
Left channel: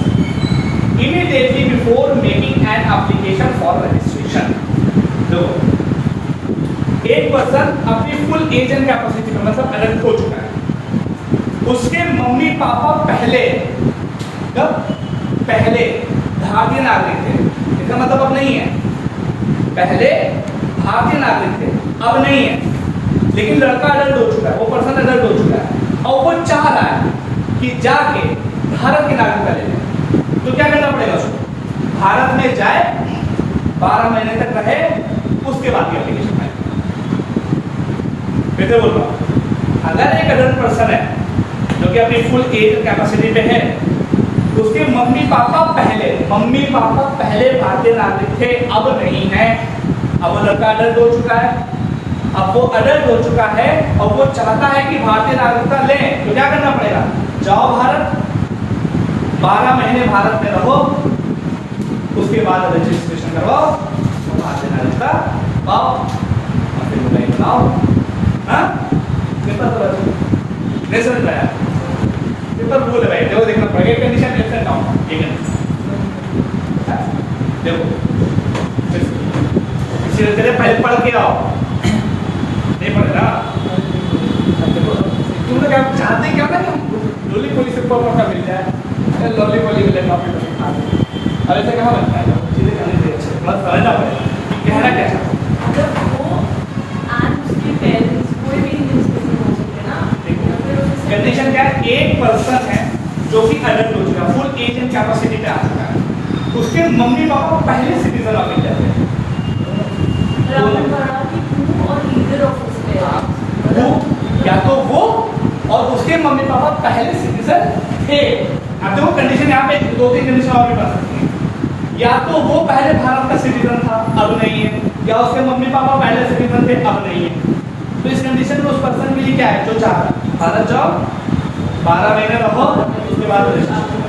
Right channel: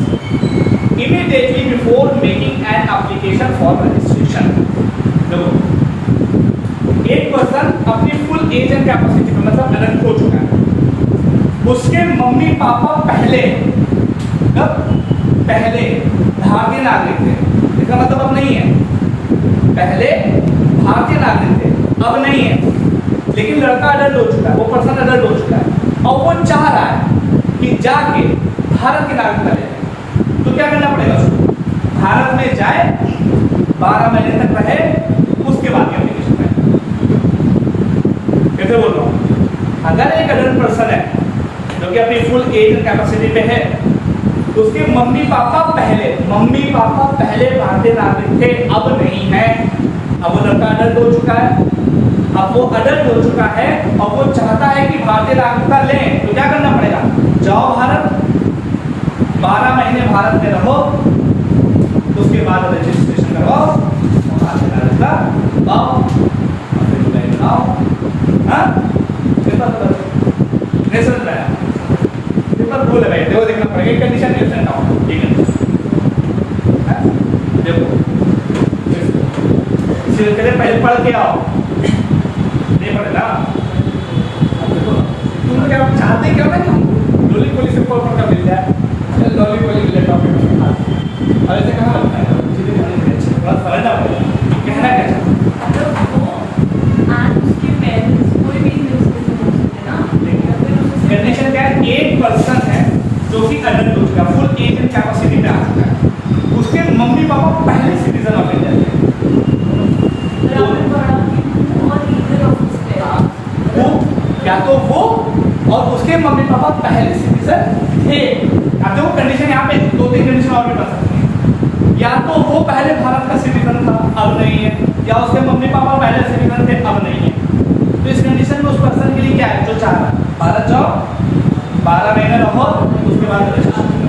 immediately before making an application for registration. देखो, एक person अपनी full age and capacity में मतलब adult हो चुका है, उसके mummy papa पहले भारतीय नागरिक थे, इसका मतलब अब नहीं है, पहले भारतीय नागरिक थे अब नहीं है, लेकिन लड़का अडल्ट हो चुका है, वो पर्सन अडल्ट हो चुका है और वो चाह रहा है कि जाके भारत की नागरिकता ले। तो क्या करना पड़ेगा उसको? भारत में जाए, 12 महीने तक रहे, उसके बाद एप्लीकेशन पाए। कैसे बोल रहा हूँ, अगर एक अडल्ट पर्सन है जो कि अपनी फुल एज और कैपेसिटी पे है, तो उसके मम्मी पापा पहले भारतीय नागरिक थे, अब नहीं है। अब वो लड़का अडल्ट हो चुका है, अब वो अडल्ट हो चुका है और वो चाहता है कि भारतीय नागरिकता लें, तो क्या करना पड़ेगा? जाओ भारत, 12 महीने भारत में रहो, उसके बाद रजिस्ट्रेशन करवाओ, भारतीय नागरिकता पाओ, और फिर बनाओ। हाँ, नहीं समझ पाया? पेपर भूल है भाई, देखो देखना पड़ेगा, कंडीशन कैसे हटाओ, ठीक है? देखो इसी तरह पहले पढ़ के आओ, नहीं पढ़े ना? अब देखो तुम लोग क्या चाहते क्या ना कि लोली पोली सिर्फ पता मिल जाए, लॉली पोली मिले टॉपिक में खा, अब ऐसे कहाँ बनता है? चीज़ें करनी बड़ी अच्छी, थोड़ा समझना पड़ेगा कहना क्या चाहता है। कंडीशन क्या है? एक पर्सन है जो कि अडल्ट हो चुका है, फुल एज एंड कैपेसिटी में आ चुका है, उसके मम्मी पापा पहले सिटीजन ऑफ इंडिया थे, या तो वो और उसके मम्मी पापा पहले सिटीजन थे। अब देखो कंडीशन यहाँ पे 2-3 कंडीशन और भी बता सकते हैं, या तो वो पहले भारत का सिटीजन था अब नहीं है, या उसके मम्मी पापा पहले सिटीजन थे अब नहीं है। तो इस कंडीशन में उस पर्सन के लिए क्या है? जो चाह रहा है भारत जाओ, 12 महीने रहो, उसके बाद रजिस्ट्रेशन।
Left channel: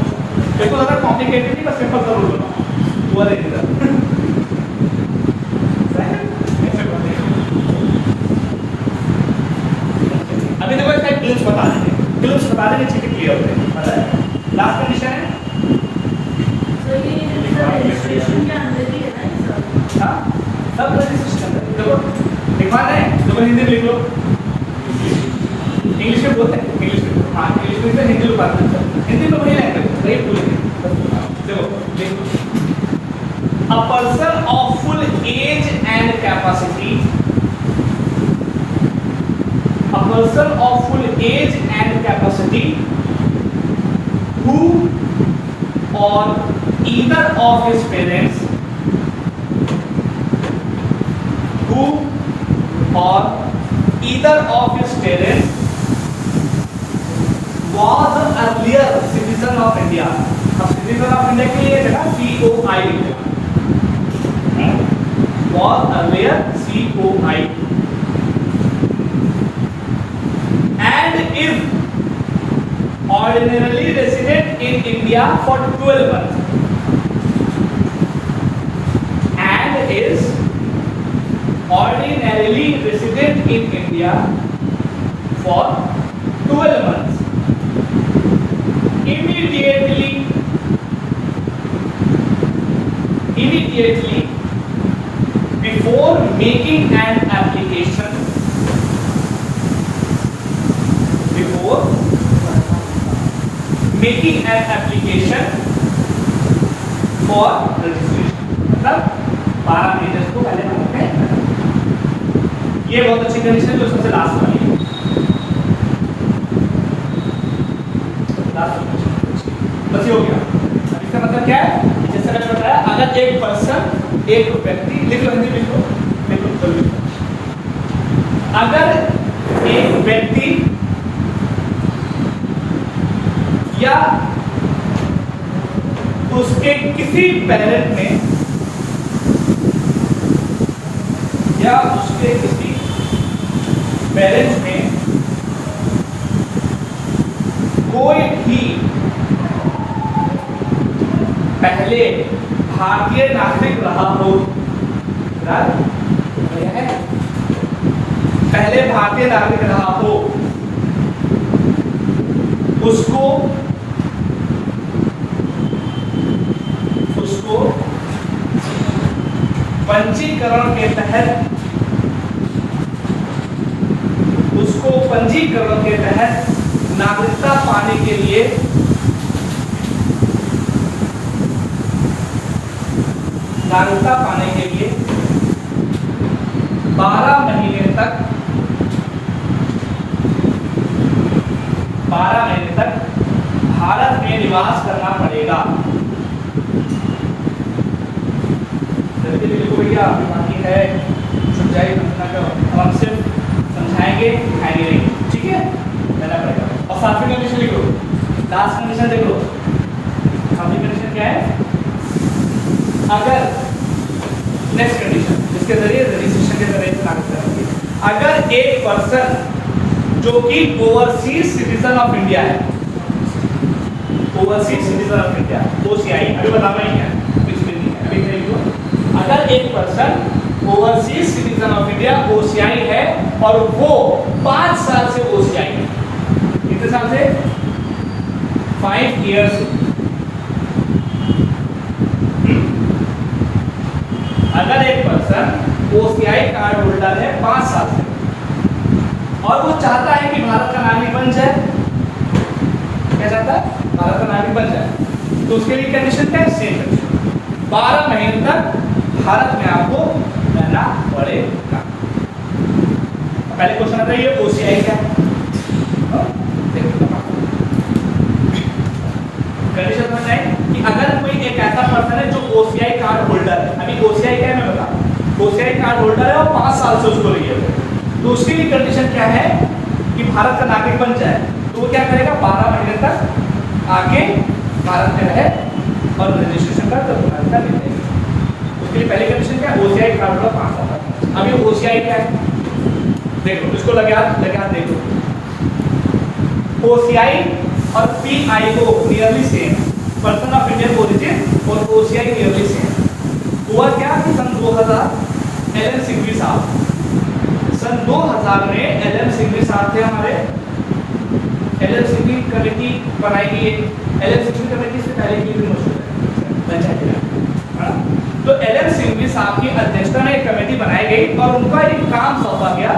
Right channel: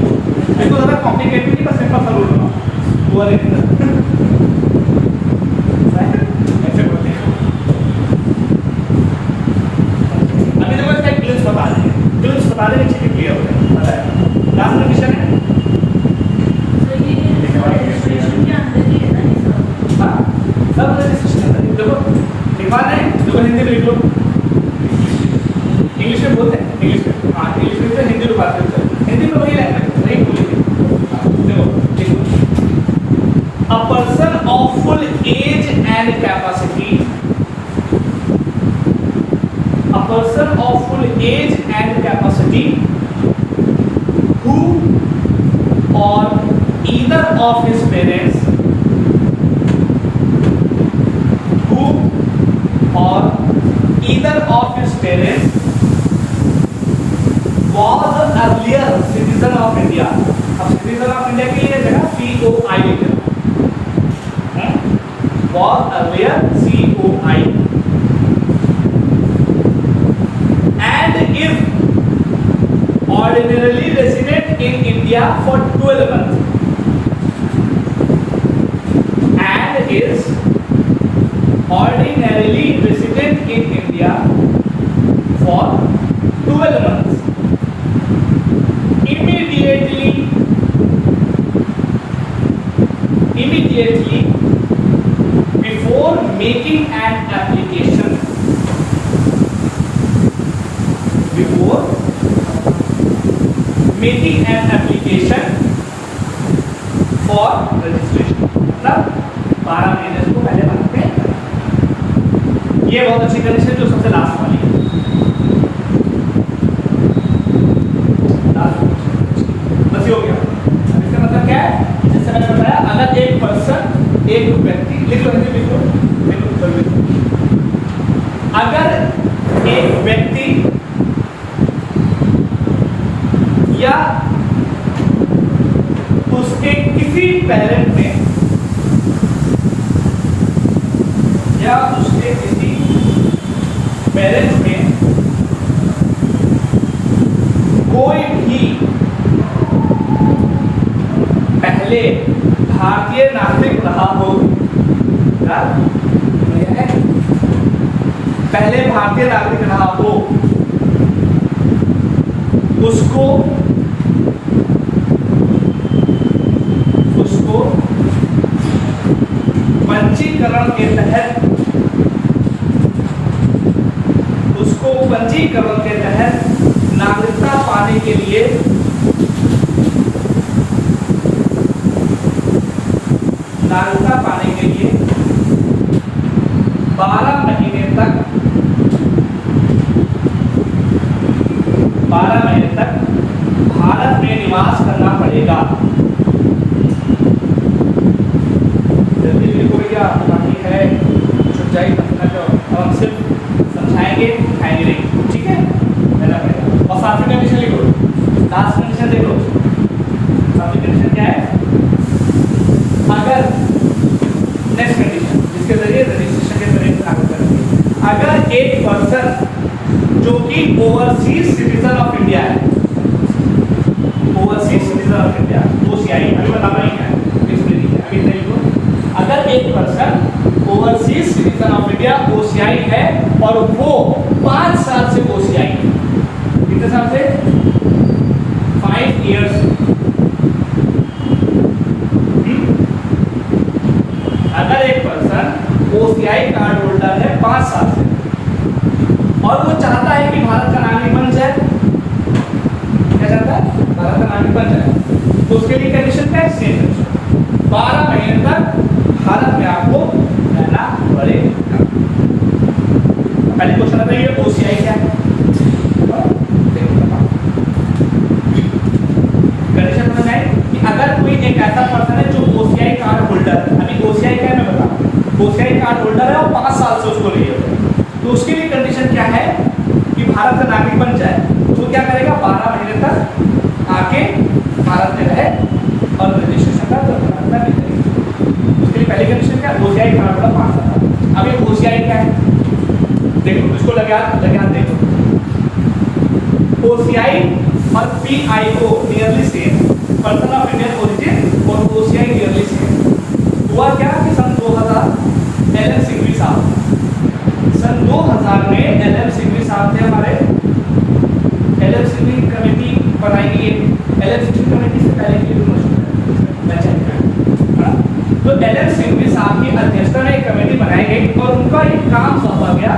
देखो ज़्यादा कॉम्प्लिकेटेड नहीं, बस सिंपल सा रूल बना हुआ देखिए। अभी देखो इसका क्लिप्स बता देंगे, ठीक है, क्लियर हो गया, बताया। लास्ट कंडीशन है, हाँ सब रजिस्ट्रेशन। देखो एक बात है, देखो हिंदी में लिख लो, इंग्लिश में बोलते हैं, इंग्लिश में, हाँ इंग्लिश में तो हिंदी में बात करते हैं, हिंदी में वही लैंग्वेज वही बोलेंगे। देखो a person of full age and capacity, a person of full age and capacity who or either of his parents, who or either of his parents was earlier citizen of India। अब citizen of India के लिए जगह COI लिखना, was earlier COI and is ordinarily resident in India for 12 months and is ordinarily resident in India for 12 months immediately before making an application for registration, मतलब 12 महीने को पहले बनाते हैं। ये बहुत अच्छी कंडीशन है जो सबसे लास्ट वाली है। बस ये हो गया। अब इसका मतलब क्या है? जैसे मैंने बताया, अगर एक पर्सन, एक व्यक्ति, लिख लो हिंदी लिख लो, अगर एक व्यक्ति या उसके किसी पेरेंट ने कोई भी पहले भारतीय नागरिक रहा हो, पहले भारतीय नागरिक रहा हो, उसको पंजीकरण के तहत नागरिकता पाने के लिए 12 महीने तक भारत में निवास करना पड़ेगा। है छुट जाएगी, हम सिर्फ समझाएंगे, दिखाएंगे नहीं, ठीक है? और सातवीं कंडीशन लिख लो, लास्ट कंडीशन देख लो। सातवीं कंडीशन क्या है? अगर नेक्स्ट कंडीशन, इसके जरिए रजिस्ट्रेशन के जरिए लागू करेंगे। अगर एक पर्सन जो कि ओवरसीज सिटीजन ऑफ इंडिया है, OCI, अभी बताना ही है, अभी नहीं को। अगर एक person overseas citizen of India OCI है और वो 5 साल से OCI है, कितने साल से? 5 years। अगर एक पर्सन OCI कार्ड होल्डर है 5 साल से और वो चाहता है कि भारत का नागरिक बन जाए, क्या चाहता है? भारत का नागरिक बन जाए, तो उसके लिए कंडीशन क्या है? सेम 12 महीने तक भारत में आपको रहना पड़ेगा। पहले क्वेश्चन आता है ये OCI क्या है? कंडीशन नंबर 9 कि अगर कोई एक ऐसा पर्सन है जो OCI कार्ड होल्डर, अभी OCI क्या है मैं बता रहा हूं, OCI कार्ड होल्डर है और 5 साल से उसको रही है, तो उसके लिए कंडीशन क्या है कि भारत का नागरिक बन जाए, तो वो क्या करेगा? 12 महीने तक आके भारत में रहे और रजिस्ट्रेशन का तो भारत का नहीं। उसके लिए पहली कंडीशन क्या है? OCI कार्ड होल्डर 5 साल। अब ये OCI क्या है? देखो इसको लगा देखो, OCI और PIO nearly same, person of Indian origin और OCI नियरली सेम। हुआ क्या कि सन 2000 LM सिंघवी साहब, सन 2000 में LM सिंघवी साहब थे हमारे, LM सिंघवी कमेटी बनाई गई। LM सिंघवी कमेटी से पहले की भी मशहूर है, तो LM सिंघवी साहब की अध्यक्षता में एक कमेटी बनाई गई और उनका एक काम सौंपा गया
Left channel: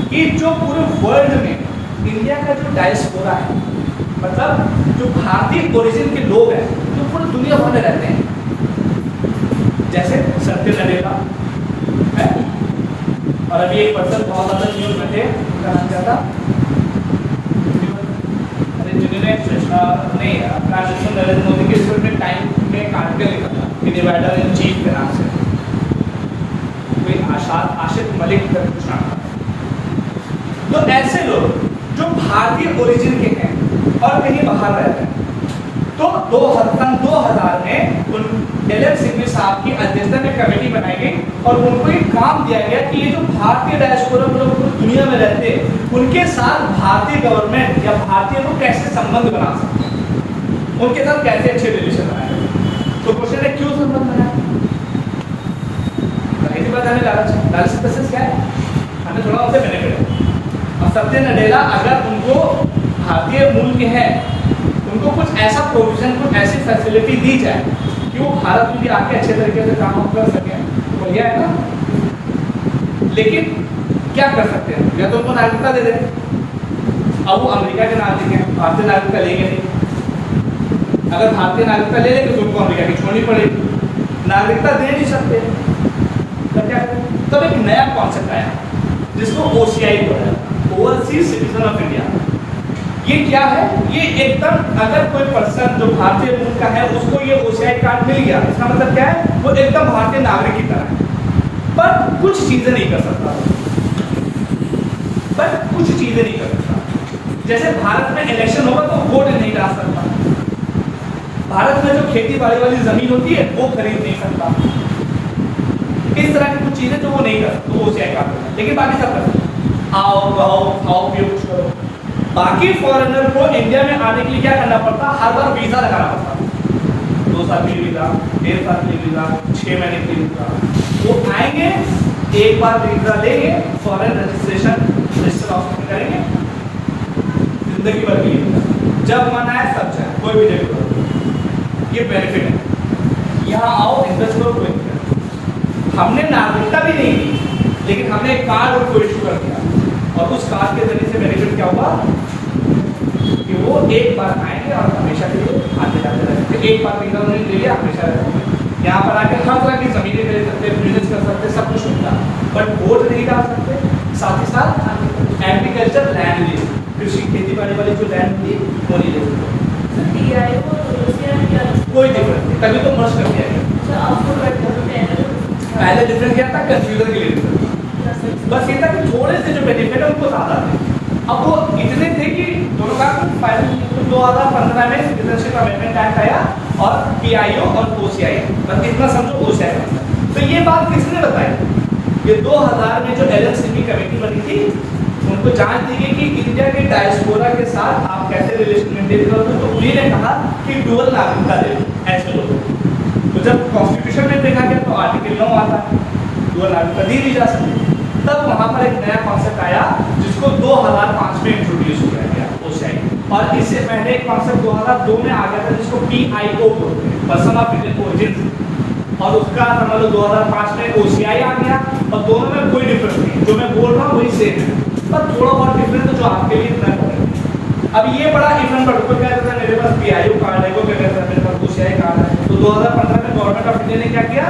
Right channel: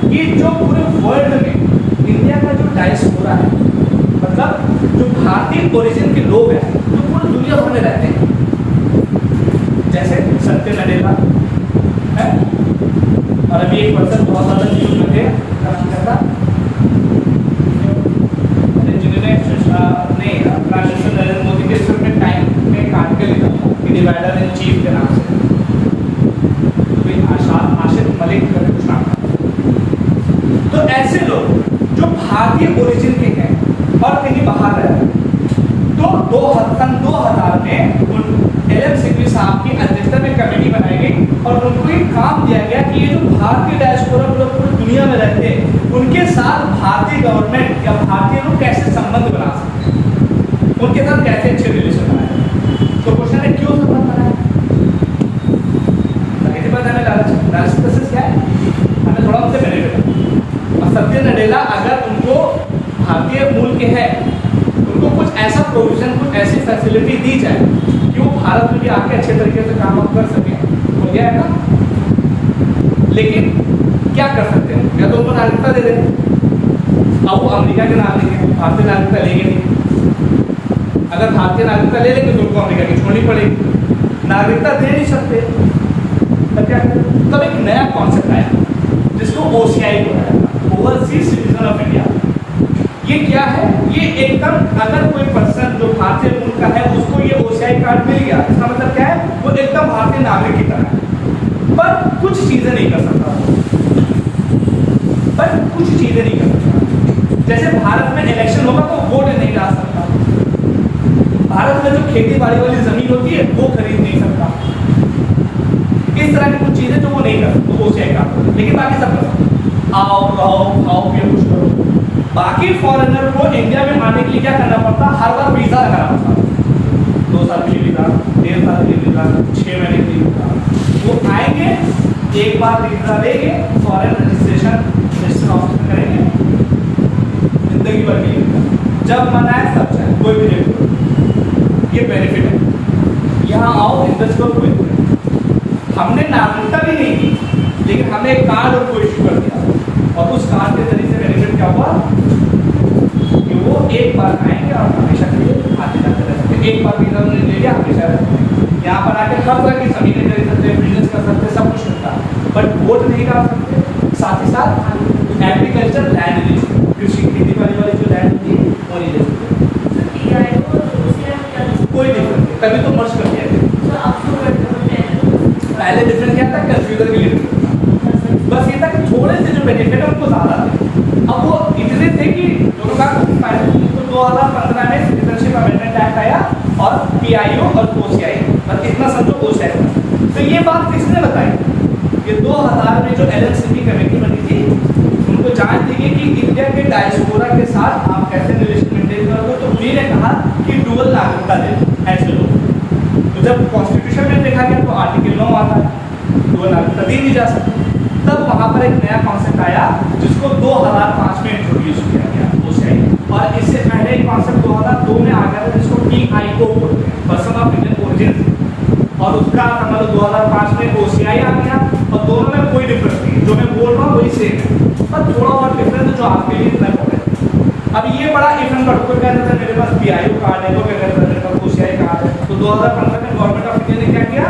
कि जो पूरे वर्ल्ड में इंडिया का जो डायस्पोरा है, मतलब जो भारतीय ओरिजिन के लोग हैं जो पूरी दुनिया भर में रहते हैं, जैसे सत्य नडेला है, और अभी एक पर्सन बहुत ज्यादा न्यूज में थे, उनका नाम क्या था? जिन्होंने प्राइम मिनिस्टर नरेंद्र मोदी के सिर्फ टाइम में एक आर्टिकल लिखा था कि डिवाइडर इन चीफ के नाम से, कोई आशिफ मलिक का कुछ नाम था। तो ऐसे लोग जो भारतीय ओरिजिन के हैं और कहीं बाहर रहते हैं, तो 2000 में उन LM सिंघवी साहब की अध्यक्षता में कमेटी बनाई गई और उनको एक काम दिया गया कि ये जो भारतीय डायस्पोरा लोग पूरी दुनिया में रहते हैं, उनके साथ भारतीय गवर्नमेंट या भारतीय लोग कैसे संबंध बना सकते हैं, उनके साथ कैसे अच्छे रिलेशन बनाए। तो क्वेश्चन है क्यों संबंध बनाए? इसके बाद हमें लालच प्रोसेस क्या है, हमें थोड़ा उनसे बेनिफिट है। और सत्य नडेला अगर उनको भारतीय मूल के हैं तो उनको कुछ ऐसा प्रोविजन, कुछ ऐसी फैसिलिटी दी जाए कि वो भारत में भी आके अच्छे तरीके से काम कर सकें, बढ़िया है ना। लेकिन क्या कर सकते हैं, या तो उनको नागरिकता दे दें। अब वो अमेरिका के नागरिक हैं, भारतीय नागरिकता लेंगे नहीं। अगर भारतीय नागरिकता ले लेंगे तो उनको अमेरिका की छोड़नी पड़ेगी, नागरिकता दे नहीं सकते तो क्या करें। तब एक नया कॉन्सेप्ट आया जिसको OCI बोला जाता है, ओवरसीज सिटीजन ऑफ इंडिया। ये क्या है, ये एकदम अगर कोई पर्सन जो भारतीय मूल का है उसको ये OCI कार्ड मिल गया, इसका मतलब क्या है, वो एकदम भारतीय नागरिक की तरह है, पर कुछ चीजें नहीं कर सकता, पर कुछ चीजें नहीं कर सकता। जैसे भारत में इलेक्शन होगा तो वोट नहीं डाल सकता, भारत में जो खेती बाड़ी वाली जमीन होती है वो खरीद नहीं सकता, इस तरह की कुछ चीजें जो वो नहीं कर सकते, वो OCI कार्ड। लेकिन बाकी सब कर सकते, आओ रहो खाओ पियो कुछ करो। बाकी फॉरेनर को इंडिया में आने के लिए क्या करना पड़ता, हर बार वीजा लगाना पड़ता, 2 साल के लिए वीजा, 1.5 साल के लिए वीजा, 6 महीने के लिए वीजा। वो आएंगे, एक बार वीजा लेंगे, फॉरेन रजिस्ट्रेशन ऑफिस में करेंगे, जिंदगी भर के लिए जब मन आए सब जाए, कोई भी जगह। ये बेनिफिट है, यहाँ आओ इन्वेस्ट करो, कोई हमने नागरिकता भी नहीं दी, लेकिन हमने एक कार्ड उनको इशू कर दिया, और उस कार्ड के जरिए से बेनिफिट क्या हुआ कि वो एक बार आएंगे और हमेशा के लिए आते जाते रहते। एक बार वीजा उन्होंने ले लिया, हमेशा रहते, यहाँ पर आके हर तरह की जमीनें ले सकते, बिजनेस कर सकते, सब कुछ होता, बट वोट नहीं डाल सकते। साथ ही साथ एग्रीकल्चर लैंड ली, कृषि खेती बाड़ी वाली जो लैंड थी वो नहीं ले सकते, कोई डिफरेंस नहीं, तभी तो मर्ज कर दिया गया। पहले डिफरेंस क्या था, कंफ्यूजन के लिए डिफरेंस, बस ये था कि थोड़े से जो बेनिफिट है उनको ज़्यादा थे। अब वो इतने थे कि दोनों का फाइनल 2015 में सिटीजनशिप अमेंडमेंट एक्ट आया और PIO और OCI, बस इतना समझो OCI। तो ये बात किसने बताई, ये 2000 में जो LLCP कमेटी बनी थी, उनको जांच दी गई कि इंडिया के डायस्पोरा के साथ आप कैसे रिलेशन मेंटेन करोगे। तो उन्हीं ने कहा कि डुअल नागरिकता दे ऐसे लोग। तो जब कॉन्स्टिट्यूशन में देखा गया तो आर्टिकल 9 आता है, डुअल नागरिकता दी नहीं जा सकती। तब वहाँ पर एक नया कॉन्सेप्ट आया जिसको 2005 में इंट्रोड्यूस किया गया OCI, और इससे पहले एक कॉन्सेप्ट 2002 में आ गया था जिसको PIO बोलते हैं, पर्सन ऑफ इंडियन ओरिजिन, और उसका मतलब 2005 में OCI आ गया, और दोनों में कोई डिफरेंस नहीं है, जो मैं बोल रहा हूँ वही सेम है, पर थोड़ा बहुत डिफरेंस जो आपके लिए इतना है। अब ये बड़ा इफम का कोई क्या कहता है मेरे पास PIO कार्ड है, कोई क्या कहता है मेरे पास OCI कार्ड है। तो 2015 में गवर्नमेंट ऑफ इंडिया ने क्या किया,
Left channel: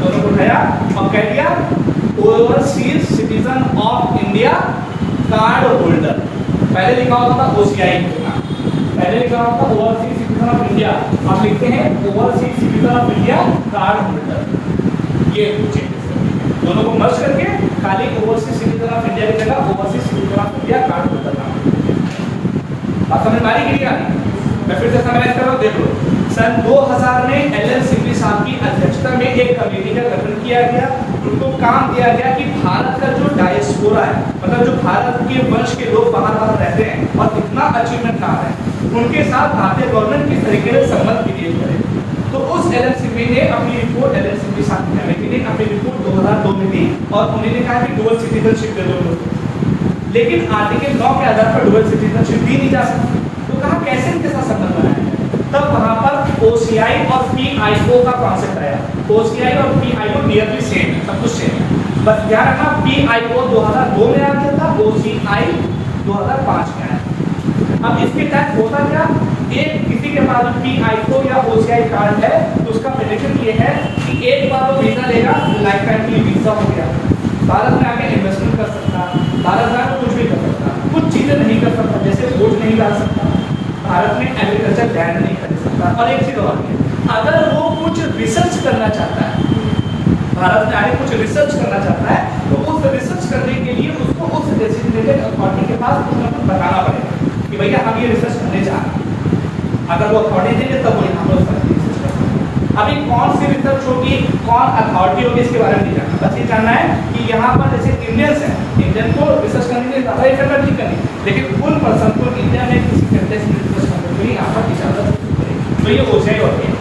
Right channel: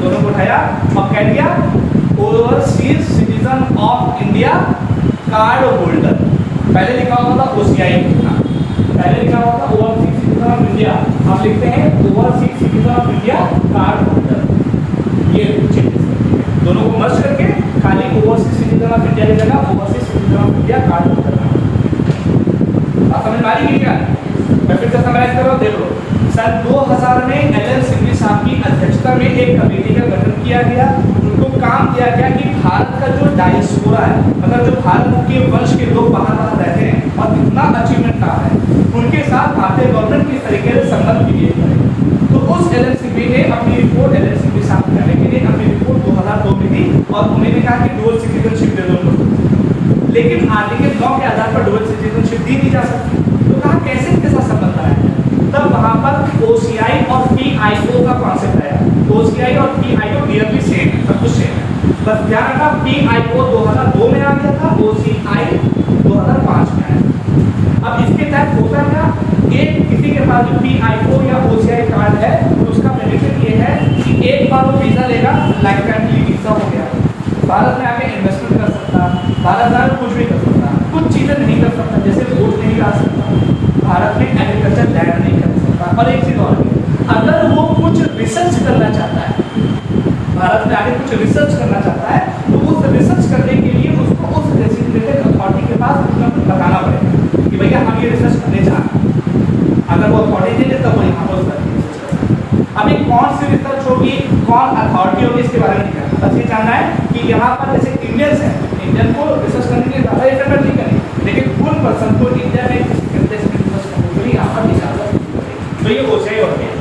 दोनों को उठाया और कह दिया overseas citizen of India card holder. पहले लिखा होता था OCI, पहले लिखा होता था ओवरसीज सिटीजन ऑफ इंडिया, आप लिखते हैं overseas citizen of India card holder. ये दोनों को मर्ज करके खाली ओवरसीज सिटीजन ऑफ इंडिया की जगह overseas citizen of India card holder नाम। आप समझ में आ रही है, मैं फिर से समराइज कर रहा हूँ, देख लो। सन 2000 में LL सिंघवी साहब की अध्यक्षता में एक कमेटी का गठन किया गया, उनको काम दिया गया कि भारत का जो डायस्पोरा है, मतलब जो भारत के वंश के लोग बाहर रहते हैं और कितना अचीवमेंट रहा है, उनके साथ भारतीय गवर्नमेंट किस तरीके से संबंध क्रिएट करे। तो उस LL सिंघवी ने अपनी रिपोर्ट, LL सिंघवी साहब की कमेटी ने अपनी रिपोर्ट 2002 में दी, और उन्होंने कहा कि डुअल सिटीजनशिप दे दो, लेकिन आर्टिकल 9 के आधार पर डुअल सिटीजनशिप दी नहीं जा सकती। तो कहा कैसे इनके साथ संबंध आया, तब वहां पर OCI और PIO का कॉन्सेप्ट आया। OCI और PIO नियरली सेम है, सब कुछ सेम है, बस ध्यान रखना PIO 2002 में आ गया था, OCI 2005 में आया। अब इसके तहत होता क्या, एक किसी के पास PIO या OCI कार्ड है तो उसका बेनिफिट ये है कि एक बार वो वीजा लेगा, लाइफ टाइम के लिए वीजा हो गया, भारत में आके इन्वेस्टमेंट कर सकता, भारत में कुछ भी कर सकता, कुछ चीजें नहीं कर सकता, जैसे वोट नहीं डाल सकता, भारत में एग्रीकल्चर लैंड नहीं कर सकता। और एक चीज और, अगर वो कुछ रिसर्च करना चाहता है, भारत में आगे कुछ रिसर्च करना चाहता है, तो उस रिसर्च करने के लिए उसको उस डेजिग्नेटेड अथॉरिटी के पास कुछ ना कुछ बताना पड़ेगा कि भैया हम ये रिसर्च करने जा रहे हैं। अगर वो अथॉरिटी देंगे तब वो यहाँ पर रिसर्च कर सकता। अभी कौन सी रिसर्च होगी, कौन अथॉरिटी होगी, इसके बारे में नहीं जानना, बस ये जानना है कि यहाँ पर जैसे इंडियंस हैं, इंडियन को रिसर्च करने के लिए ज़्यादा इफेक्ट नहीं करनी, लेकिन उन पर्सन को इंडिया में किसी कंटेक्स्ट में रिसर्च करने के लिए यहाँ पर इजाजत, तो ये OCI हो गया।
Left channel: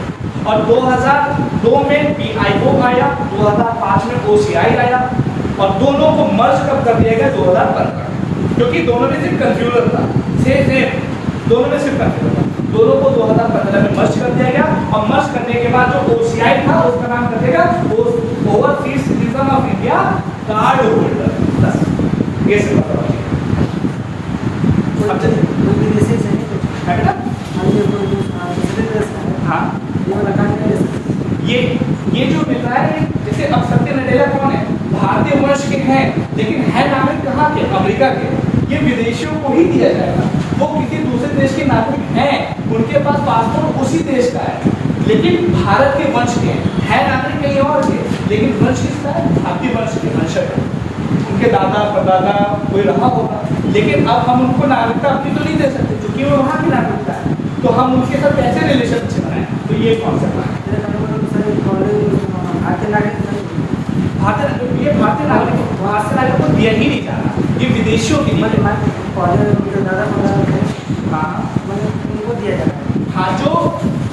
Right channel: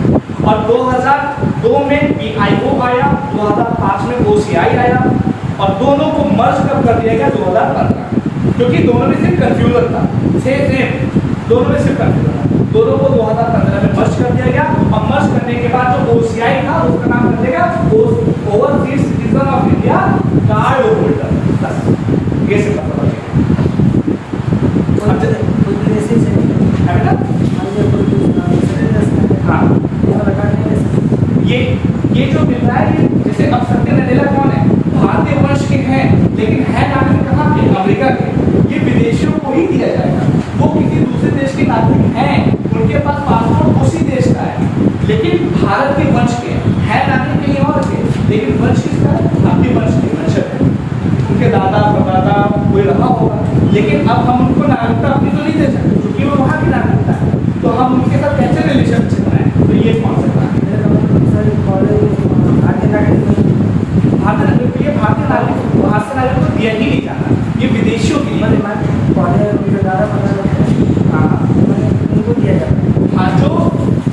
और 2002 में PIO आया, 2005 में OCI आया, और दोनों को मर्ज कब कर दिया गया, 2015, क्योंकि दोनों में सिर्फ कंफ्यूजन था, सेम दोनों में सिर्फ कंफ्यूज होगा। दोनों को 2015 में मर्ज कर दिया गया और मर्ज करने के बाद जो OCI था उसका नाम कर दिया overseas citizen of India card holder. बस ये सिर्फ हाँ ये जो मिल रहा है जैसे अब सत्य नडेला कौन है, भारतीय वंश के हैं लेकिन है नागरिक कहाँ के, अमेरिका के। ये विदेशियों को ही दिया जाएगा। वो किसी दूसरे देश के नागरिक हैं, उनके पास पासपोर्ट उसी देश का है लेकिन भारत के वंश के है नागरिक कहीं और के, लेकिन वंश किसका है, भारतीय वंश के वंशज है। उनके दादा परदादा कोई रहा होगा, लेकिन अब हम उनको नागरिकता अपनी तो नहीं दे सकते क्योंकि वो वहाँ की नागरिकता है। तो हम उनके साथ कैसे रिलेशनशिप बनाएं, तो ये कॉन्सेप्ट है। भारतीय नागरिक ये भारतीय नागरिक बाहर से नागरिक को दिया ही नहीं जाना, ये विदेशियों के लिए हाँ जो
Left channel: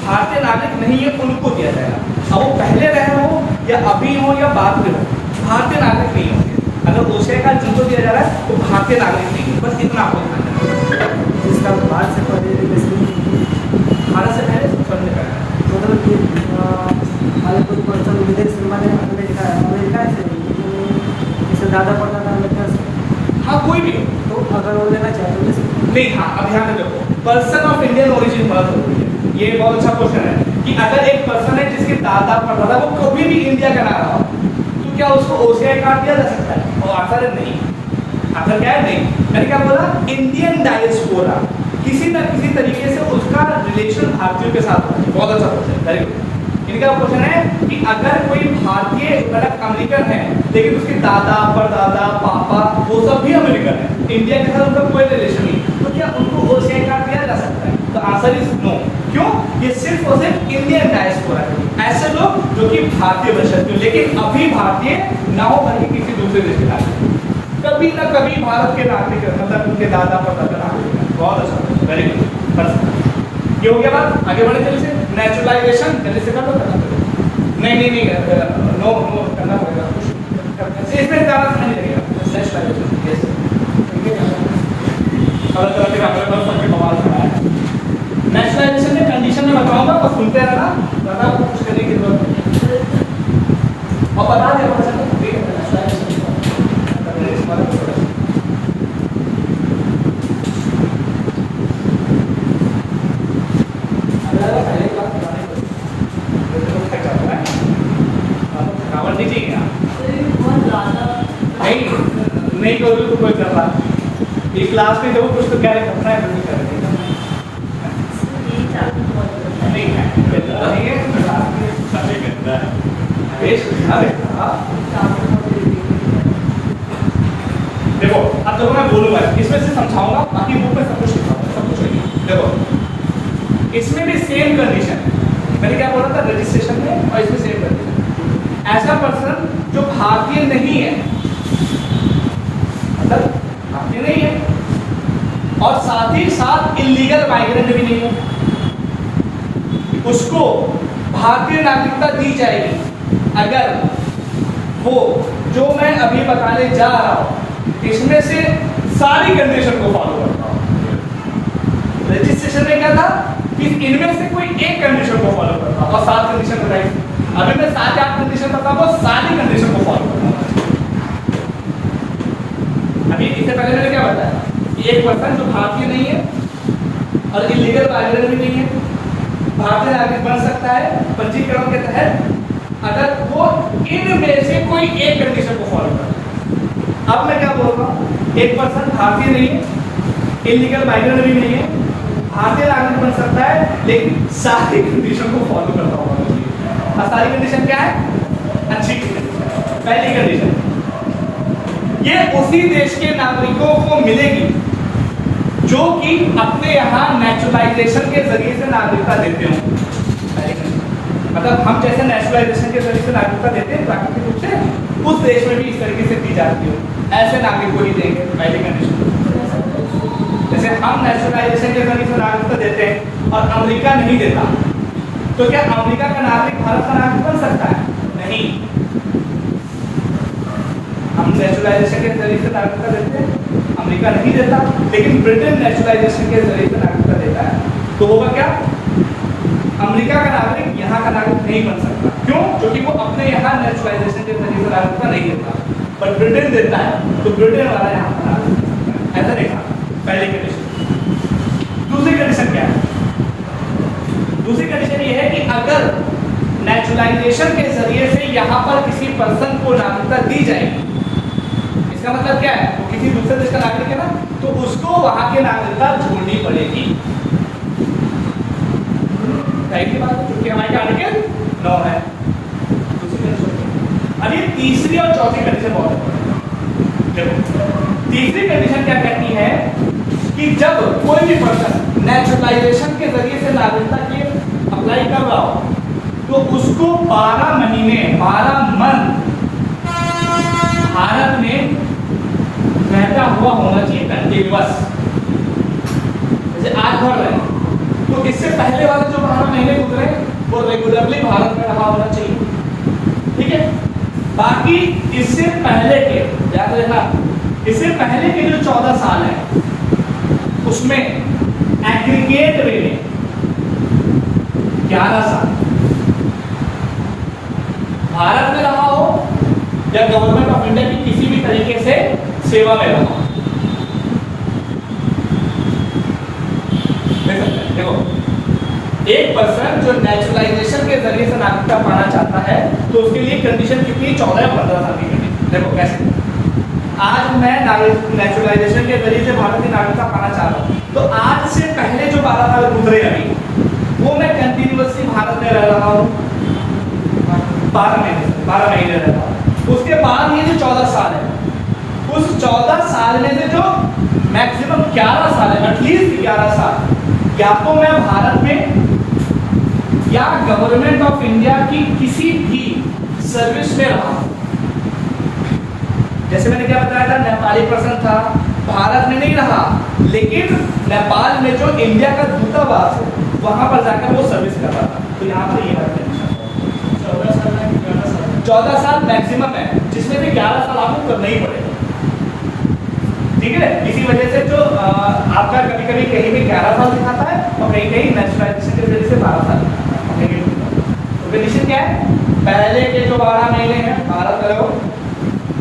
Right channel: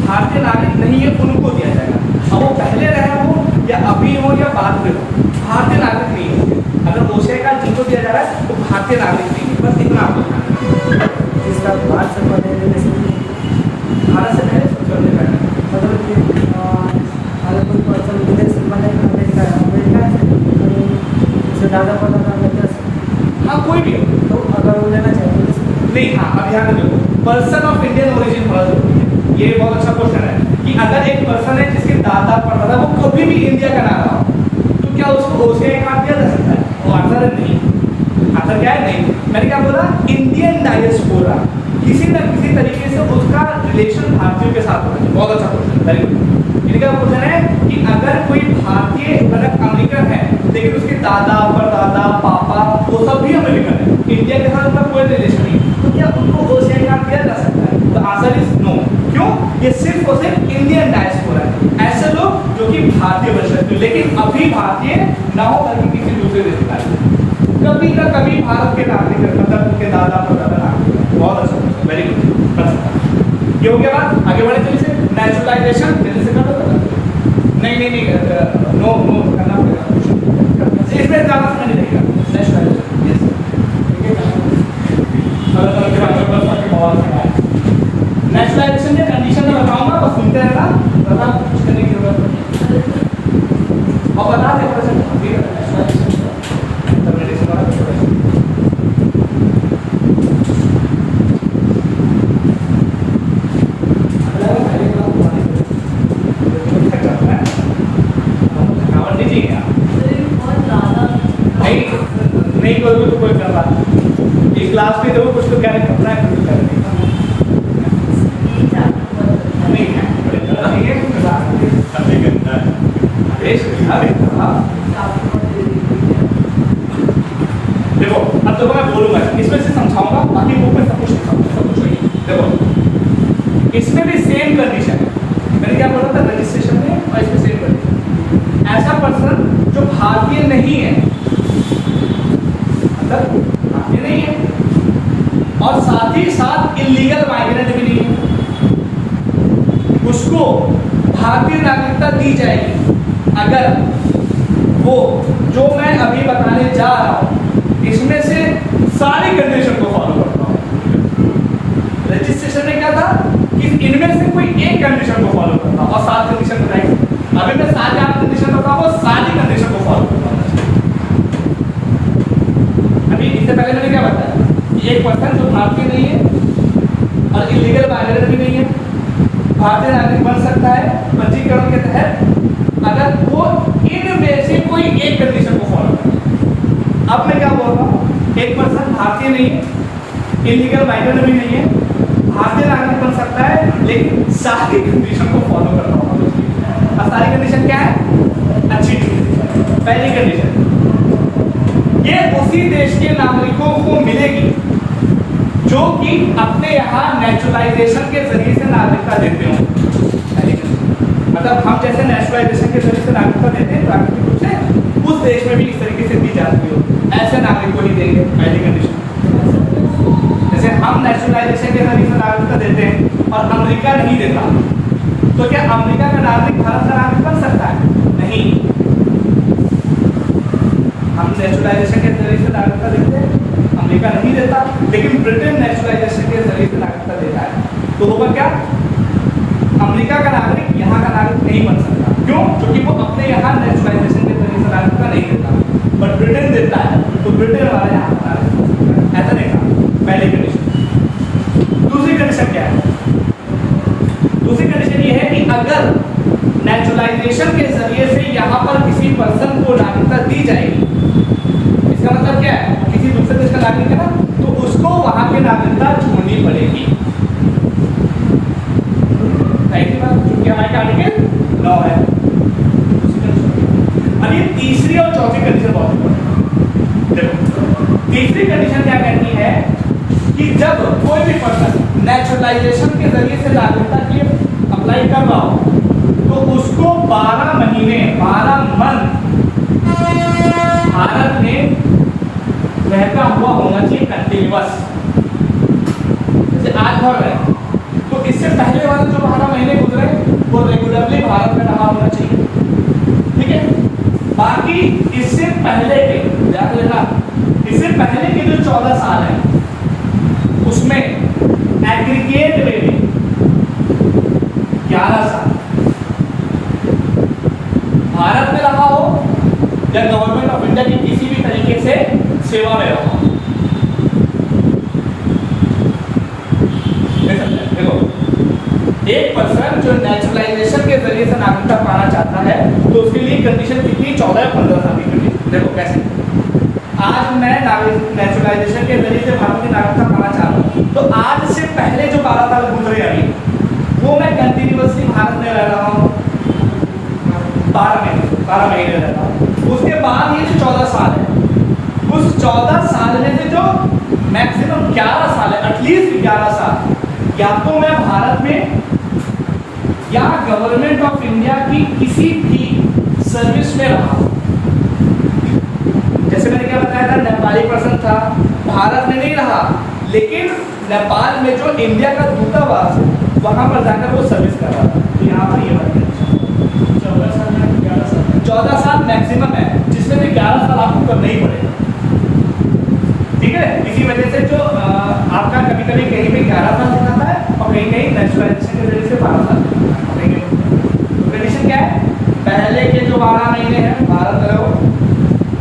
भारतीय नागरिक नहीं है उनको दिया जाएगा। अब वो पहले रहे हो या अभी हो या बाद में हो, भारतीय नागरिक नहीं होंगे। अगर OCI कार्ड जिनको दिया जा रहा है तो भारतीय नागरिक नहीं है, बस इतना आपको ध्यान देना। भारत से पहले मतलब कि अगर कोई पर्सन विदेश से बने अमेरिका से ज़्यादा पड़ता था हाँ कोई भी हो तो अगर वो लेना चाहे तो नहीं। हाँ अब ध्यान में देखो, पर्सन ऑफ इंडियन ओरिजिन बहुत जरूरी है। ये बहुत अच्छा क्वेश्चन है कि अगर एक पर्सन है जिसके दादा परदादा वो कभी भी इंडिया का ना रहा तो क्या उसको OCI कार्ड दिया जा सकता है? वो आंसर है नहीं। आंसर क्या है? नहीं। मैंने क्या बोला, इंडियन डायस्पोरा किसी न किसी तरीके से उसका रिलेशन भारतीयों के साथ होना चाहिए। बहुत अच्छा क्वेश्चन, वेरी गुड। इनका क्वेश्चन है कि अगर कोई भारतीय मतलब अमेरिकन है लेकिन उसके दादा परदादा पापा वो सब भी अमेरिकन है, इंडिया के साथ उनका कोई रिलेशन नहीं, तो क्या उनको OCI कार्ड दिया जा सकता है? तो आंसर इज नो। क्यों? ये सिर्फ और सिर्फ इंडियन डायस्पोरा है, ऐसे लोग जो कि भारतीय वंशज थे लेकिन अभी भारतीय ना हो बल्कि किसी दूसरे देश के नागरिक, कभी ना कभी भारत के नागरिक मतलब उनके दादा परदादा नागरिक। बहुत अच्छा, वेरी गुड। ये हो गया बात। आगे बढ़े चलिए से नेचुरलाइजेशन जल्दी से कर दो। नहीं नो करना पड़ेगा, इसमें ज़्यादा समय नहीं लगेगा। नेचुरलाइजेशन नेचुरलाइजेशन में कंडीशन में बताऊंगा, बस सुनते रहना, बता कुछ करने की जरूरत नहीं और बता दे नहीं करोगे तो कोई करना ये क्लास में जब कुछ तो क्या करना है नहीं देखो अब जब मैं बोलूंगा इसमें से समझाऊंगा, बाकी बुक में सब कुछ लिखा सब कुछ नहीं। देखो इसमें भी सेम कंडीशन है, मैंने क्या बोला था रजिस्ट्रेशन में, और इसमें सेम कंडीशन। ऐसा पर्सन जो भारतीय नहीं है मतलब भारतीय नहीं है और साथ ही साथ इलीगल माइग्रेंट भी नहीं है, उसको भारतीय नागरिकता दी जाएगी अगर वो जो मैं अभी बताने जा रहा हूं इसमें से सारी कंडीशन को फॉलो करता हूं। रजिस्ट्रेशन में क्या था कि इनमें से कोई एक कंडीशन को फॉलो करता हूं और 7 कंडीशन बताएंगे। अभी मैं 7 कंडीशन बताऊंगा, वो सारी कंडीशन को फॉलो करता हूं। अभी इससे पहले मैंने क्या बताया, एक पर्सन जो भारतीय नहीं है और इलीगल माइग्रेंट भी नहीं है, भारतीय नागरिक बन सकता है पंजीकरण के तहत अगर वो इनमें से कोई एक कंडीशन को फॉलो करता है। अब मैं क्या बोल रहा हूँ, एक पर्सन भारतीय नहीं है, इलीगल माइग्रेंट भी नहीं है, भारतीय नागरिक बन सकता है लेकिन सारी कंडीशन को फॉलो करता हूँ। और सारी कंडीशन क्या है? अच्छी पहली कंडीशन ये उसी देश के नागरिकों को मिलेगी जो कि अपने यहाँ नेचुरलाइजेशन के जरिए से नागरिकता देते हो। मतलब हम जैसे नेचुरलाइजेशन के जरिए से नागरिकता देते हैं प्राकृतिक रूप से उस देश में भी इस तरीके से दी जाती हो, ऐसे नागरिक को ही देंगे। पहली कंडीशन जैसे हम नेचुरलाइजेशन के जरिए से नागरिकता देते हैं और अमेरिका नहीं देता, तो क्या अमेरिका का नागरिक भारत का नागरिक बन सकता है? नहीं। हम नेचुरलाइजेशन के जरिए से नागरिकता देते हैं, अमेरिका नहीं देता, लेकिन ब्रिटेन नेचुरलाइजेशन के जरिए से नागरिकता देता है। तो होगा क्या, अमेरिका का नागरिक यहाँ का नागरिक नहीं बन सकता। क्यों? क्योंकि वो अपने यहाँ नेचुरलाइजेशन के जरिए से नागरिकता नहीं देता, बट ब्रिटेन देता है, तो ब्रिटेन वाला यहाँ का नागरिक बन सकता है। ऐसा देखा पहली कंडीशन। दूसरी कंडीशन क्या है? दूसरी कंडीशन ये है कि अगर नेचुरलाइजेशन के जरिए से यहाँ पर किसी पर्सन को नागरिकता दी जाएगी, इसका मतलब क्या है, किसी दूसरे देश का नागरिक है ना, तो उसको वहां की नागरिकता छोड़नी पड़ेगी। पहली बात, क्योंकि हमारे आर्टिकल 9 है। अब ये तीसरी और चौथी कंडीशन बहुत इंपॉर्टेंट है। देखो तीसरी कंडीशन क्या कहती है कि जब कोई भी पर्सन नेचुरलाइजेशन के जरिए से नागरिकता की अप्लाई कर रहा हो, तो उसको 12 महीने 12 मंथ भारत में रहता हुआ होना चाहिए कंटिन्यूअस। जैसे आज भर रहे हैं, तो इससे पहले वाले जो 12 महीने गुजरे वो रेगुलरली भारत में रहा होना चाहिए, ठीक है। बाकी इससे पहले के, याद रखना, इससे पहले के जो 14 साल है उसमें एग्रीगेट में 11 साल भारत में रहा हो या गवर्नमेंट ऑफ इंडिया की किसी भी तरीके से सेवा में रहा हो। देखो एक पर्सन जो नेचुरलाइजेशन के जरिए से नागरिकता पाना चाहता है, तो उसके लिए कंडीशन कितनी, 14 या 15 साल की कंडीशन। देखो कैसे, आज मैं नेचुरलाइजेशन के जरिए से भारत की नागरिकता पाना चाह रहा हूँ, तो आज से पहले जो 12 साल गुजरे अभी, वो मैं कंटिन्यूअसली भारत में रह रहा हूँ, 12 महीने रह रहा हूँ। उसके बाद ये जो 14 साल है, उस 14 साल में से जो मैक्सिमम 11 साल है, एटलीस्ट 11 साल, या तो मैं भारत में या गवर्नमेंट ऑफ इंडिया की किसी भी सर्विस में रहा हूं। जैसे मैंने क्या बताया था, नेपाली पर्सन था, भारत में नहीं रहा, लेकिन नेपाल में जो इंडिया का दूतावास है वहां पर जाकर वो सर्विस कर रहा था। तो यहाँ पर ये बात कंडीशन 14 साल मैक्सिमम है, जिसमें से 11 साल आपको करना ही पड़ेगा, ठीक है। इसी वजह से जो आपका कभी कभी कहीं भी 11 साल दिखाता है और कहीं कहीं नेचुरलाइजेशन के जरिए से 12 साल दिखाता है। तो कंडीशन क्या है, पहले के जो 12 महीने हैं भारत में रहो,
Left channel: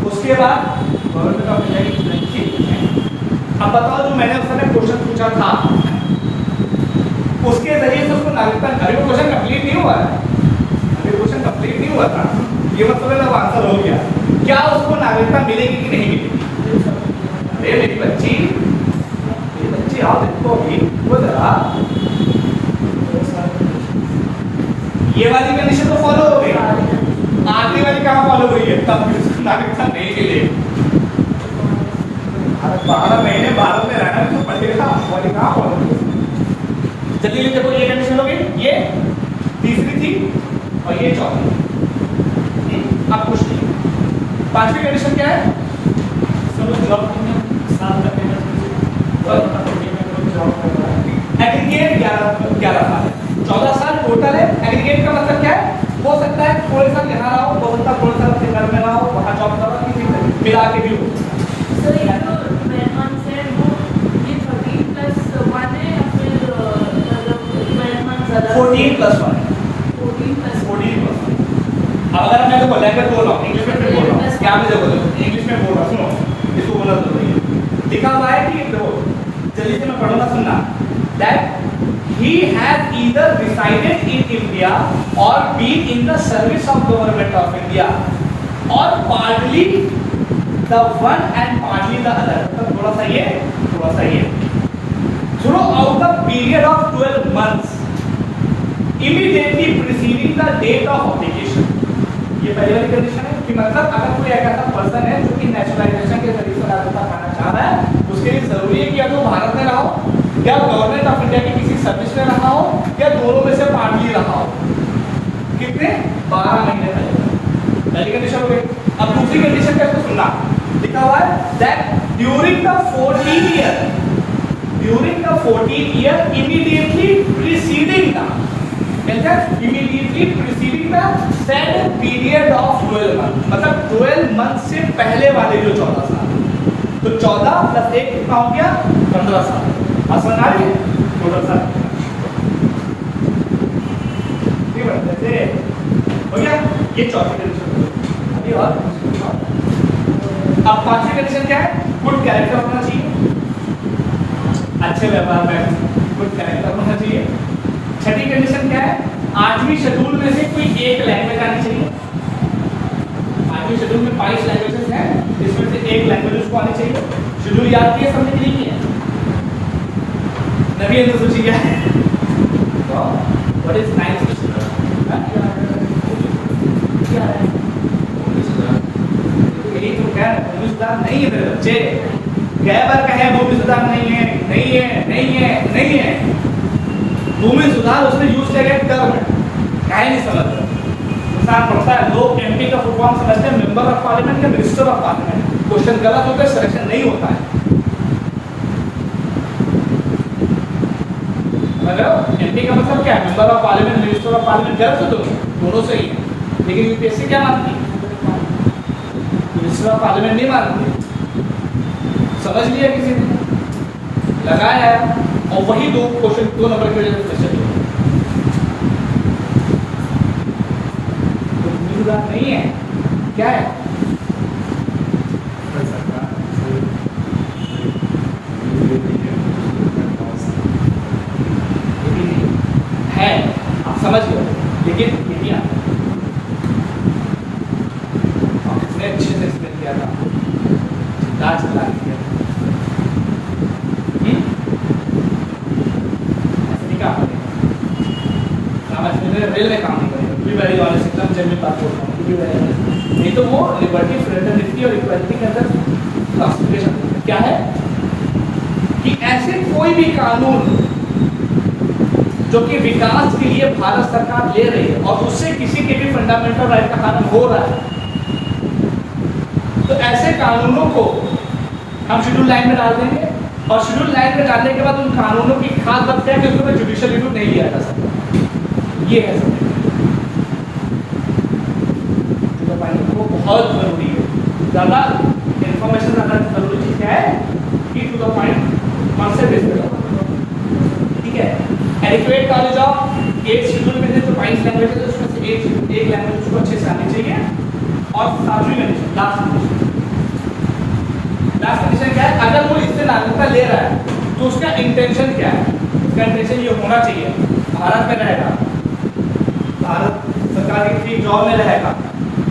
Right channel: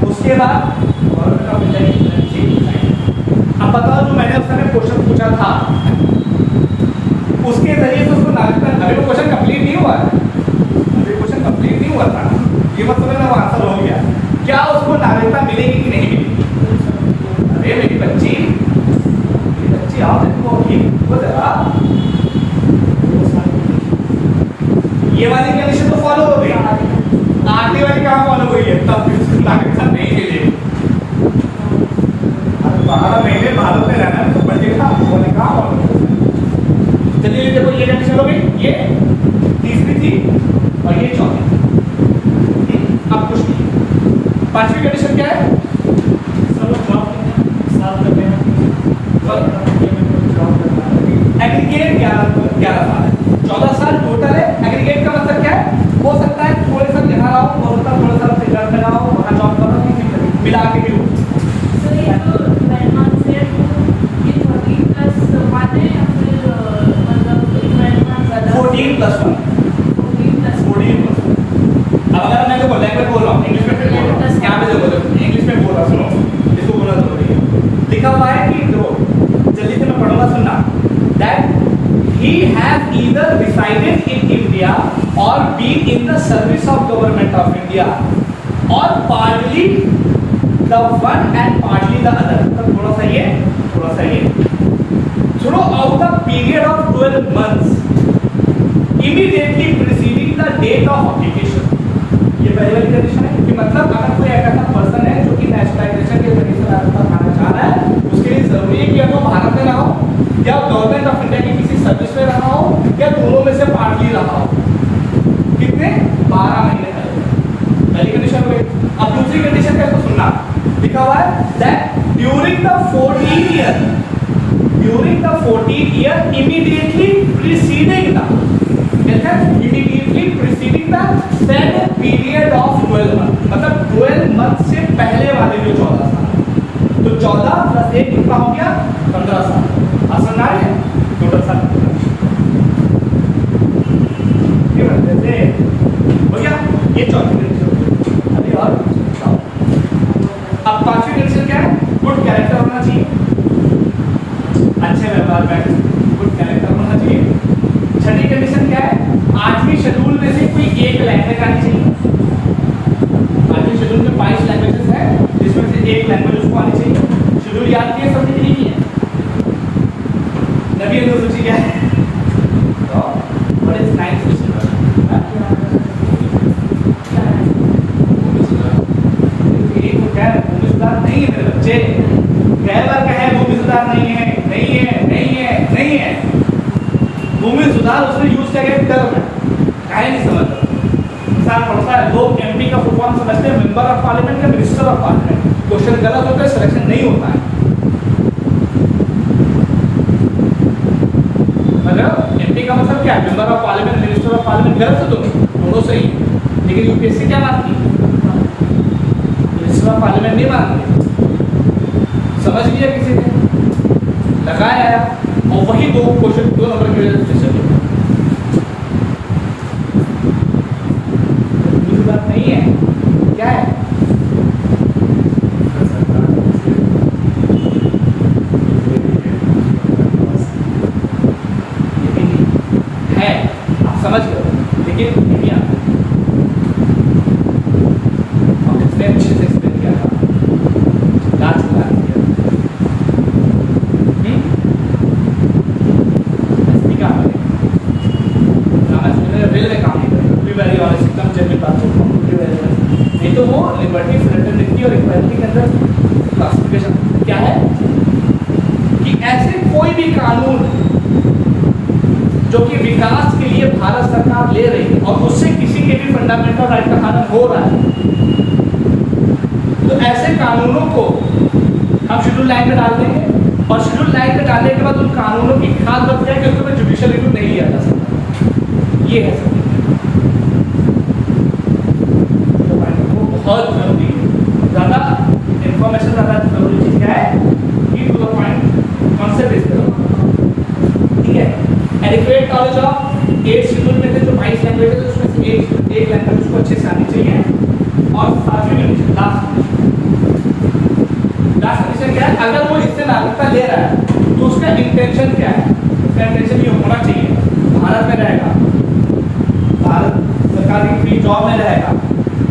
उसके बाद गवर्नमेंट ऑफ इंडिया की सिटीजनशिप। अब बताओ, जो मैंने उस समय क्वेश्चन पूछा था उसके जरिए से उसको नागरिकता, अभी वो क्वेश्चन कंप्लीट नहीं हुआ है, अभी क्वेश्चन कंप्लीट नहीं हुआ था, ये मतलब अब आंसर हो गया। क्या उसको नागरिकता मिलेगी कि नहीं मिलेगी? अरे मेरी बच्ची आओ देखो, वो जरा ये वाली कंडीशन तो फॉलो हो गई, आखिरी वाली कहाँ फॉलो हुई है, तब भी उसको नागरिकता नहीं मिलेगी। 12 महीने भारत में रहना तो पड़ेगा, वाली कहाँ फॉलो। चलिए देखो, ये कंडीशन हो गई, ये तीसरी थी और ये चौथी। अब कुछ नहीं, पांचवी कंडीशन क्या है, एग्रीगेट 11 साल है, 14 साल टोटल है। एग्रीगेट का मतलब क्या है, हो सकता है थोड़े साल यहाँ रहा हो, हो सकता है थोड़े साल अपने घर में रहा हो, वहाँ जॉब कर रहा हो, किसी तरह मिला के भी हो। सर ये जो 12 months है वो ये 13+1 है या फिर मतलब 12 months ज़्यादा? 14+1। 14+1। अगर मैं देखो लैंग्वेज बोल रहा हूँ, इंग्लिश में फिर बोल रहा हूँ, यहाँ पे देखो इंग्लिश में बोल रहा हूँ, सुनो इसको बोला तो लिखा हुआ है कि देखो जल्दी से मैं पढ़ूंगा, सुनना। That he has either resided in India or been in the service of government of India or partly the one and partly the other। तो थोड़ा सा ये throughout the period of 12 months immediately preceding the date of application। ये पहली वाली condition है कि मतलब अगर कोई एक ऐसा पर्सन है जो कि नेशनलाइजेशन के जरिए से नागरिकता पाना चाह रहा है, उसके लिए जरूरी है कि या तो भारत में रहा हो या गवर्नमेंट ऑफ इंडिया की किसी सर्विस में रहा हो या दोनों में से पार्टली रहा हो। कितने? 12 महीने तक। पहली कंडीशन हो गई। अब दूसरी कंडीशन क्या है, सुनना, लिखा हुआ है that during the 14th year immediately preceding the method immediately preceding the said period of 12 month, मतलब 12 मंथ से पहले वाले जो 14 साल है। तो 14 प्लस 1 कितना हो गया 15 साल। आसान आ रही है 15 साल ये बढ़ते थे हो गया। ये चौथी कंडीशन अभी और अब पांचवी कंडीशन क्या है? गुड कैरेक्टर होना चाहिए, अच्छे व्यवहार में गुड कैरेक्टर होना चाहिए। छठी कंडीशन क्या है? 8वीं शेड्यूल में से कोई एक लैंग्वेज आनी चाहिए। 8वीं शेड्यूल में 22 लैंग्वेजेस हैं, जिसमें से एक लैंग्वेज उसको आनी चाहिए। शेड्यूल याद किए समझ के लिए है नवी हिंदू सूची क्या है? तो व्हाट इज नाइन्थ सूची? ये तो क्या है? भूमि सुधार नहीं है मेरे बच्चे। गैबर कहे भूमि सुधार नहीं है, नहीं है, नहीं है, नहीं है। भूमि सुधार उसने यूज किया गया टर्म है, कहे नहीं समझ इंसान पढ़ता है। लोग एमपी का फुल फॉर्म समझते हैं मेंबर ऑफ पार्लियामेंट या मिनिस्टर ऑफ पार्लियामेंट। क्वेश्चन गलत होकर सिलेक्शन नहीं होता है। मतलब एमपी का मतलब क्या है? Member of parliament, minister of parliament. गलत तो दोनों सही है, लेकिन यूपीएससी क्या मानती है? मिनिस्टर ऑफ पार्लियामेंट नहीं मानती। समझ लिया किसी ने, लगाया और वही दो क्वेश्चन 2 नंबर के लिए नहीं है क्या है? है आप समझ लो, लेकिन नहीं आता। हम इसने अच्छे से एक्सप्लेन किया था लास्ट क्लास में। रेलवे काम नहीं तो वो लिबर्टी, फ्रेटर्निटी और इक्वालिटी के अंदर क्लासिफिकेशन क्या है कि ऐसे कोई भी कानून जो कि विकास के लिए भारत सरकार ले रही है और उससे किसी के भी फंडामेंटल राइट का हनन हो रहा है, तो ऐसे कानूनों को हम शेड्यूल लाइन में डाल देंगे और शेड्यूल लाइन में डालने के बाद उन कानूनों की खाद बच जाए क्योंकि उन्हें जुडिशियल रिव्यू नहीं लिया जा सकता। ये है सब बहुत जरूरी है। ज़्यादा इंफॉर्मेशन ज़्यादा जरूरी चीज़ क्या है कि टू द पॉइंट कॉन्सेप्ट इस तरह, ठीक है। एडिक्वेट नॉलेज ऑफ 8 शेड्यूल में से जो 22 लैंग्वेज है उसमें से एक लैंग्वेज उसको अच्छे से आनी चाहिए। और 7वीं कंडीशन लास्ट कंडीशन क्या है? अगर वो इससे नागरिकता ले रहा है तो उसका इंटेंशन क्या है? उसका इंटेंशन ये होना चाहिए भारत में रहेगा, भारत सरकार की फ्री जॉब में रहेगा,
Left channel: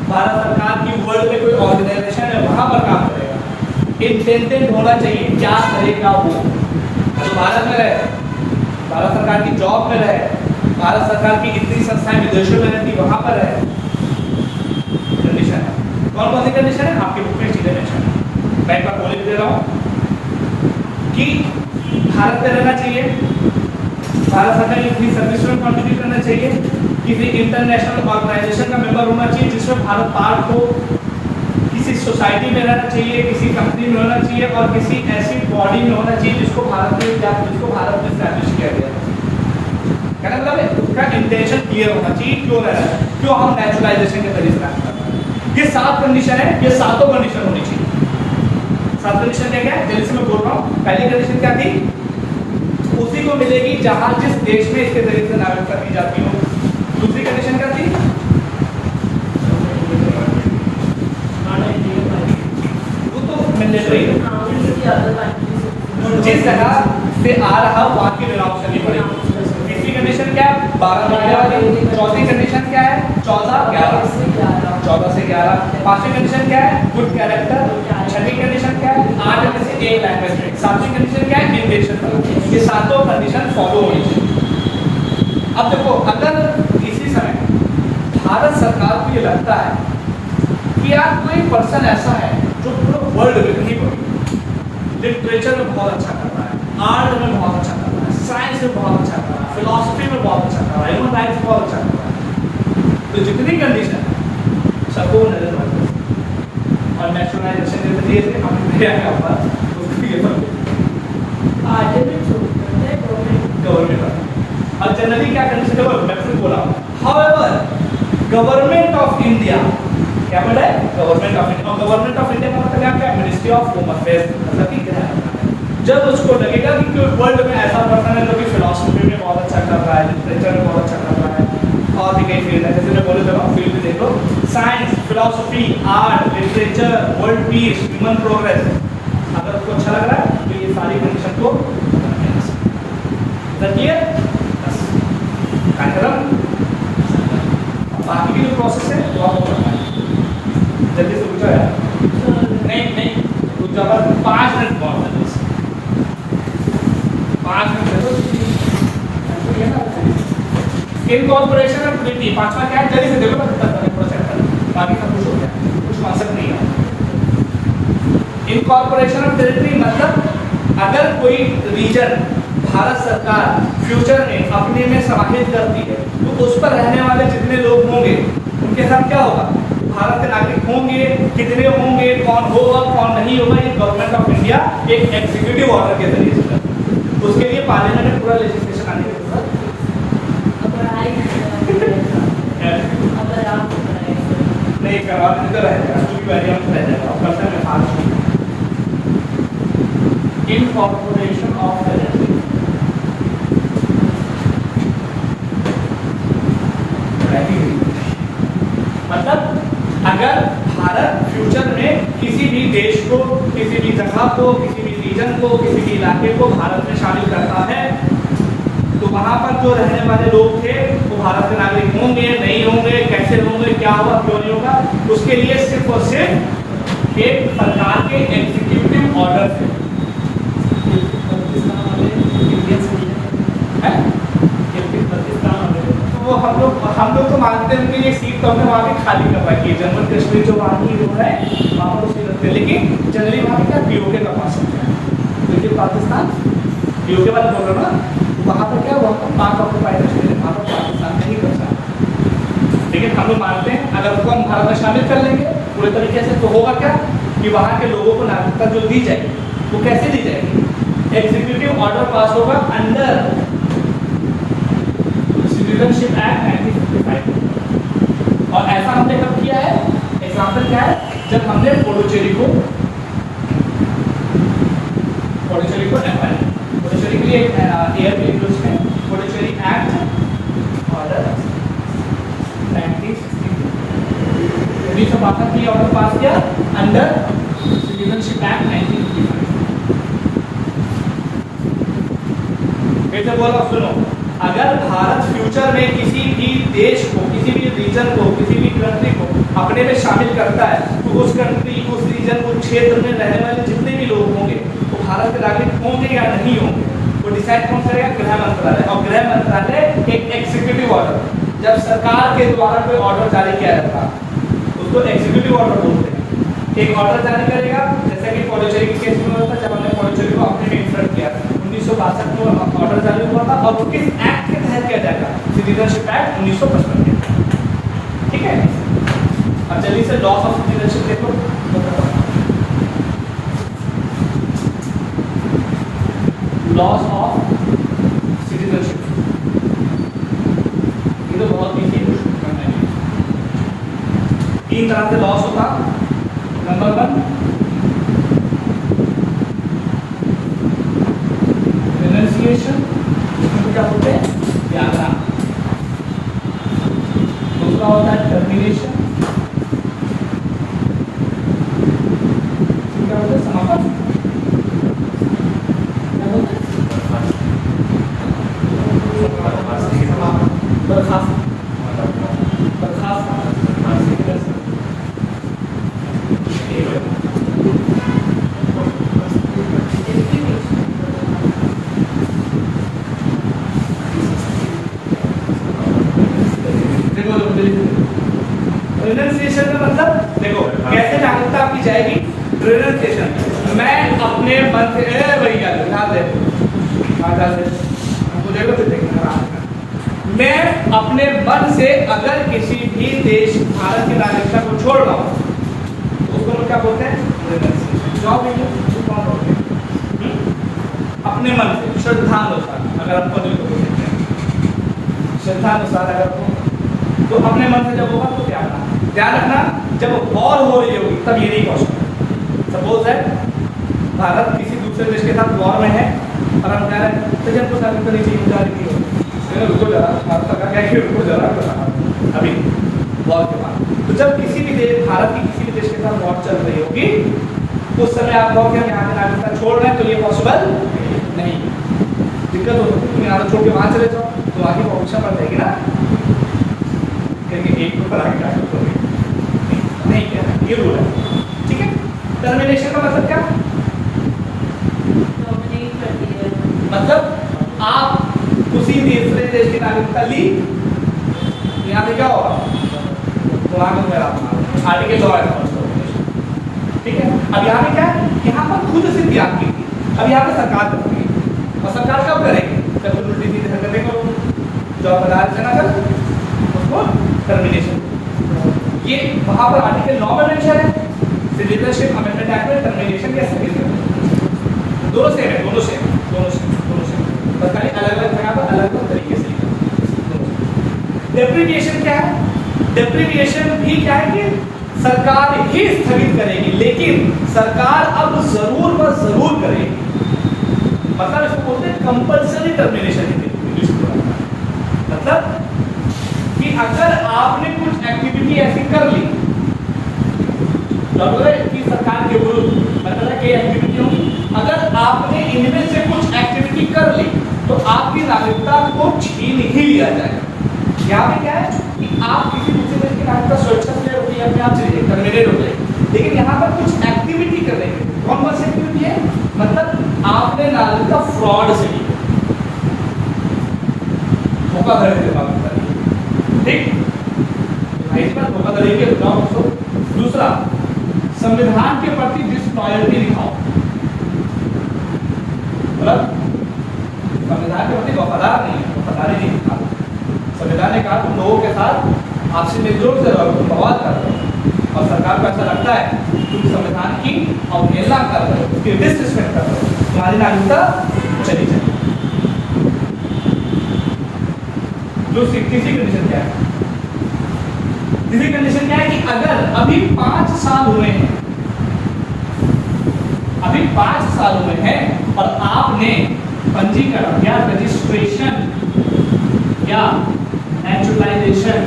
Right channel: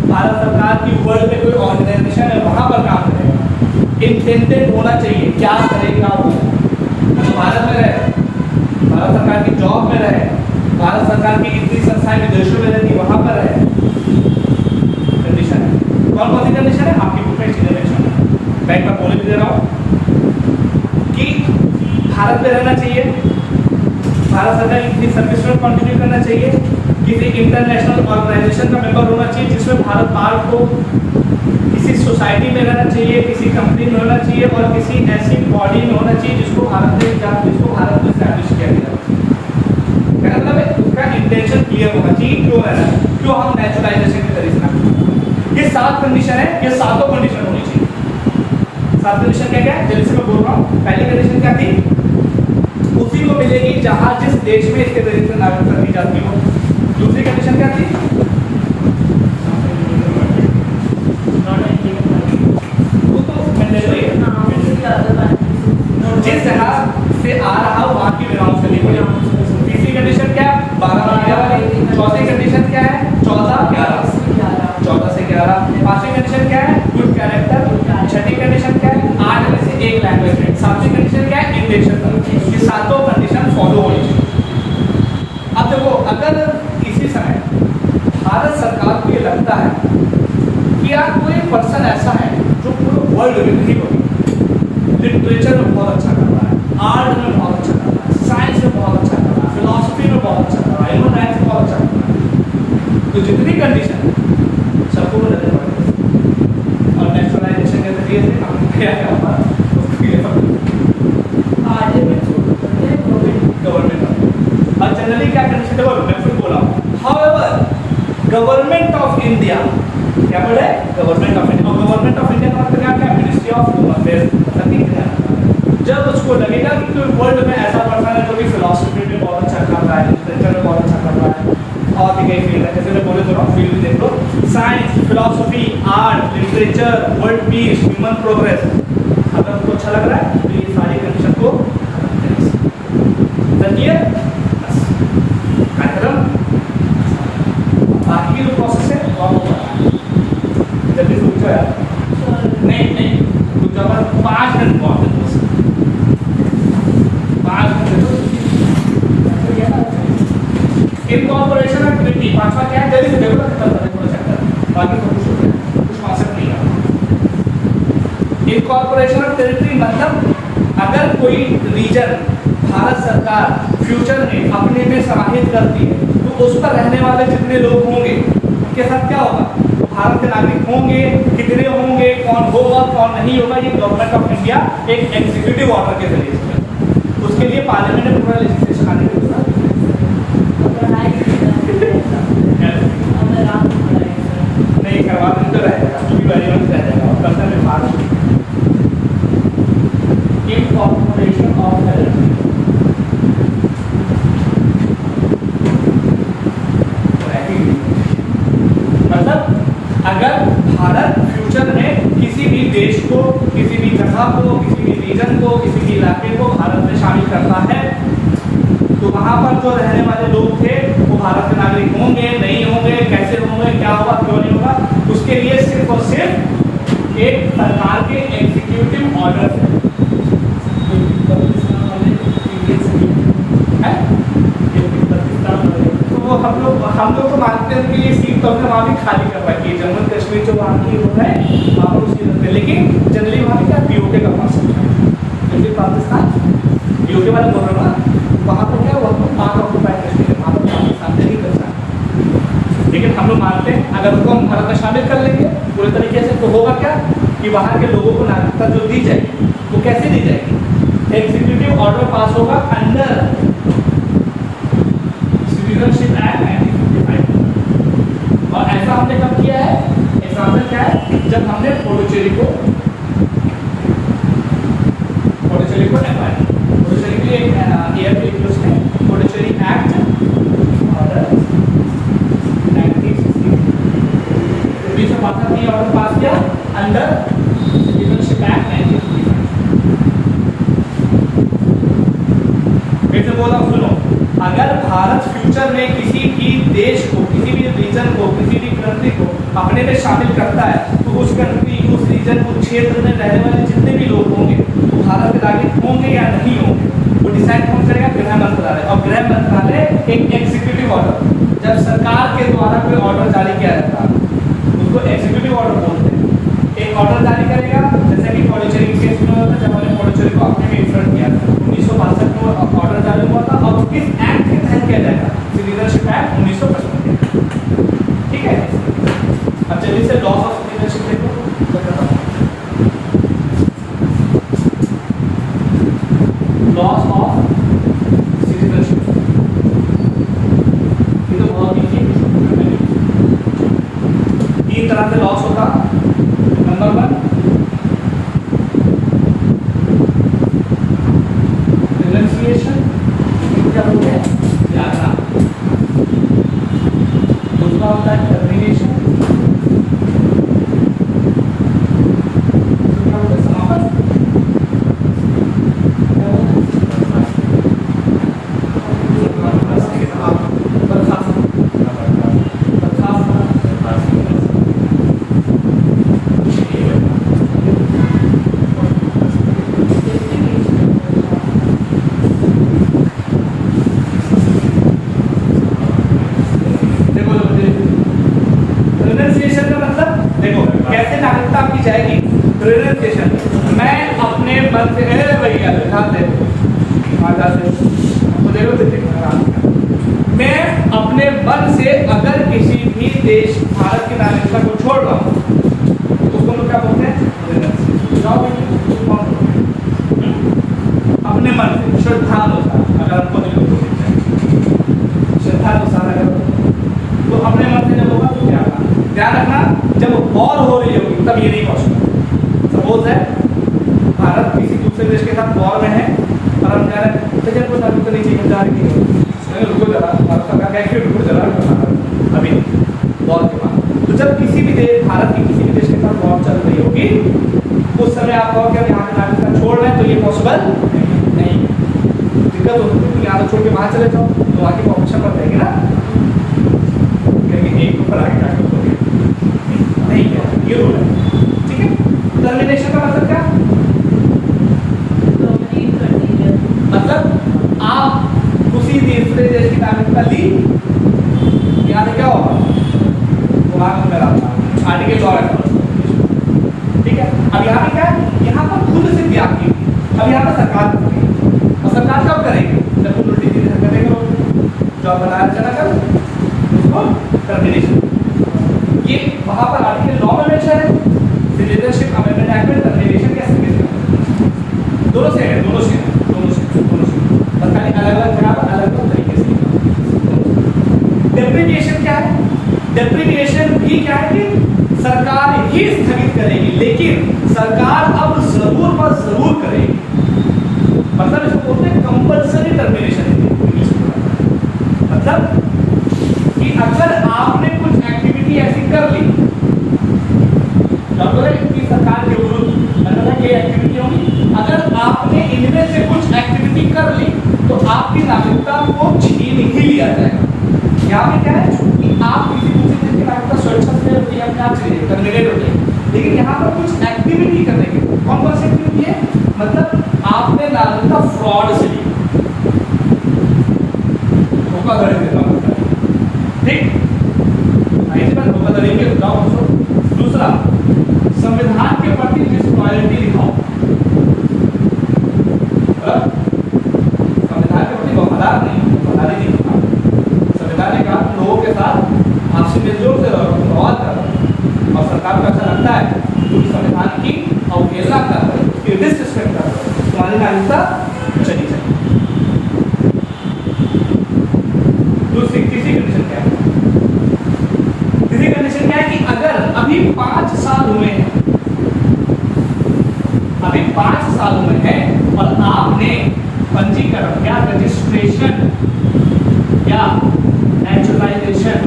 भारत सरकार की वर्ल्ड में कोई ऑर्गेनाइजेशन है वहां पर काम करेगा। इंटेंटेड होना चाहिए क्या करेगा वो। अगर भारत में रहे, भारत सरकार की जॉब में रहे, भारत सरकार की इतनी संस्थाएं विदेशों में रहती वहां पर रहे, कंडीशन है। कौन कौन सी कंडीशन है आपके बुक में सीधे मेंशन है। मैं एक बार बोल भी दे रहा हूँ कि भारत में रहना चाहिए, भारत सरकार की इतनी सर्विस में कंट्रीब्यूट करना चाहिए, किसी इंटरनेशनल ऑर्गेनाइजेशन का मेंबर होना चाहिए जिसमें भारत पार्ट हो, किसी सोसाइटी में रहना चाहिए, किसी कंपनी में होना चाहिए और किसी ऐसी बॉडी में होना चाहिए जिसको भारत में एस्टैब्लिश किया गया। क्या मतलब है? उसका इंटेंशन क्लियर होना चाहिए क्यों है, क्यों हम नेचुरलाइजेशन के तरीके। ये 7 कंडीशन है, ये सातों कंडीशन होनी चाहिए। 7 कंडीशन क्या क्या है जल्दी से मैं बोल रहा हूँ। पहली कंडीशन क्या थी? उसी को मिलेगी जहां जिस देश में इसके तरीके से नागरिकता दी जाती हो। दूसरी कंडीशन क्या थी? वो तो मैंडेटरी है, जिस जगह से आ रहा वहां की रिनाउंस करनी पड़ेगी। तीसरी कंडीशन क्या है? 12। चौथी कंडीशन क्या है? 14 से 11। पांचवी कंडीशन क्या है? Good character. छठी कंडीशन क्या है? 8 में से एक लैंग्वेज। सातवीं कंडीशन क्या है? इंटेंशन। ये सातों कंडीशन फॉलो होनी चाहिए। अब देखो, अगर इसी समय भारत सरकार को ये लगता है कि यार कोई पर्सन ऐसा है जो पूरे वर्ल्ड में नहीं पढ़ी, लिटरेचर में बहुत अच्छा कर रहा है, आर्ट में बहुत अच्छा कर रहा है, साइंस में बहुत अच्छा कर रहा है, फिलॉसफी में बहुत अच्छा कर रहा है, ह्यूमन राइट्स में बहुत अच्छा कर रहा है, तो जितनी कंडीशन सबको नजर पड़ती है। और नेशनलाइजेशन के जरिए से हम क्या होगा उसको ये गवर्नमेंट। और जनरली क्या कंडीशन है? मैं फिर बोला However, गवर्नमेंट ऑफ इंडिया क्या बोला है? Government of India. और गवर्नमेंट ऑफ इंडिया का मतलब क्या है? मिनिस्ट्री ऑफ होम अफेयर्स, मतलब कि क्या है? जब उसको लगेगा कि कोई वर्ल्ड में ऐसा पर्सन है जो कि फिलॉसफी में बहुत अच्छा कर रहा है, लिटरेचर में बहुत अच्छा कर रहा है, और भी कई फील्ड है, जैसे मैं बोले तो फील्ड देख लो, science, philosophy, art, literature, world peace, human progress, अगर उसको अच्छा लग रहा है तो ये सारी कंडीशन को रखिए, बस खत्म। बाकी की जो प्रोसेस है वो आपको पढ़ना है। जल्दी से पूछो यार। नहीं कुछ अगर 5 मिनट बहुत है, बस 5 मिनट तो ये ना इनकॉर्पोरेशन ऑफ ट्रिटी। पांचवा क्या है? जल्दी से देखो, बस खत्म करने पूरा चैप्टर, बाकी सब कुछ हो गया, कुछ कॉन्सेप्ट नहीं है। इनकॉर्पोरेशन ऑफ टेरिटरी मतलब अगर कोई रीजन भारत सरकार फ्यूचर में अपने में समाहित करती है तो उस पर रहने वाले जितने लोग होंगे उनके साथ क्या होगा? भारत के नागरिक होंगे, कितने होंगे, कौन होगा कौन नहीं होगा, ये गवर्नमेंट ऑफ इंडिया एक एग्जीक्यूटिव ऑर्डर के जरिए से करता है। उसके लिए पार्लियामेंट में पूरा लेजिस्लेशन आने की जरूरत नहीं, करवाने तो रहेगा, क्योंकि variant रह जाएगा, कंसर्न में महाराष्ट्र इनकॉर्पोरेशन ऑफ टेरिटरी। मतलब अगर भारत फ्यूचर में किसी भी देश को, किसी भी जगह को, किसी भी रीजन को, किसी भी इलाके को भारत में शामिल करता है तो वहां पर जो रहने वाले लोग थे वो भारत के नागरिक होंगे, नहीं होंगे, कैसे होंगे, क्या होगा, क्यों नहीं होगा, उसके लिए सिर्फ और सिर्फ एक सरकार के एग्जीक्यूटिव ऑर्डर है। तो वो हम लोग तो मानते हैं कि ये सीट तो हमने वहाँ भी खाली कर रखी है, जम्मू कश्मीर जो वहाँ की लोग है वहाँ पर उसी लगते हैं, लेकिन जनरली वहाँ क्या पीओके का पास है, क्योंकि पाकिस्तान पीओके वाले बोल रहे हो ना, वहाँ पर क्या हुआ? 5 ऑक्यूपाइड कश्मीर है, वहाँ पर पाकिस्तान ने ही बचा। लेकिन हम लोग मानते हैं अगर उनको हम भारत में शामिल कर लेंगे पूरे तरीके से तो होगा क्या कि वहाँ के लोगों को नागरिकता जो दी जाएगी वो कैसे दी जाएगी? एग्जीक्यूटिव ऑर्डर पास होगा अंडर सिटीजनशिप एक्ट 1955। और ऐसा हमने कब किया है? एग्जाम्पल क्या है? जब हमने पुडुचेरी को एफआई पुडुचेरी की एक ईयर के उसमें Puducherry act order 1960 1952 order pass किया अंडर सिटीजनशिप एक्ट 1955। फिर से बोला सुनो, अगर भारत फ्यूचर में किसी भी देश को, किसी भी रीजन को, किसी भी कंट्री को अपने में शामिल करता है तो उस कंट्री, उस रीजन, उस क्षेत्र में रहने वाले जितने भी लोग होंगे वो भारत के नागरिक होंगे या नहीं होंगे वो डिसाइड कौन करेगा? गृह मंत्रालय। और गृह मंत्रालय एक एग्जीक्यूटिव ऑर्डर, जब सरकार के द्वारा कोई ऑर्डर जारी किया जाता है उसको एग्जीक्यूटिव ऑर्डर बोलते हैं। एक ऑर्डर जारी करेगा, जैसे कि पुडुचेरी के केस में हुआ था जब हमने पुडुचेरी को अपने में इंसर्ट किया था 1962 को ऑर्डर जारी हुआ था। अब किस एक्ट के तहत किया जाएगा? सिटीजनशिप एक्ट 1955 के, ठीक है। अब चलिए से लॉस ऑफ सिटीजनशिप देखो, लॉस ऑफ सिटीजनशिप, ये तो बहुत इजी है। 3 तरह से लॉस होता। नंबर 1 रिनंसिएशन, इसमें क्या होते हैं? त्यागना। दूसरा होता है टर्मिनेशन, क्या होता है? समापन। क्या होता है? बर्खास्त। रिनंसिएशन का मतलब देखो कैसे नागरिकता आपकी जाएगी। रिनंसिएशन, मैं अपने मन से भैया ध्यान दे, तो देखो फिर देखना, मैं अपने मन से अगर किसी भी देश भारत की नागरिकता को छोड़ रहा हूँ तो उसको लोग क्या बोलते हैं? रिनंसिएशन। जॉब कौन बोलते हैं? अपने मन से, श्रद्धानुसार, अगर हमको दिल को श्रद्धानुसार अगर तो अपने मन से जब होगा तो ध्यान रखना जब वॉर हो रही होगी तब ये नहीं क्वेश्चन। सपोज है भारत किसी दूसरे देश के साथ वॉर में है और हम जा रहे हैं तो जब कुछ आदमी तो नहीं चाहिए जा रही है, रुको जरा, भारत सरकार कहेगी रुको जरा अभी वॉर के बाद। तो जब किसी भी देश, भारत की किसी भी देश के साथ वॉर चल रही होगी उस समय आप कहोगे हम यहाँ की नागरिकता छोड़ रहे हैं, तो ये पॉसिबल नहीं। दिक्कत हो सकती है तुम यहाँ छोड़ के वहाँ चले जाओ तो वहाँ की पॉपुलेशन बढ़ जाएगी ना, एक ऊपर आगे नहीं क्या ये रूल है, ठीक है। टर्मिनेशन का मतलब क्या, मतलब आप उसी दूसरे देश की नागरिकता ली, यहाँ से क्या होगा आर्टिकल लॉ है, ठीक है। अब यहाँ पे क्या है, यहाँ पर खुद से त्याग की, अब यहाँ पर सरकार करेगी और सरकार कब करेगी जब खुद उल्टी सीधी हरकतें करो, जो आप बना चला कर उसको टर्मिनेशन। ये वहाँ पर आर्टिकल 9 में मेंशन है, सिटीजनशिप अमेंडमेंट एक्ट में टर्मिनेशन कैसे करते हैं, दोनों से है, दोनों से बस खाली अलग अलग जगह पर अलग अलग तरीके से। डेप्रिविएशन क्या है, डेप्रिविएशन भी क्या है कि सरकार ही स्थगित करेगी, लेकिन सरकार अब जरूर व जरूर करेगी, मतलब इसको बोलते हैं कंपल्सरी टर्मिनेशन इंग्लिश में। मतलब कि अगर आपने कुछ एक्टिविटी ऐसी कर ली कि सरकार के विरुद्ध अलग कई एक्टिविटी होगी, अगर आपने इनमें से कुछ एक्टिविटी कर ली तो आपकी नागरिकता को छीन ही लिया जाएगा। यहाँ पे क्या है कि आप किसी दूसरे देश की नागरिकता स्वेच्छा से होती है, अपने आप चलिए टर्मिनेट हो गई, लेकिन यहाँ पर कुछ एक्टिविटी कर रही है। कौन कौन सी एक्टिविटी है, मतलब आपने नागरिकता फ्रॉड से ली, धोखाधड़ी से नागरिकता ली, ठीक, धोखाधड़ी के बताओ। दूसरा, संविधान के प्रति डिसलॉयल्टी दिखाओ, मतलब संविधान के प्रति वफादार नहीं, वफादारी नहीं दिखा। संविधान ने कहा तुम लोगों के साथ आपसी मिलजुल से बवाल कर रहे हो और सरकार को अच्छा लगता है तुम संविधान की अवहेलना कर रहे हो, उसकी डिसरिस्पेक्ट कर रहे हो, तुम्हारी नागरिकता चली जाए। दूसरी तीसरी कंडीशन क्या है, तीसरी कंडीशन क्या है कि अगर अभी 5 साल हुए हैं, अभी 5 साल हुए हैं और आपने पंजीकरण या रजिस्ट्रेशन या नेचुरलाइजेशन,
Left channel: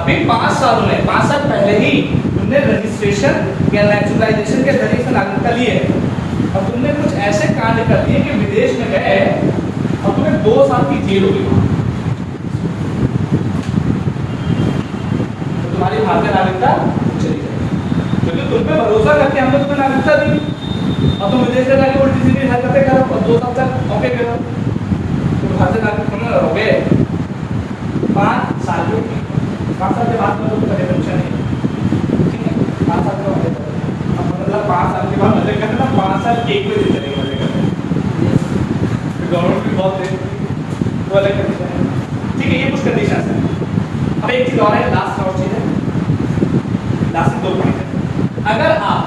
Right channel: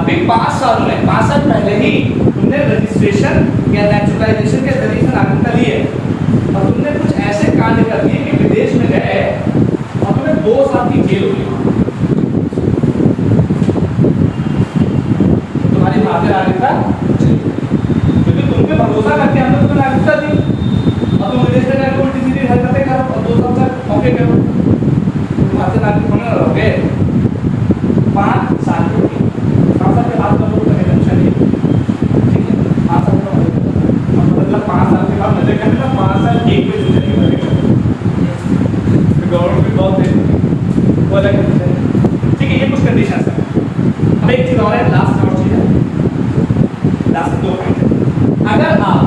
अभी 5 साल हुए, 5 साल पहले ही तुमने रजिस्ट्रेशन या नेचुरलाइजेशन के जरिए से नागरिकता ली है और तुमने कुछ ऐसे कांड कर दिए कि विदेश में गए और तुम्हें 2 साल की जेल हुई, तो तुम्हारी भारतीय नागरिकता चली गई, क्योंकि तुम पे भरोसा करके हमने तुम्हें नागरिकता दी और तुम विदेश में जाकर उल्टी सीधी हरकतें करो और 2 साल तक औके करो, तो भारतीय नागरिक होने रहोगे 5 साल के लिए। 5 साल के बाद का तो टेंशन नहीं, ठीक है, 5 साल का मतलब 5 साल के बाद मजे करने ना, 5 साल एक बजे चलेगा, गवर्नमेंट भी बहुत दे वो अलग कंडीशन है, ठीक है। ये कुछ कंडीशन है। अब एक चीज और है, लास्ट और चीज है, लास्ट 2 पॉइंट है। अगर आप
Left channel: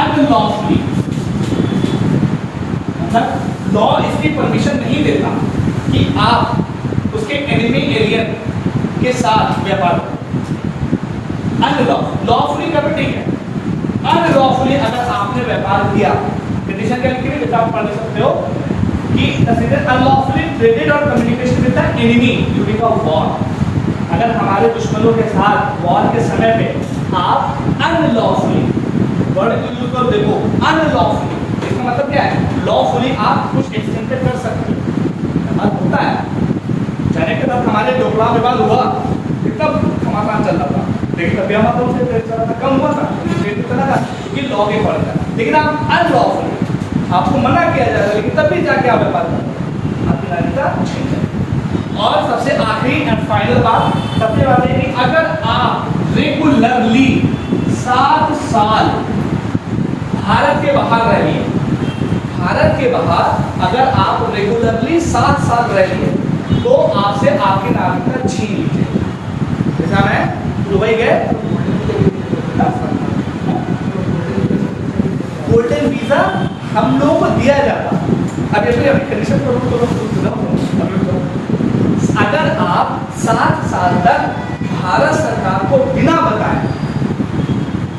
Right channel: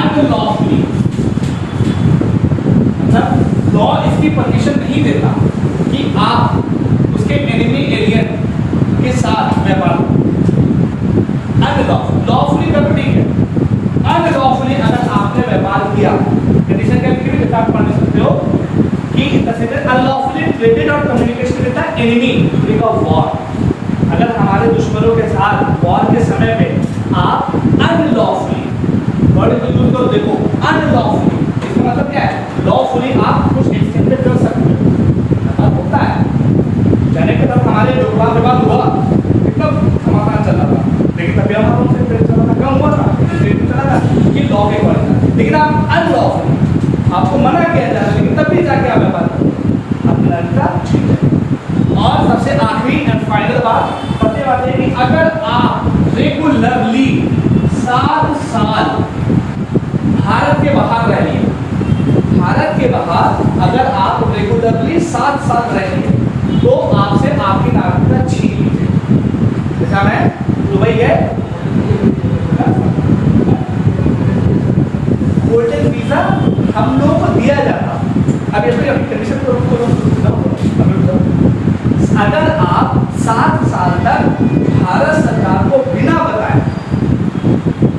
अनलॉफुली, मतलब लॉ इसकी परमिशन नहीं देता कि आप उसके एनिमी एलियन के साथ व्यापार अनलॉफुली, लॉफुली का ठीक है, अनलॉफुली अगर आपने व्यापार किया, कंडीशन क्या लिखी है आप पढ़ सकते हो कि द सिटीजन अनलॉफुली ट्रेडेड और communication with the enemy during a war. अगर हमारे दुश्मनों के साथ वॉर के समय पे आप अनलॉफुली, वर्ड को यूज करो, देखो अनलॉफुली, इसका मतलब क्या है, लॉफुली आप कुछ एक्सटेंड पे कर सकते हो, बात होता है। जाने के बाद हमारे लोकला विवाद हुआ, कितना घमासान चल रहा था, लेकिन तभी हम उनसे ट्रेड चला था, कम हुआ था, ट्रेड चला था क्योंकि लॉ के पड़े, लेकिन आप अनलॉफुली, आपको मना किया जा रहा है, लेकिन तब भी जाके आप व्यापार करो, आपकी नागरिकता ठीक है। और सबसे आखिरी एंड फाइनल बात, सबसे बात है कि अगर आप रेगुलरली 7 साल भारत के बाहर रह रही है, भारत के बाहर अगर आप रेगुलरली 7 साल रह रही है तो आपसे आपकी नागरिकता छीन ली जाएगी। जैसा मैं दुबई गए, गोल्डन वीजा हम लोगों को दिया जाता, अब ये कंडीशन अगर आप 7 साल तक भारत सरकार को बिना बताए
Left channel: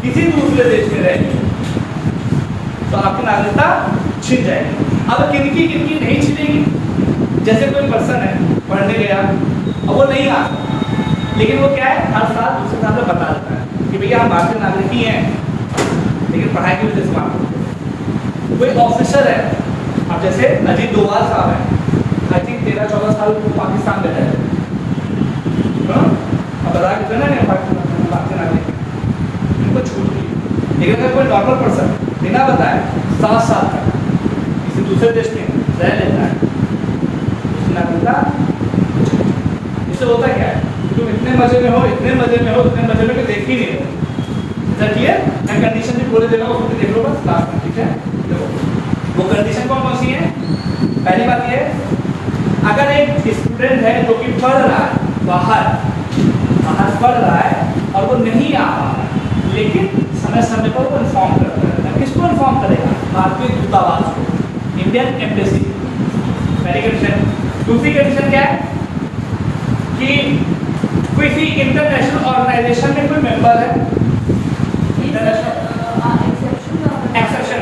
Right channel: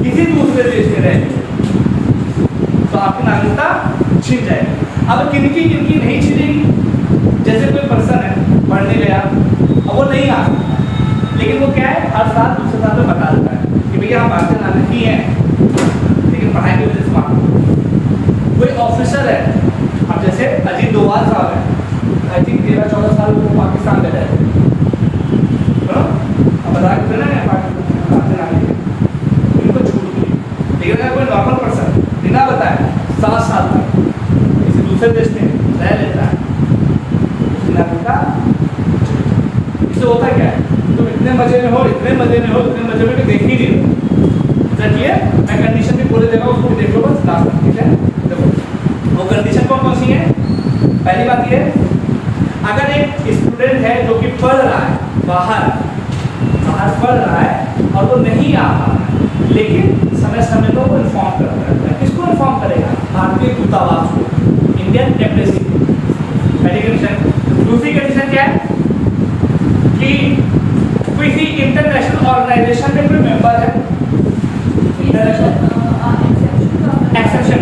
किसी दूसरे देश में रहेंगे तो आपकी नागरिकता छिन जाएगी। अब किनकी नहीं छिनेगी? जैसे कोई पर्सन है पढ़ने गया, अब वो नहीं आ सकता, लेकिन वो क्या है हर साल दूसरे साल में बता देता है कि भैया हम भारतीय नागरिक ही हैं, लेकिन पढ़ाई की वजह से मान। कोई ऑफिसर है, अब जैसे अजीत डोभाल साहब है, आई थिंक 13-14 साल वो पाकिस्तान में रहे थे, अब बता के ना भारतीय नागरिक उनको छूट मिली। लेकिन अगर कोई नॉर्मल पर्सन बिना बताए 7 साल तक किसी दूसरे देश में रह लेता है, नागरिकता इससे होता क्या है, तुम इतने मजे में हो कि देख ही नहीं रहे। क्लियर? मैं कंडीशन भी बोले देगा, उसको भी देख लो बस, ठीक है? देखो वो कंडीशन कौन सी है? पहली बात ये, अगर एक स्टूडेंट है जो कि पढ़ रहा है बाहर पढ़ रहा है और वो नहीं आ रहा, लेकिन समय समय पर वो इन्फॉर्म करता रहता है। किसको इन्फॉर्म करेगा? भारतीय दूतावास को, इंडियन एम्बेसी। पहली कंडीशन। दूसरी कंडीशन क्या है कि किसी इंटरनेशनल ऑर्गेनाइजेशन में कोई मेंबर है। एक्सेप्शन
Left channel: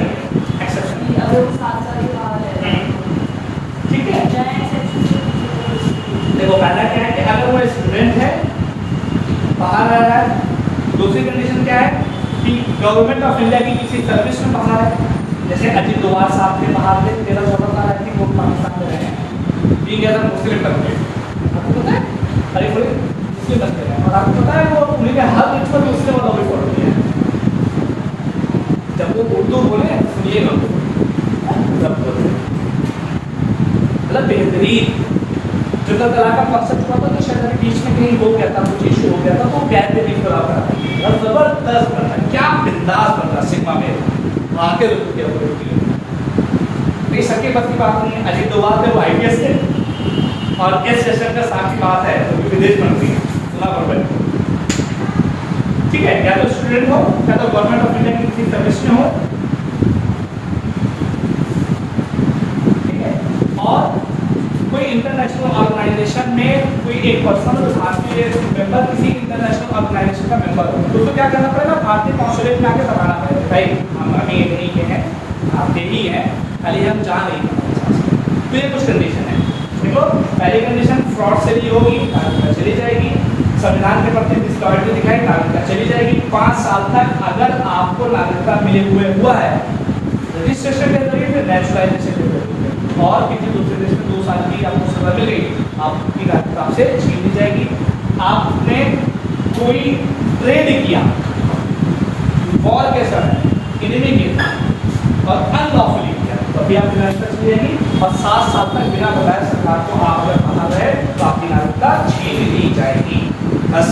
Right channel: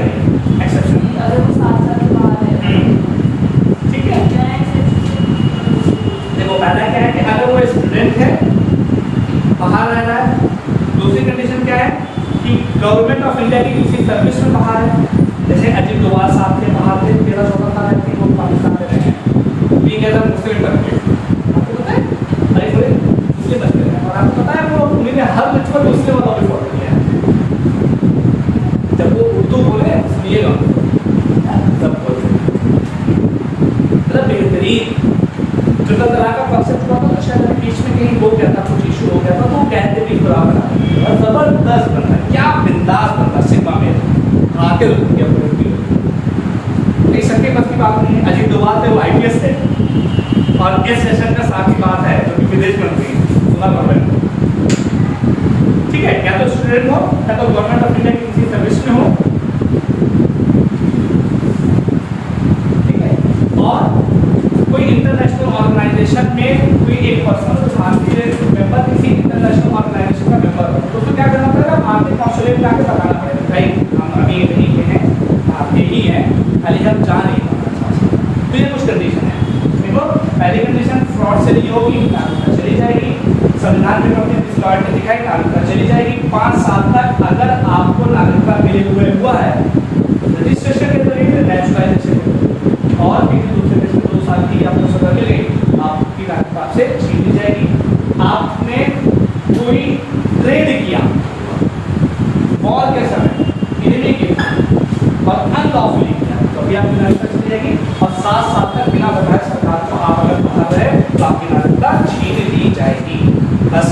अगर वो 7 साल के बाहर है, ठीक है। देखो पहला क्या है कि अगर वो स्टूडेंट है बाहर रह रहा है। दूसरी कंडीशन क्या है कि गवर्नमेंट ऑफ इंडिया की किसी सर्विस में बाहर है, जैसे अजीत डोभाल साहब थे बाहर थे, 13-14 साल थी, वो पाकिस्तान में रहे हैं। ठीक है, मुस्लिम बनते आपको पता है, अरे कोई मुस्लिम बनते हैं और आपको पता है वो उन्होंने हर रिचुअल मुस्लिम वालों को फॉलो किया है। जब वो उर्दू बोले सुनिएगा, मतलब बेहतरीन जुदा तलाक का कॉन्सेप्ट हुआ था, तो शायद बीच में कहीं वो कहता कुछ इशू हो गया था, तो बेहतरीन बराबर है और जबरदस्त बनता है, क्या बिंदास बनता है सिग्मा में आके नहीं सके। बस की बात नहीं है, अजीत डोभाल थे वो IPS थे और एस जयशंकर साहब की बात है जो कि विदेश मंत्री सुना पड़ रहा है। ठीक है, या तो स्टूडेंट हो या तो गवर्नमेंट ऑफ इंडिया की किसी सर्विस में हो, ठीक है, और कोई इंटरनेशनल ऑर्गेनाइजेशन में कोई एक पर्सन भारतीय मेंबर किसी इंटरनेशनल ऑर्गेनाइजेशन का मेंबर हो, तो उसको क्या करना पड़ेगा? भारतीय कॉन्सुलेट में आके बताना पड़ेगा भाई हम ये नहीं के हैं, आपके ही हैं, खाली हम जा नहीं पाते। तो ये कुछ कंडीशन है। देखो पहली कंडीशन फ्रॉड से नहीं होगी, नागरिकता चली जाएगी। संविधान के प्रति डिसलॉयल्टी दिखाई, नागरिकता चली जाएगी। 5 साल तक अगर आपको नागरिकता मिले हुआ है रजिस्ट्रेशन के जरिए, नेचुरलाइजेशन के जरिए, और किसी दूसरे देश में 2 साल की आपको सजा मिल गई, आपकी नागरिकता आपसे छीन ली जाएगी। आपने कोई ट्रेड किया वॉर के समय, इन्हीं के और अनलॉफुली किया, तभी आपकी नागरिकता चली जाएगी। और 7 साल तक बिना बताए सरकार को आप अगर बाहर रहे तो आपकी नागरिकता छीन ली जाएगी। बस